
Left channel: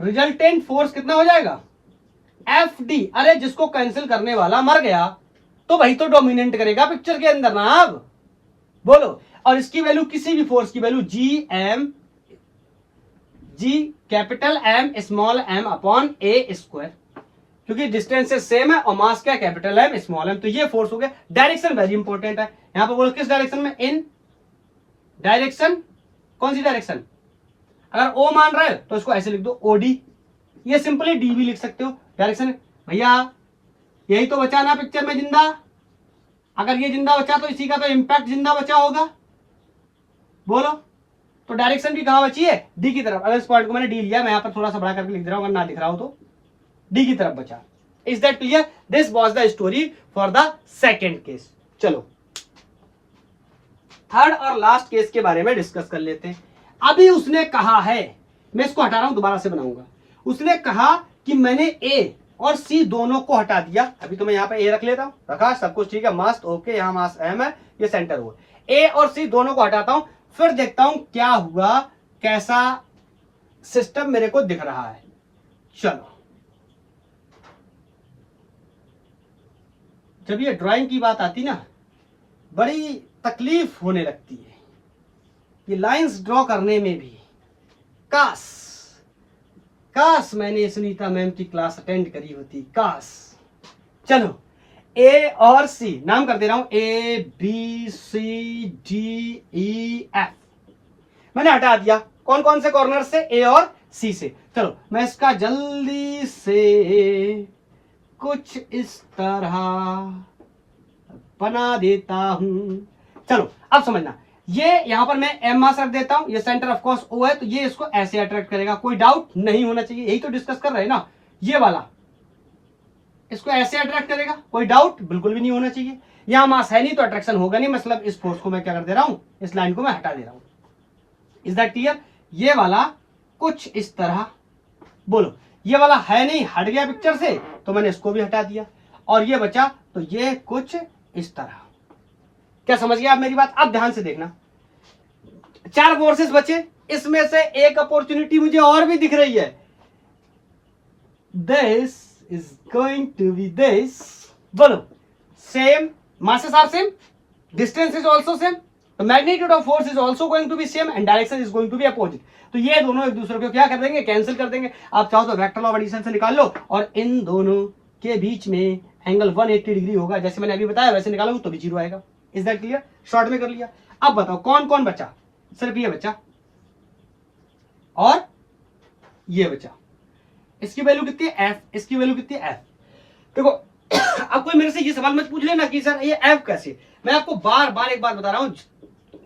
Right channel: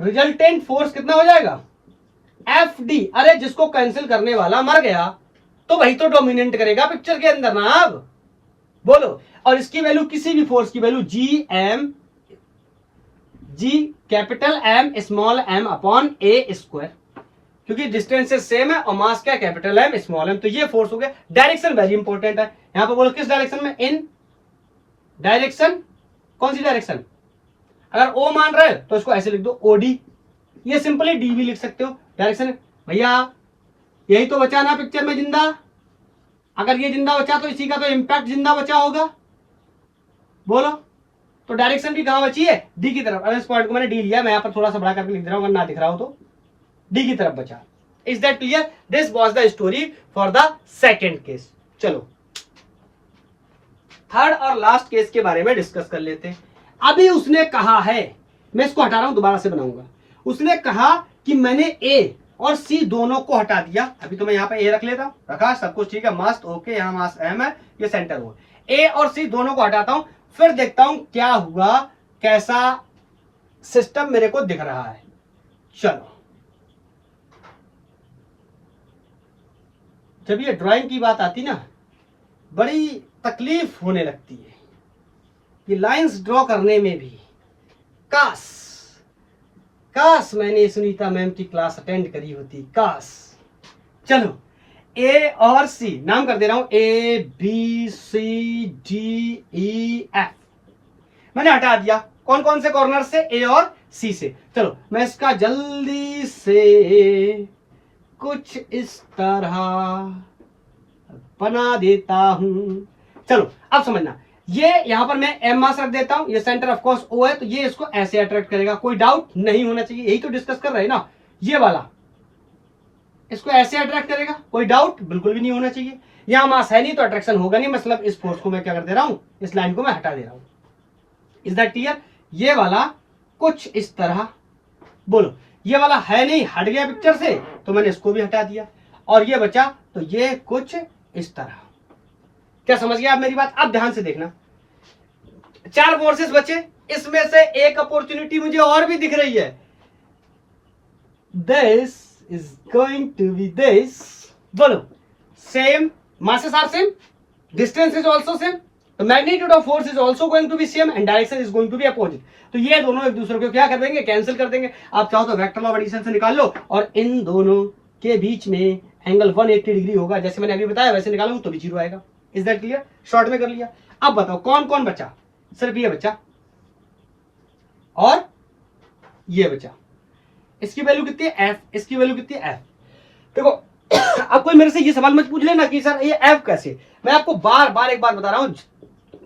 रिजल्टेंट फोर्स कितना हो जाएगा, एफ डी। अरे जिसको कैंसिल करने वाला मर गया तो वही तो डोमिनेट करेगा पिक्चर के अंदर ना। अब बोलो, और इसकी वैल्यू किसी भी फोर्स की value G M, G capital M small m upon a square, क्योंकि डिस्टेंस सेम है और मास क्या, कैपिटल एम स्मॉल एम। तो ये फोर्स हो गया। डायरेक्शन वेरी इंपॉर्टेंट है। यहां पर बोलो किस डायरेक्शन में, इन डायरेक्शन। कौन सी डायरेक्शन, अगर ओ मान रहे तो इसको ऐसे लिख दो ओडी, ये सिंपली डी भी लिख सकते हो। डायरेक्शन भैया यही तो बचा ना पिक्चर में जिंदा। अगर ये जिंदा बचा तो इसी का तो इंपैक्ट जिंदा बचा होगा। बोलो, तो डायरेक्शन भी कहां बची है, डी की तरफ। अगर इस पॉइंट को मैंने डी लिया, मैं यहां पर थोड़ा सा बड़ा करके लिख दे रहा हूं, अगर ना दिख रहा हो तो डी की तरफ बचा। Is that clear? This was the story for the second case. चलो थर्ड और लास्ट केस के बारे में डिस्कस कर लेते हैं। अभी उसने कहा है, मैं इसको हटा रहा हूं, दोबारा से बनाऊंगा। उसने कहा कि मैंने ए और सी दोनों को हटा दिया। अभी तो मैं यहां पे ए रख लेता हूं, रखा, सब कुछ ठीक है, मस्त, ओके। यहां मास एम है, ये सेंटर हुआ। ए और सी दोनों को हटाता हूं, फिर देखता हूं क्या हुआ, कैसा सिस्टम मेरे को दिख रहा है। चलो, जब ये ड्राइंग की बात आती ना, बड़ी तकलीफ होने लगती है ये लाइंस ड्रॉ करने में भी। काश मैंने सुनीता मैम की क्लास अटेंड करी होती, काश। चलो, ए और सी नाम कर दे रहा हूं, A B C D E F मैंने हटा दिया। कौन कौन से कॉर्नर से, ए और सी से। चलो मैं इसका जल्दी से कुछ इस तरह बना देता हूं। चलो अब समझना, ये यहां पर मैं एम मास रख देता हूं, ये सेंटर ऑफ कोर्स ओ है, तो ये इसको ऐसे अट्रैक्ट करेगा, कोई डाउट नहीं होना चाहिए। यही तो डिस्कस कर रहे हैं ना। ये वाला इसको ऐसे अट्रैक्ट करेगा, कोई डाउट बिल्कुल भी नहीं होना चाहिए। यहां मास है नहीं तो अट्रैक्शन होगा नहीं, मतलब इस फोर्स को मैं क्या कर दे रहा हूं, इस लाइन को मैं हटा दे रहा हूं। Is that clear? ये वाला कुछ इस तरह, बोलो ये वाला है नहीं, हट गया पिक्चर से, तो मैंने इसको भी हटा दिया, और ये बचा, तो ये कुछ इस तरह। क्या समझ गया आप मेरी बात? अब ध्यान से देखना, चार फोर्सेस बचे, इसमें से एक अपॉर्चुनिटी मुझे और भी दिख रही है। This is going to be this. बोलो, same masses are same, distance is also same, the magnitude of force is also going to be same and direction is going to be opposite. तो ये दोनों एक दूसरे को क्या कर देंगे, कैंसिल कर देंगे। आप चाहो तो वेक्टर ऑफ एडिशन से निकाल लो, और इन दोनों के बीच में एंगल 180 डिग्री होगा, जैसे मैंने अभी बताया वैसे निकालूंगा तो भी जीरो आएगा। Is that clear? शॉर्ट में कर लिया। अब बताओ कौन कौन बचा, सिर्फ ये बचा और ये बचा। इसकी वैल्यू कितनी है, एफ, इसकी वैल्यू कितनी है, एफ। देखो अब कोई मेरे से ये सवाल मत पूछ लेना कि सर ये एफ कैसे, मैं आपको बार बार एक बार बता रहा हूं,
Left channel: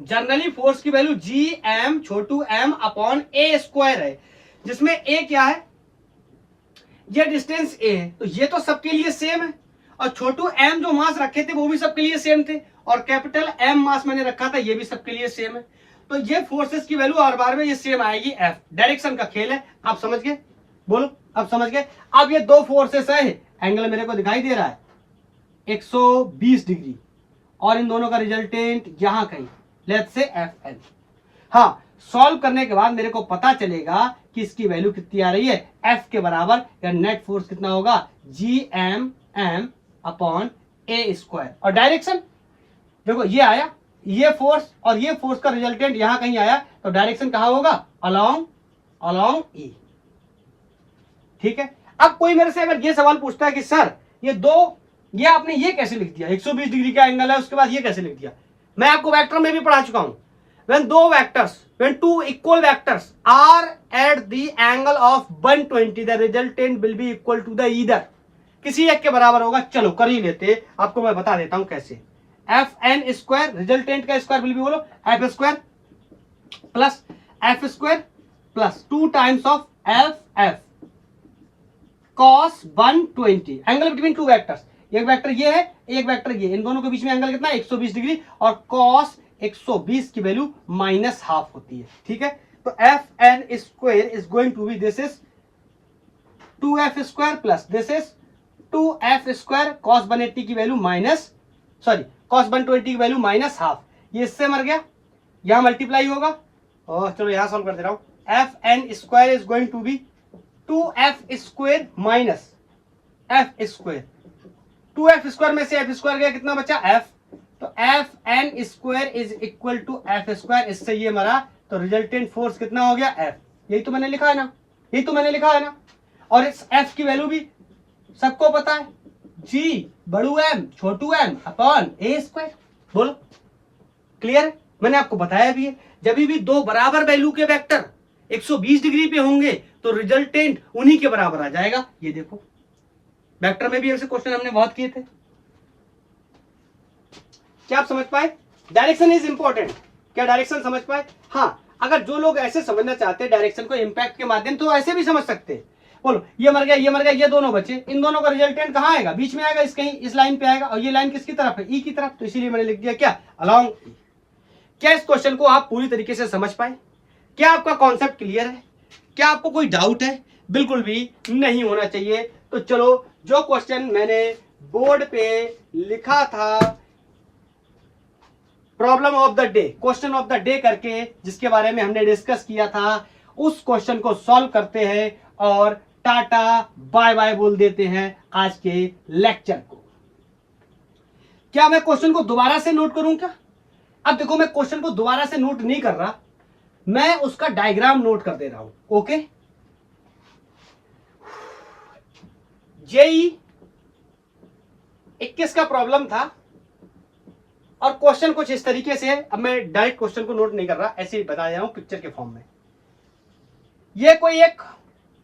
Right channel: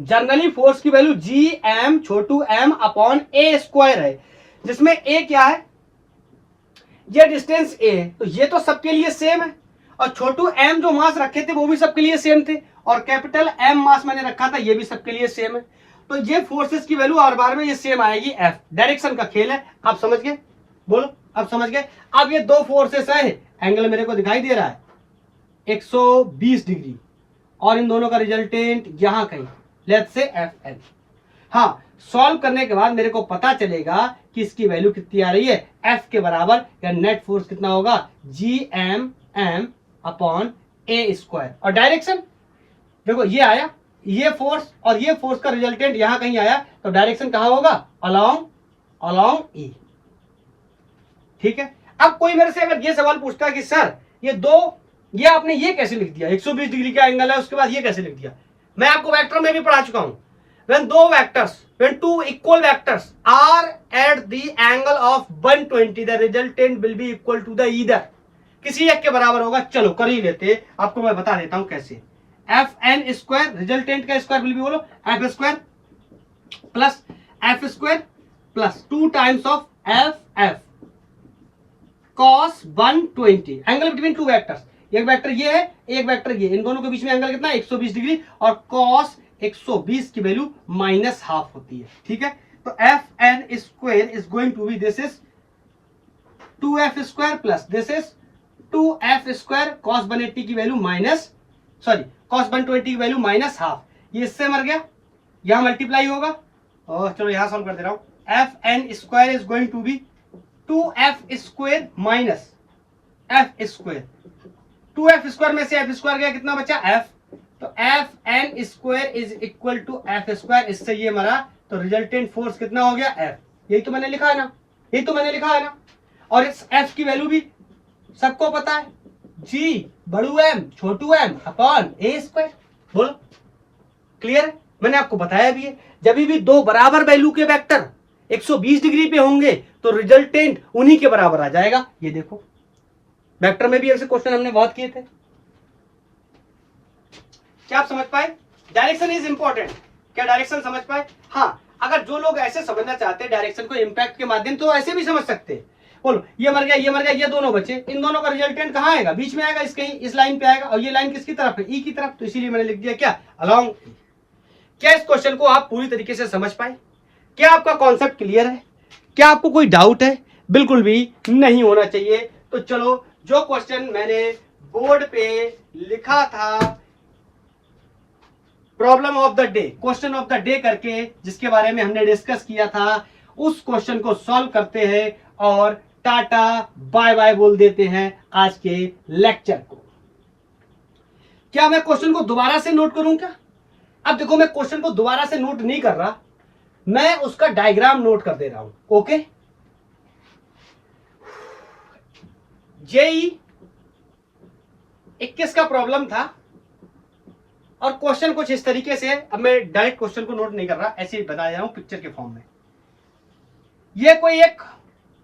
जनरली फोर्स की value G M Chhotu M upon a square है, जिसमें ए क्या है, ये डिस्टेंस ए है, तो ये तो सबके लिए सेम है, और छोटू एम जो मास रखे थे वो भी सबके लिए सेम थे, और कैपिटल एम मास मैंने रखा था ये भी सबके लिए सेम है। तो ये फोर्सेस की वैल्यू हर बार में ये सेम आएगी। एफ डायरेक्शन का खेल है, आप समझ गए? बोलो अब समझ गए? अब ये दो फोर्सेस है, एंगल मेरे को दिखाई दे रहा है 120 डिग्री, और इन दोनों का रिजल्टेंट यहां कहीं, लेट्स से Fn। हाँ, सॉल्व करने के बाद मेरे को पता चलेगा कि इसकी वैल्यू कितनी आ रही है, F के बराबर, या नेट फोर्स कितना होगा, GMM अपॉन A स्क्वायर। और डायरेक्शन देखो ये आया, ये फोर्स और ये फोर्स का रिजल्टेंट यहां कहीं आया, तो डायरेक्शन कहां होगा, अलोंग E। ठीक है। अब कोई मेरे से अगर ये सवाल पूछता है कि सर ये आपने ये कैसे लिख दिया, 120 डिग्री का एंगल है, उसके बाद ये कैसे लिख दिया। मैं आपको वेक्टर में भी पढ़ा चुका हूं, when two equal vectors are at the angle of 120 the resultant will be equal to the either, किसी एक के बराबर होगा। चलो कर ही लेते, आपको मैं बता देता हूं कैसे। Fn स्क्वायर, रिजल्टेंट का स्क्वायर विल बी, बोलो, F square plus F square plus 2 times of F cos 120, angle between two vectors, एक वेक्टर ये है, एक वेक्टर ये, इन दोनों के बीच में एंगल कितना, 120 डिग्री, और cos 120 की वैल्यू -½ होती है। ठीक है, तो Fn square is going to be, this is 2F square plus this is 2F square, cos 180 की वैल्यू cos 120 की वैल्यू -½ ये इससे मर गया, यहां मल्टीप्लाई होगा, और चलो यहां सॉल्व कर दे रहा हूं। Fn square is going to be 2F square minus F square, 2F square में से F स्क्वायर गया, कितना बचा, F, तो Fn square is equal to F square, इससे ये मरा, तो रिजल्टेंट फोर्स कितना हो गया, F। यही तो मैंने लिखा है ना, और इस F की वैल्यू भी सबको पता है, G बड़ू M छोटू M अपॉन A स्क्वायर। बोलो क्लियर है, मैंने आपको बताया भी है, जब भी दो बराबर वैल्यू के वेक्टर 120 डिग्री पे होंगे तो रिजल्टेंट उन्हीं के बराबर आ जाएगा। ये देखो वेक्टर में भी ऐसे क्वेश्चन हमने बहुत किए थे। क्या आप समझ पाए, डायरेक्शन इज इंपॉर्टेंट, क्या डायरेक्शन समझ पाए। हाँ, अगर जो लोग ऐसे समझना चाहते हैं डायरेक्शन को इम्पैक्ट के माध्यम, तो ऐसे भी समझ सकते हैं। बोलो ये मर गया, ये दोनों बचे, इन दोनों का रिजल्टेंट कहां आएगा, बीच में आएगा, इस कहीं इस लाइन पे आएगा, और ये लाइन किसकी तरफ है, ई की तरफ, तो इसीलिए मैंने लिख दिया क्या, अलोंग ई। क्या इस क्वेश्चन को आप पूरी तरीके से समझ पाए, क्या आपका कॉन्सेप्ट क्लियर है, क्या आपको कोई डाउट है, बिल्कुल भी नहीं होना चाहिए। तो चलो, जो क्वेश्चन मैंने बोर्ड पे लिखा था, problem of the day, question of the day करके, जिसके बारे में हमने डिस्कस किया था, उस क्वेश्चन को सॉल्व करते हैं और टाटा बाय बाय बोल देते हैं आज के लेक्चर को। क्या मैं क्वेश्चन को दोबारा से नोट करूं क्या, अब देखो मैं क्वेश्चन को दोबारा से नोट नहीं कर रहा, मैं उसका डायग्राम नोट कर दे रहा हूं। ओके, जेई 21 का प्रॉब्लम था और क्वेश्चन कुछ इस तरीके से है। अब मैं डायरेक्ट क्वेश्चन को नोट नहीं कर रहा, ऐसे ही बता रहा हूं पिक्चर के फॉर्म में। ये कोई एक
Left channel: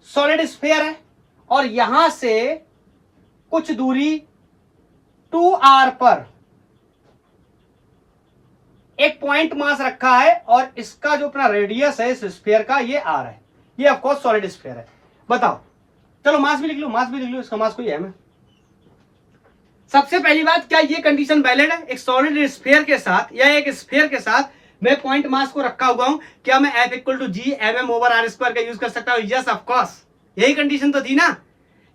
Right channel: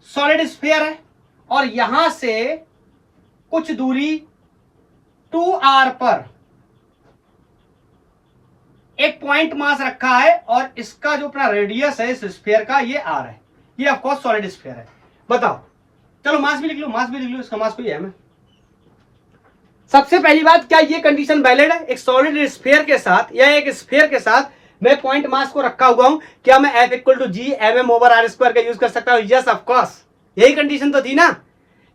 सॉलिड स्फीयर है और यहां से कुछ दूरी 2r पर एक पॉइंट मास रखा है और इसका जो अपना रेडियस है इस स्फीयर का, ये r है। ये ऑफ कोर्स सॉलिड स्फीयर है। बताओ, चलो मास भी लिख लो, इसका मास कोई है। सबसे पहली बात, क्या ये कंडीशन वैलिड है, एक सॉलिड स्फीयर के साथ या एक स्फीयर के साथ मैं पॉइंट मास को रखा हुआ हूं, क्या मैं F = G/m/r² का यूज कर सकता हूं, यस ऑफ कोर्स। यही कंडीशन तो थी ना,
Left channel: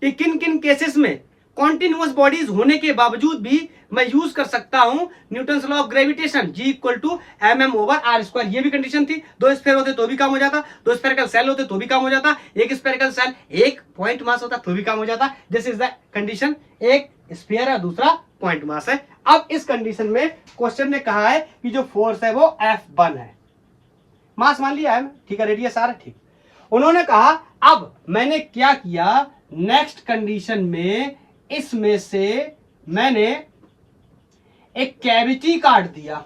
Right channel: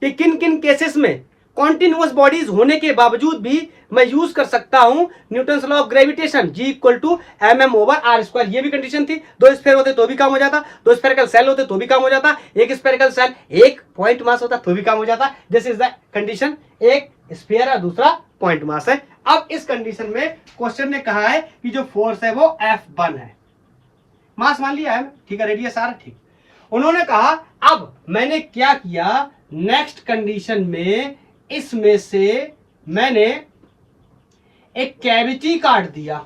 कि किन किन केसेस में कॉन्टिन्यूअस बॉडीज होने के बावजूद भी मैं यूज कर सकता हूं Newton's law of gravitation, G = m/r²। ये भी कंडीशन थी। दो स्फीयर होते तो भी काम हो जाता, दो स्फेरिकल सेल होते तो भी काम हो जाता, एक स्फेरिकल सेल एक पॉइंट मास होता तो भी काम हो जाता। दिस इज द कंडीशन, एक स्फीयर है दूसरा पॉइंट मास है। अब इस कंडीशन में क्वेश्चन ने कहा है कि जो फोर्स है वो F1 है, मास मान लिया है, ठीक है, रेडियस r है, ठीक। उन्होंने कहा, अब मैंने क्या किया, नेक्स्ट कंडीशन में इसमें से मैंने एक कैविटी काट दिया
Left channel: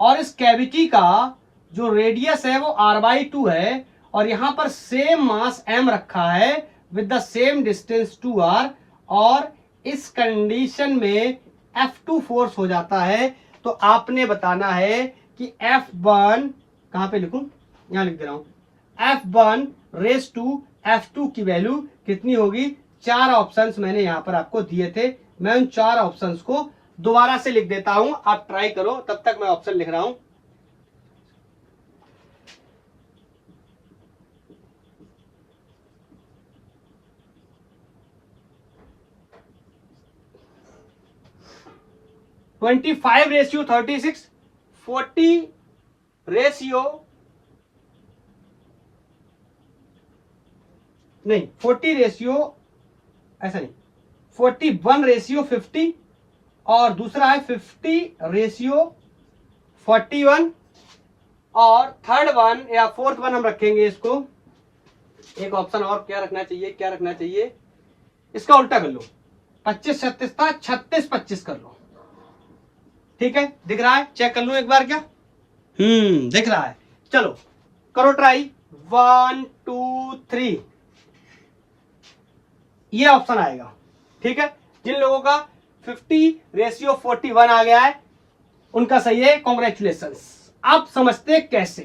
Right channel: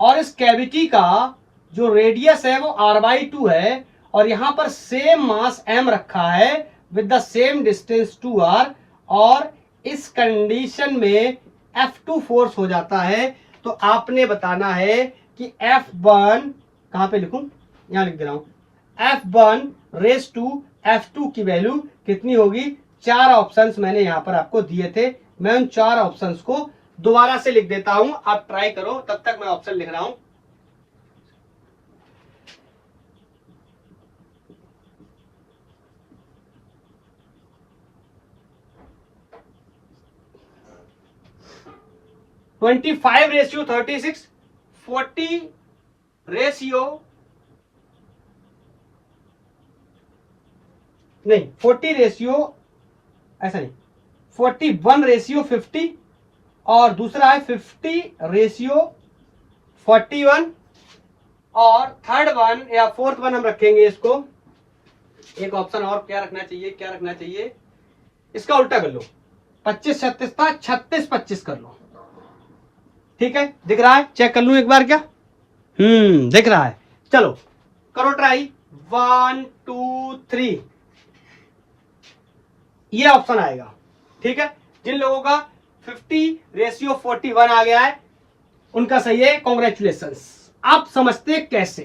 और इस कैविटी का जो रेडियस है वो r/2 है और यहां पर सेम मास m रखा है with the same distance 2r, और इस कंडीशन में F2 फोर्स हो जाता है। तो आपने बताना है कि F1 कहां पे लिखूं, यहां लिख दे रहा हूं, F1 की वैल्यू कितनी होगी। 4 ऑप्शंस मैंने यहां पर आपको दिए थे, मैं उन 4 ऑप्शंस को दोबारा से लिख देता हूं, आप ट्राई करो, तब तक मैं ऑप्शन लिख रहा हूं। 25:36, 40 रेशियो नहीं, 40 रेशियो ऐसा नहीं, 41:50 और दूसरा है 50:41 और थर्ड वन या फोर्थ वन हम रखेंगे इसको, एक ऑप्शन और क्या रखना चाहिए, इसका उल्टा कर लो, 25-36 था, 36-25 कर लो। ठीक है, दिख रहा है? चेक कर लूं एक बार क्या? दिख रहा है। चलो करो ट्राई, 1 2 3, ये ऑप्शन आएगा। ठीक है, जिन लोगों का 50:41 आ गया है उनका सही है, कॉन्ग्रेचुलेशंस। आप समझते कैसे?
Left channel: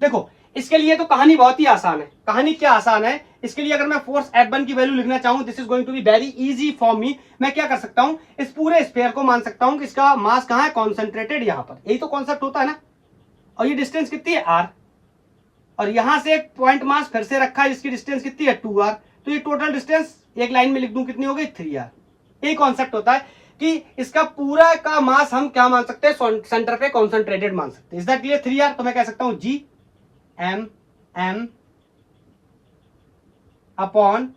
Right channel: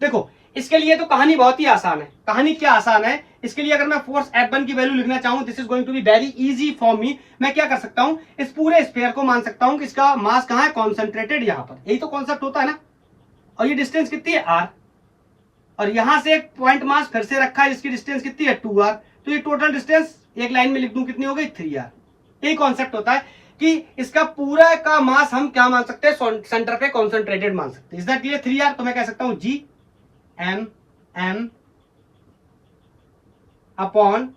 देखो, इसके लिए तो कहानी बहुत ही आसान है। कहानी क्या आसान है? इसके लिए अगर मैं फोर्स F1 की वैल्यू लिखना चाहूं, this is going to be very easy for me. मैं क्या कर सकता हूं, इस पूरे स्फीयर को मान सकता हूं कि इसका मास कहां है, कॉन्सेंट्रेटेड यहां पर। यही तो कॉन्सेप्ट होता है ना। और ये डिस्टेंस कितनी है, r, और यहां से एक पॉइंट मास फिर से रखा है जिसकी डिस्टेंस कितनी है, 2r। तो ये टोटल डिस्टेंस एक लाइन में लिख दूं कितनी हो गई, 3r। यही कॉन्सेप्ट होता है कि इसका पूरा का मास हम क्या मान सकते हैं, सेंटर पे कॉन्सेंट्रेटेड मान सकते हैं। Is that clear? 3r। तो मैं कह सकता हूं g m upon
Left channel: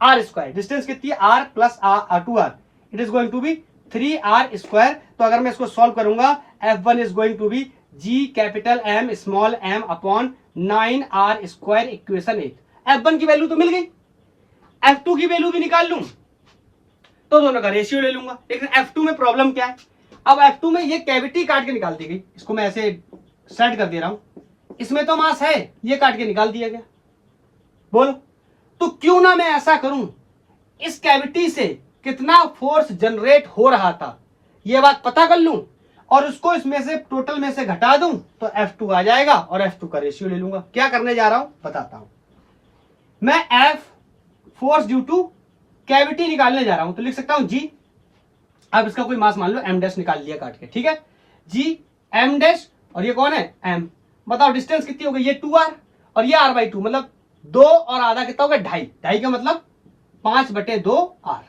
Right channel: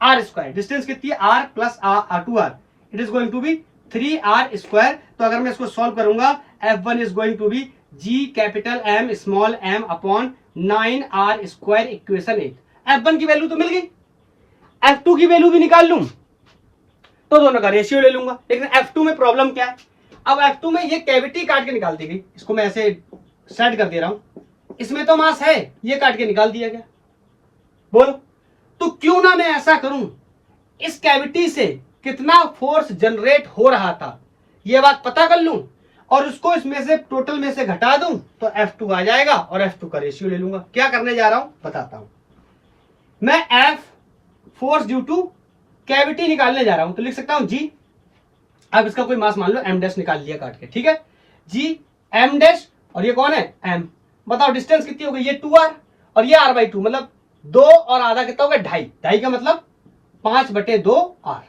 r square. Distance कितनी है, r plus 2r, it is going to be 3r square. तो अगर मैं इसको सॉल्व करूंगा, F1 is going to be g capital M small m upon 9r square, equation 8। F1 की value तो मिल गई, F2 की वैल्यू भी निकाल लूं तो दोनों का रेशियो ले लूंगा। लेकिन F2 में प्रॉब्लम क्या है, अब F2 में ये कैविटी काट के निकाल दी गई, इसको मैं ऐसे सेट कर दे रहा हूं, इसमें तो मास है, ये काट के निकाल दिया गया। बोलो, तो क्यों ना मैं ऐसा करूं, इस कैविटी से कितना फोर्स जनरेट हो रहा था ये बात पता कर लूं और उसको इसमें से टोटल में से घटा दूं तो F2 आ जाएगा और F2 का रेशियो ले लूंगा। क्या करने जा रहा हूं बताता हूं। मैं F force due two cavity निकालने जा रहा हूं, तो लिख सकता हूं G, अब इसका कोई मास मान लो m डैश निकाल लिया काट के। ठीक है, G m डैश, और ये कौन है, m। बताओ डिस्टेंस कितनी हो गई, ये 2r और ये r/2, मतलब 2 और आधा कितना हो गया, 2.5 का मतलब 5/2r।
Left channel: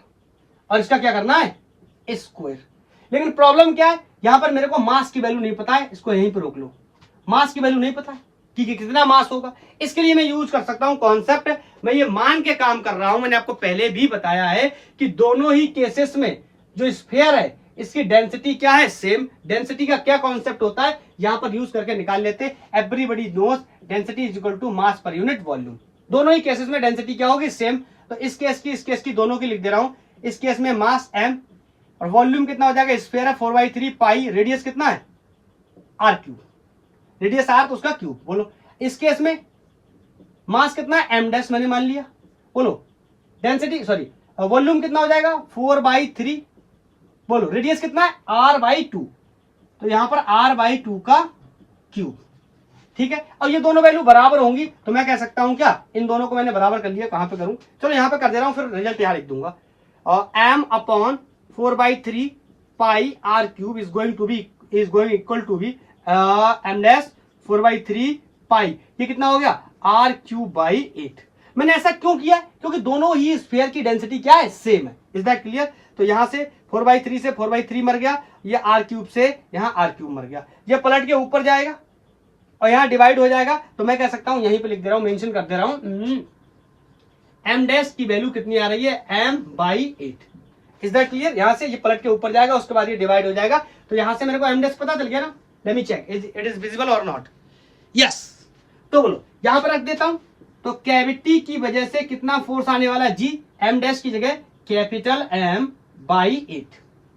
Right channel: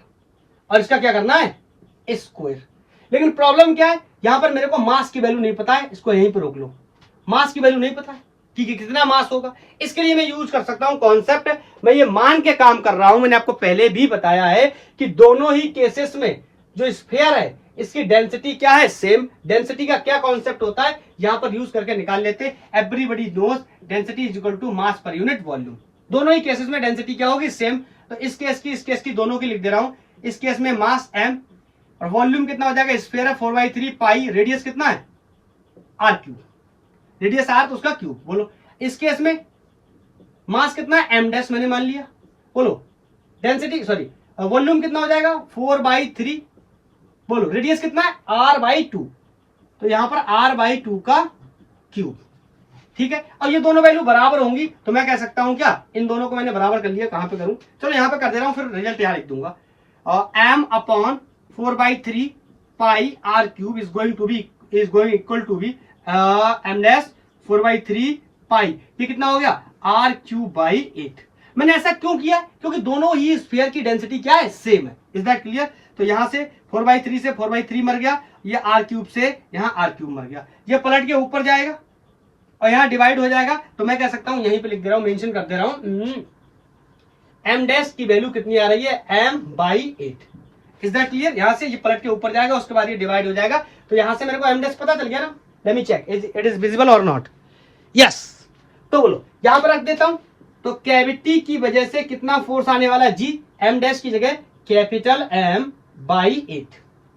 और इसका क्या करना है, स्क्वायर। लेकिन प्रॉब्लम क्या है, यहां पर मेरे को मास की वैल्यू नहीं पता है, इसको यहीं पर रोक लो, मास की वैल्यू नहीं पता है। ठीक है, कितना मास होगा, इसके लिए मैं यूज कर सकता हूं कॉन्सेप्ट। मैं ये मान के काम कर रहा हूं, मैंने आपको पहले भी बताया है कि दोनों ही केसेस में जो स्फीयर है इसकी डेंसिटी क्या है, सेम। डेंसिटी का क्या कॉन्सेप्ट होता है, यहां पर यूज करके निकाल लेते हैं। Everybody knows density is equal to mass per unit volume. दोनों ही केसेस में डेंसिटी क्या होगी, सेम। तो इस केस की दोनों की लिख दे रहा हूं। इस केस में मास m और वॉल्यूम कितना हो जाएगा, स्फीयर है 4/3 पाई, रेडियस कितना है, r3, रेडियस r तो उसका क्यूब। बोलो, इस केस में मास कितना है, m डैश मैंने मान लिया। बोलो, डेंसिटी सॉरी वॉल्यूम कितना हो जाएगा, 4/3। बोलो, रेडियस कितना है, r/2, तो यहां पर r/2 का क्यूब। ठीक है, और ये दोनों वैल्यू बराबर होंगी तो मैं कह सकता हूं क्या, इन दोनों को मैंने बराबर कर लिया। कहां पे करूं, चलो यहां पे कर दे रहा हूं, फिर रिजल्ट यहां लिख दूंगा। और m upon 4/3 pi r³ is going equal to be m dash 4/3 pi, ये कितना हो गया, r³/8। मैंने ऐसा क्यों किया, क्योंकि दोनों ही स्फीयर की डेंसिटी क्या है, सेम है। Is that clear? तो यहां से 4/3 से 4/3 मर गया, ये r³ से यहां r³ मर गया, ये पलट के ऊपर जाएगा और यहां डिवाइड हो जाएगा। तो मैं कह सकता हूं, यहीं पे लिख दे रहा हूं, मेंशन कर दे रहा हूं, m डैश की वैल्यू कितनी आ रही है, m/8। Is that clear? यहां से ये पलट के ऊपर जाएगा, उसके बाद ये डिवाइड हो जाएगा। तो यहां से मेरे को m डैश पता चल गया ना। Let me check it is visible और नॉट। यस, तो बोलो यहां पर रख देता हूं। तो कैविटी की वजह से कितना फोर्स आने वाला है, G, m डैश की जगह capital M/8।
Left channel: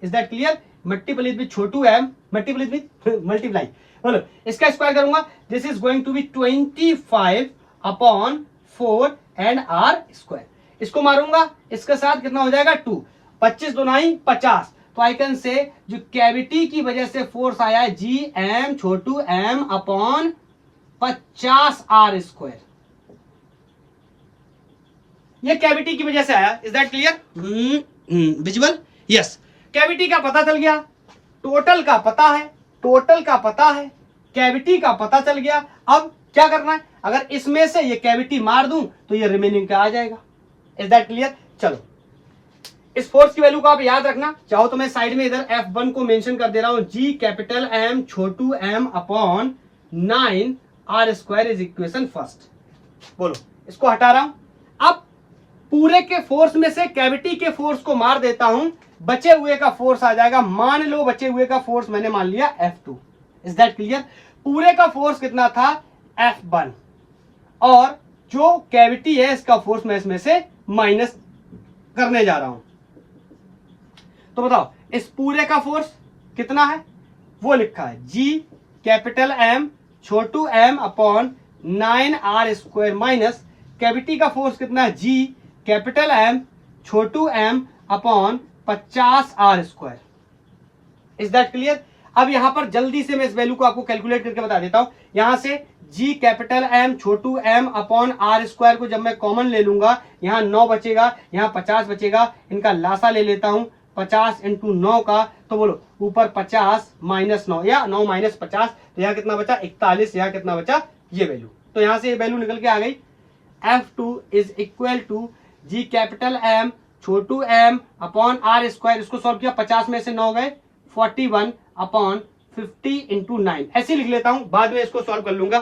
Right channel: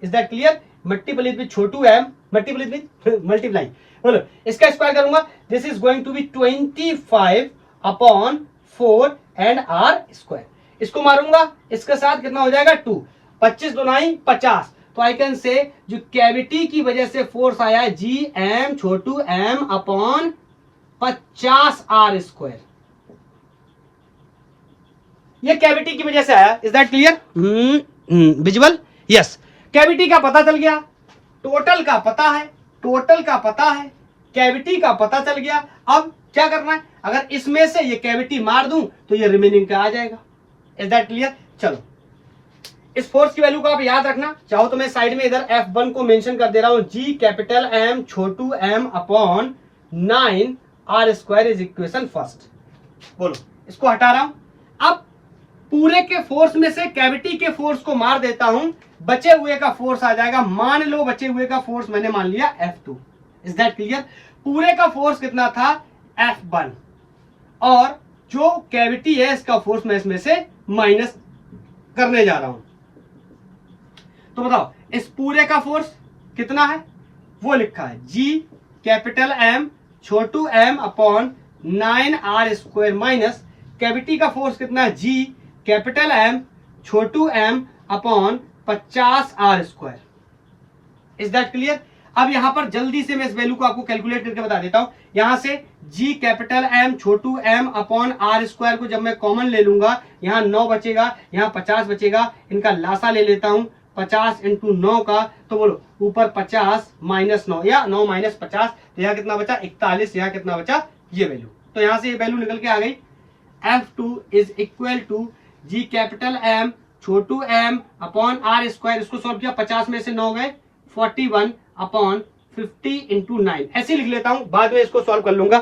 Is that clear? Multiple with छोटू m, मल्टीप्लाई। बोलो, इसका स्क्वायर करूंगा, this is going to be 25 upon 4 and r square. इसको मारूंगा इसके साथ, कितना हो जाएगा, 2, 25 दूनाई 50। तो आई कैन से जो कैविटी की वजह से फोर्स आया है, G m छोटू m अपॉन 50 r स्क्वायर, ये कैविटी की वजह से आया। Is that clear? Visual? Yes, cavity का पता चल गया, टोटल का पता है, कैविटी का पता चल गया। अब क्या करना है, अगर इसमें से ये कैविटी मार दूं तो ये रिमेनिंग का आ जाएगा। Is that clear? चलो इस फोर्स की वैल्यू को आप याद रखना चाहो तो मैं साइड में इधर F1 को मेंशन कर दे रहा हूं, G कैपिटल M छोटू m upon 9r² is equation first. बोलो, इसको हटा रहा हूं। अब पूरे के फोर्स में से कैविटी के फोर्स को मार देता हूं, बचे हुए का फोर्स आ जाएगा। मान लो बचे हुए का फोर्स मैंने मान लिया F2। Is that clear? पूरे का फोर्स कितना था? F1, और जो कैविटी है इसका फोर्स मैं इसमें से माइनस करने जा रहा हूं। तो बताओ इस पूरे का फोर्स कितना है? वो लिखा है G कैपिटल M छोटू m upon 9r² minus cavity का फोर्स कितना है? G कैपिटल M छोटू m upon 50r²। Is that clear? अब यहां पर जल्दी से मैं इस वैल्यू को आपको कैलकुलेट करके बता देता हूं। यहां से G कैपिटल M छोटू m अपॉन r² को जब मैं कॉमन ले लूंगा, यहां 9 बचेगा, यहां 50 बचेगा। इनका लासा ले लेता हूं 50 इंटू 9 का, तो बोलो ऊपर 50 माइनस 9 या 9 माइनस 50, तो यहाँ कितना बचा? 41। यहाँ कितना बचा? ये वैल्यू। तो यहां से ये वैल्यू निकल के आ गई। F2 is equal to G capital M छोटू m अपॉन r²। इसको सॉल्व किया, 50 में से 9 गए, 41 अपॉन 50 इंटू 9। ऐसे लिख लेता हूं, बाद में इसको सॉल्व कर लूंगा।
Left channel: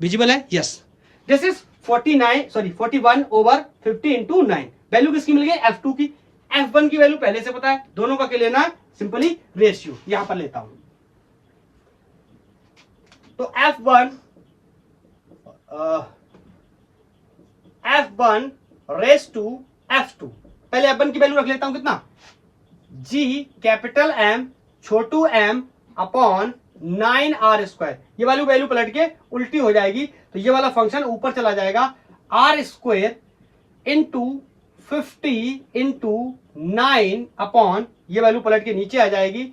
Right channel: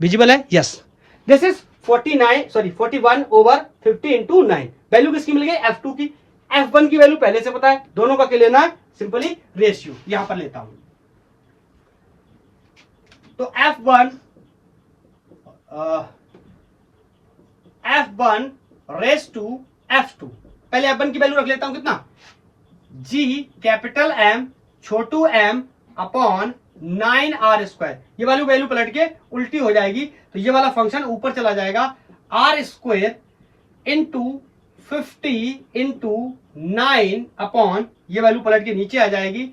विजिबल है? Yes. This is 41 over 50 into 9। Value किसकी मिल गई? F2 की। F1 की वैल्यू पहले से पता है, दोनों का क्या लेना है? Simply ratio. यहां पर लेता हूं, तो F1 रेस टू F2। पहले F1 की वैल्यू रख लेता हूं, कितना? G कैपिटल M छोटू m अपॉन 9r²। ये वाली वैल्यू पलट के उल्टी हो जाएगी, तो ये वाला फंक्शन ऊपर चला जाएगा। r² इंटू 50 इंटू 9 अपॉन, ये वैल्यू पलट के नीचे आ जाएगी,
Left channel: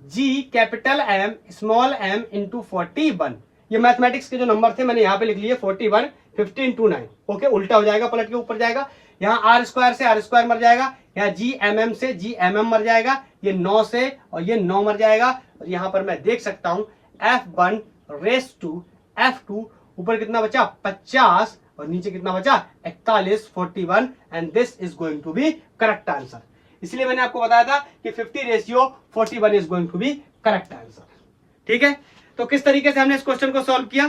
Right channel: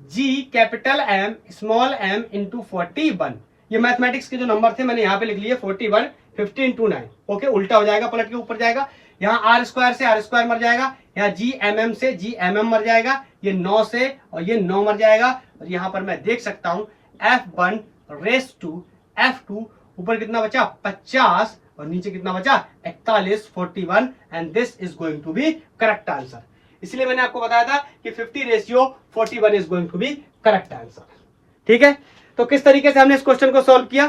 G capital M small m into 41। ये मैथमेटिक्स के जो नंबर थे मैंने यहाँ पे लिख लिए 41, 50 इंटू 9। ओके, उल्टा हो जाएगा, पलट के ऊपर जाएगा। यहाँ r² से r² मर जाएगा, यहाँ G से G मर जाएगा, ये 9 से और ये 9 मर जाएगा। और यहाँ पर मैं देख सकता हूँ F1 रेस टू F2, ऊपर कितना बचा? 50, और नीचे कितना बचा? 41, 41, and this is going to be correct answer. इसलिए मैंने आपको बताया था कि 50 ratio 41 is going to be correct answer. ठीक है, तो किस तरीके से हमने इस क्वेश्चन को सॉल्व किया,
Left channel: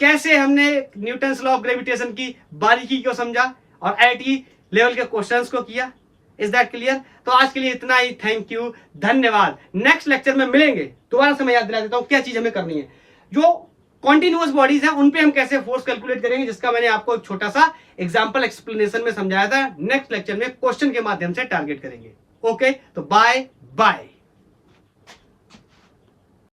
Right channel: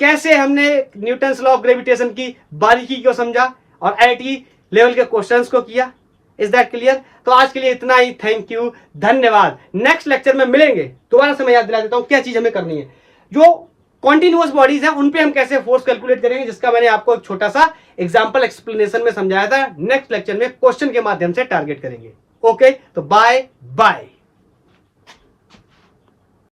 कैसे हमने न्यूटन्स लॉ ऑफ ग्रेविटेशन की बारीकी को समझा और IIT लेवल के क्वेश्चंस को किया। Is that clear? तो आज के लिए इतना ही। थैंक यू, धन्यवाद। नेक्स्ट लेक्चर में मिलेंगे। दोबारा से मैं याद दिला देता हूं क्या चीज हमें करनी है। जो कॉन्टिन्यूअस बॉडीज है उन पे हम कैसे फोर्स कैलकुलेट करेंगे, जिसका मैंने आपको एक छोटा सा एग्जांपल एक्सप्लेनेशन में समझाया था। नेक्स्ट लेक्चर में क्वेश्चन के माध्यम से टारगेट करेंगे। ओके, तो बाय बाय।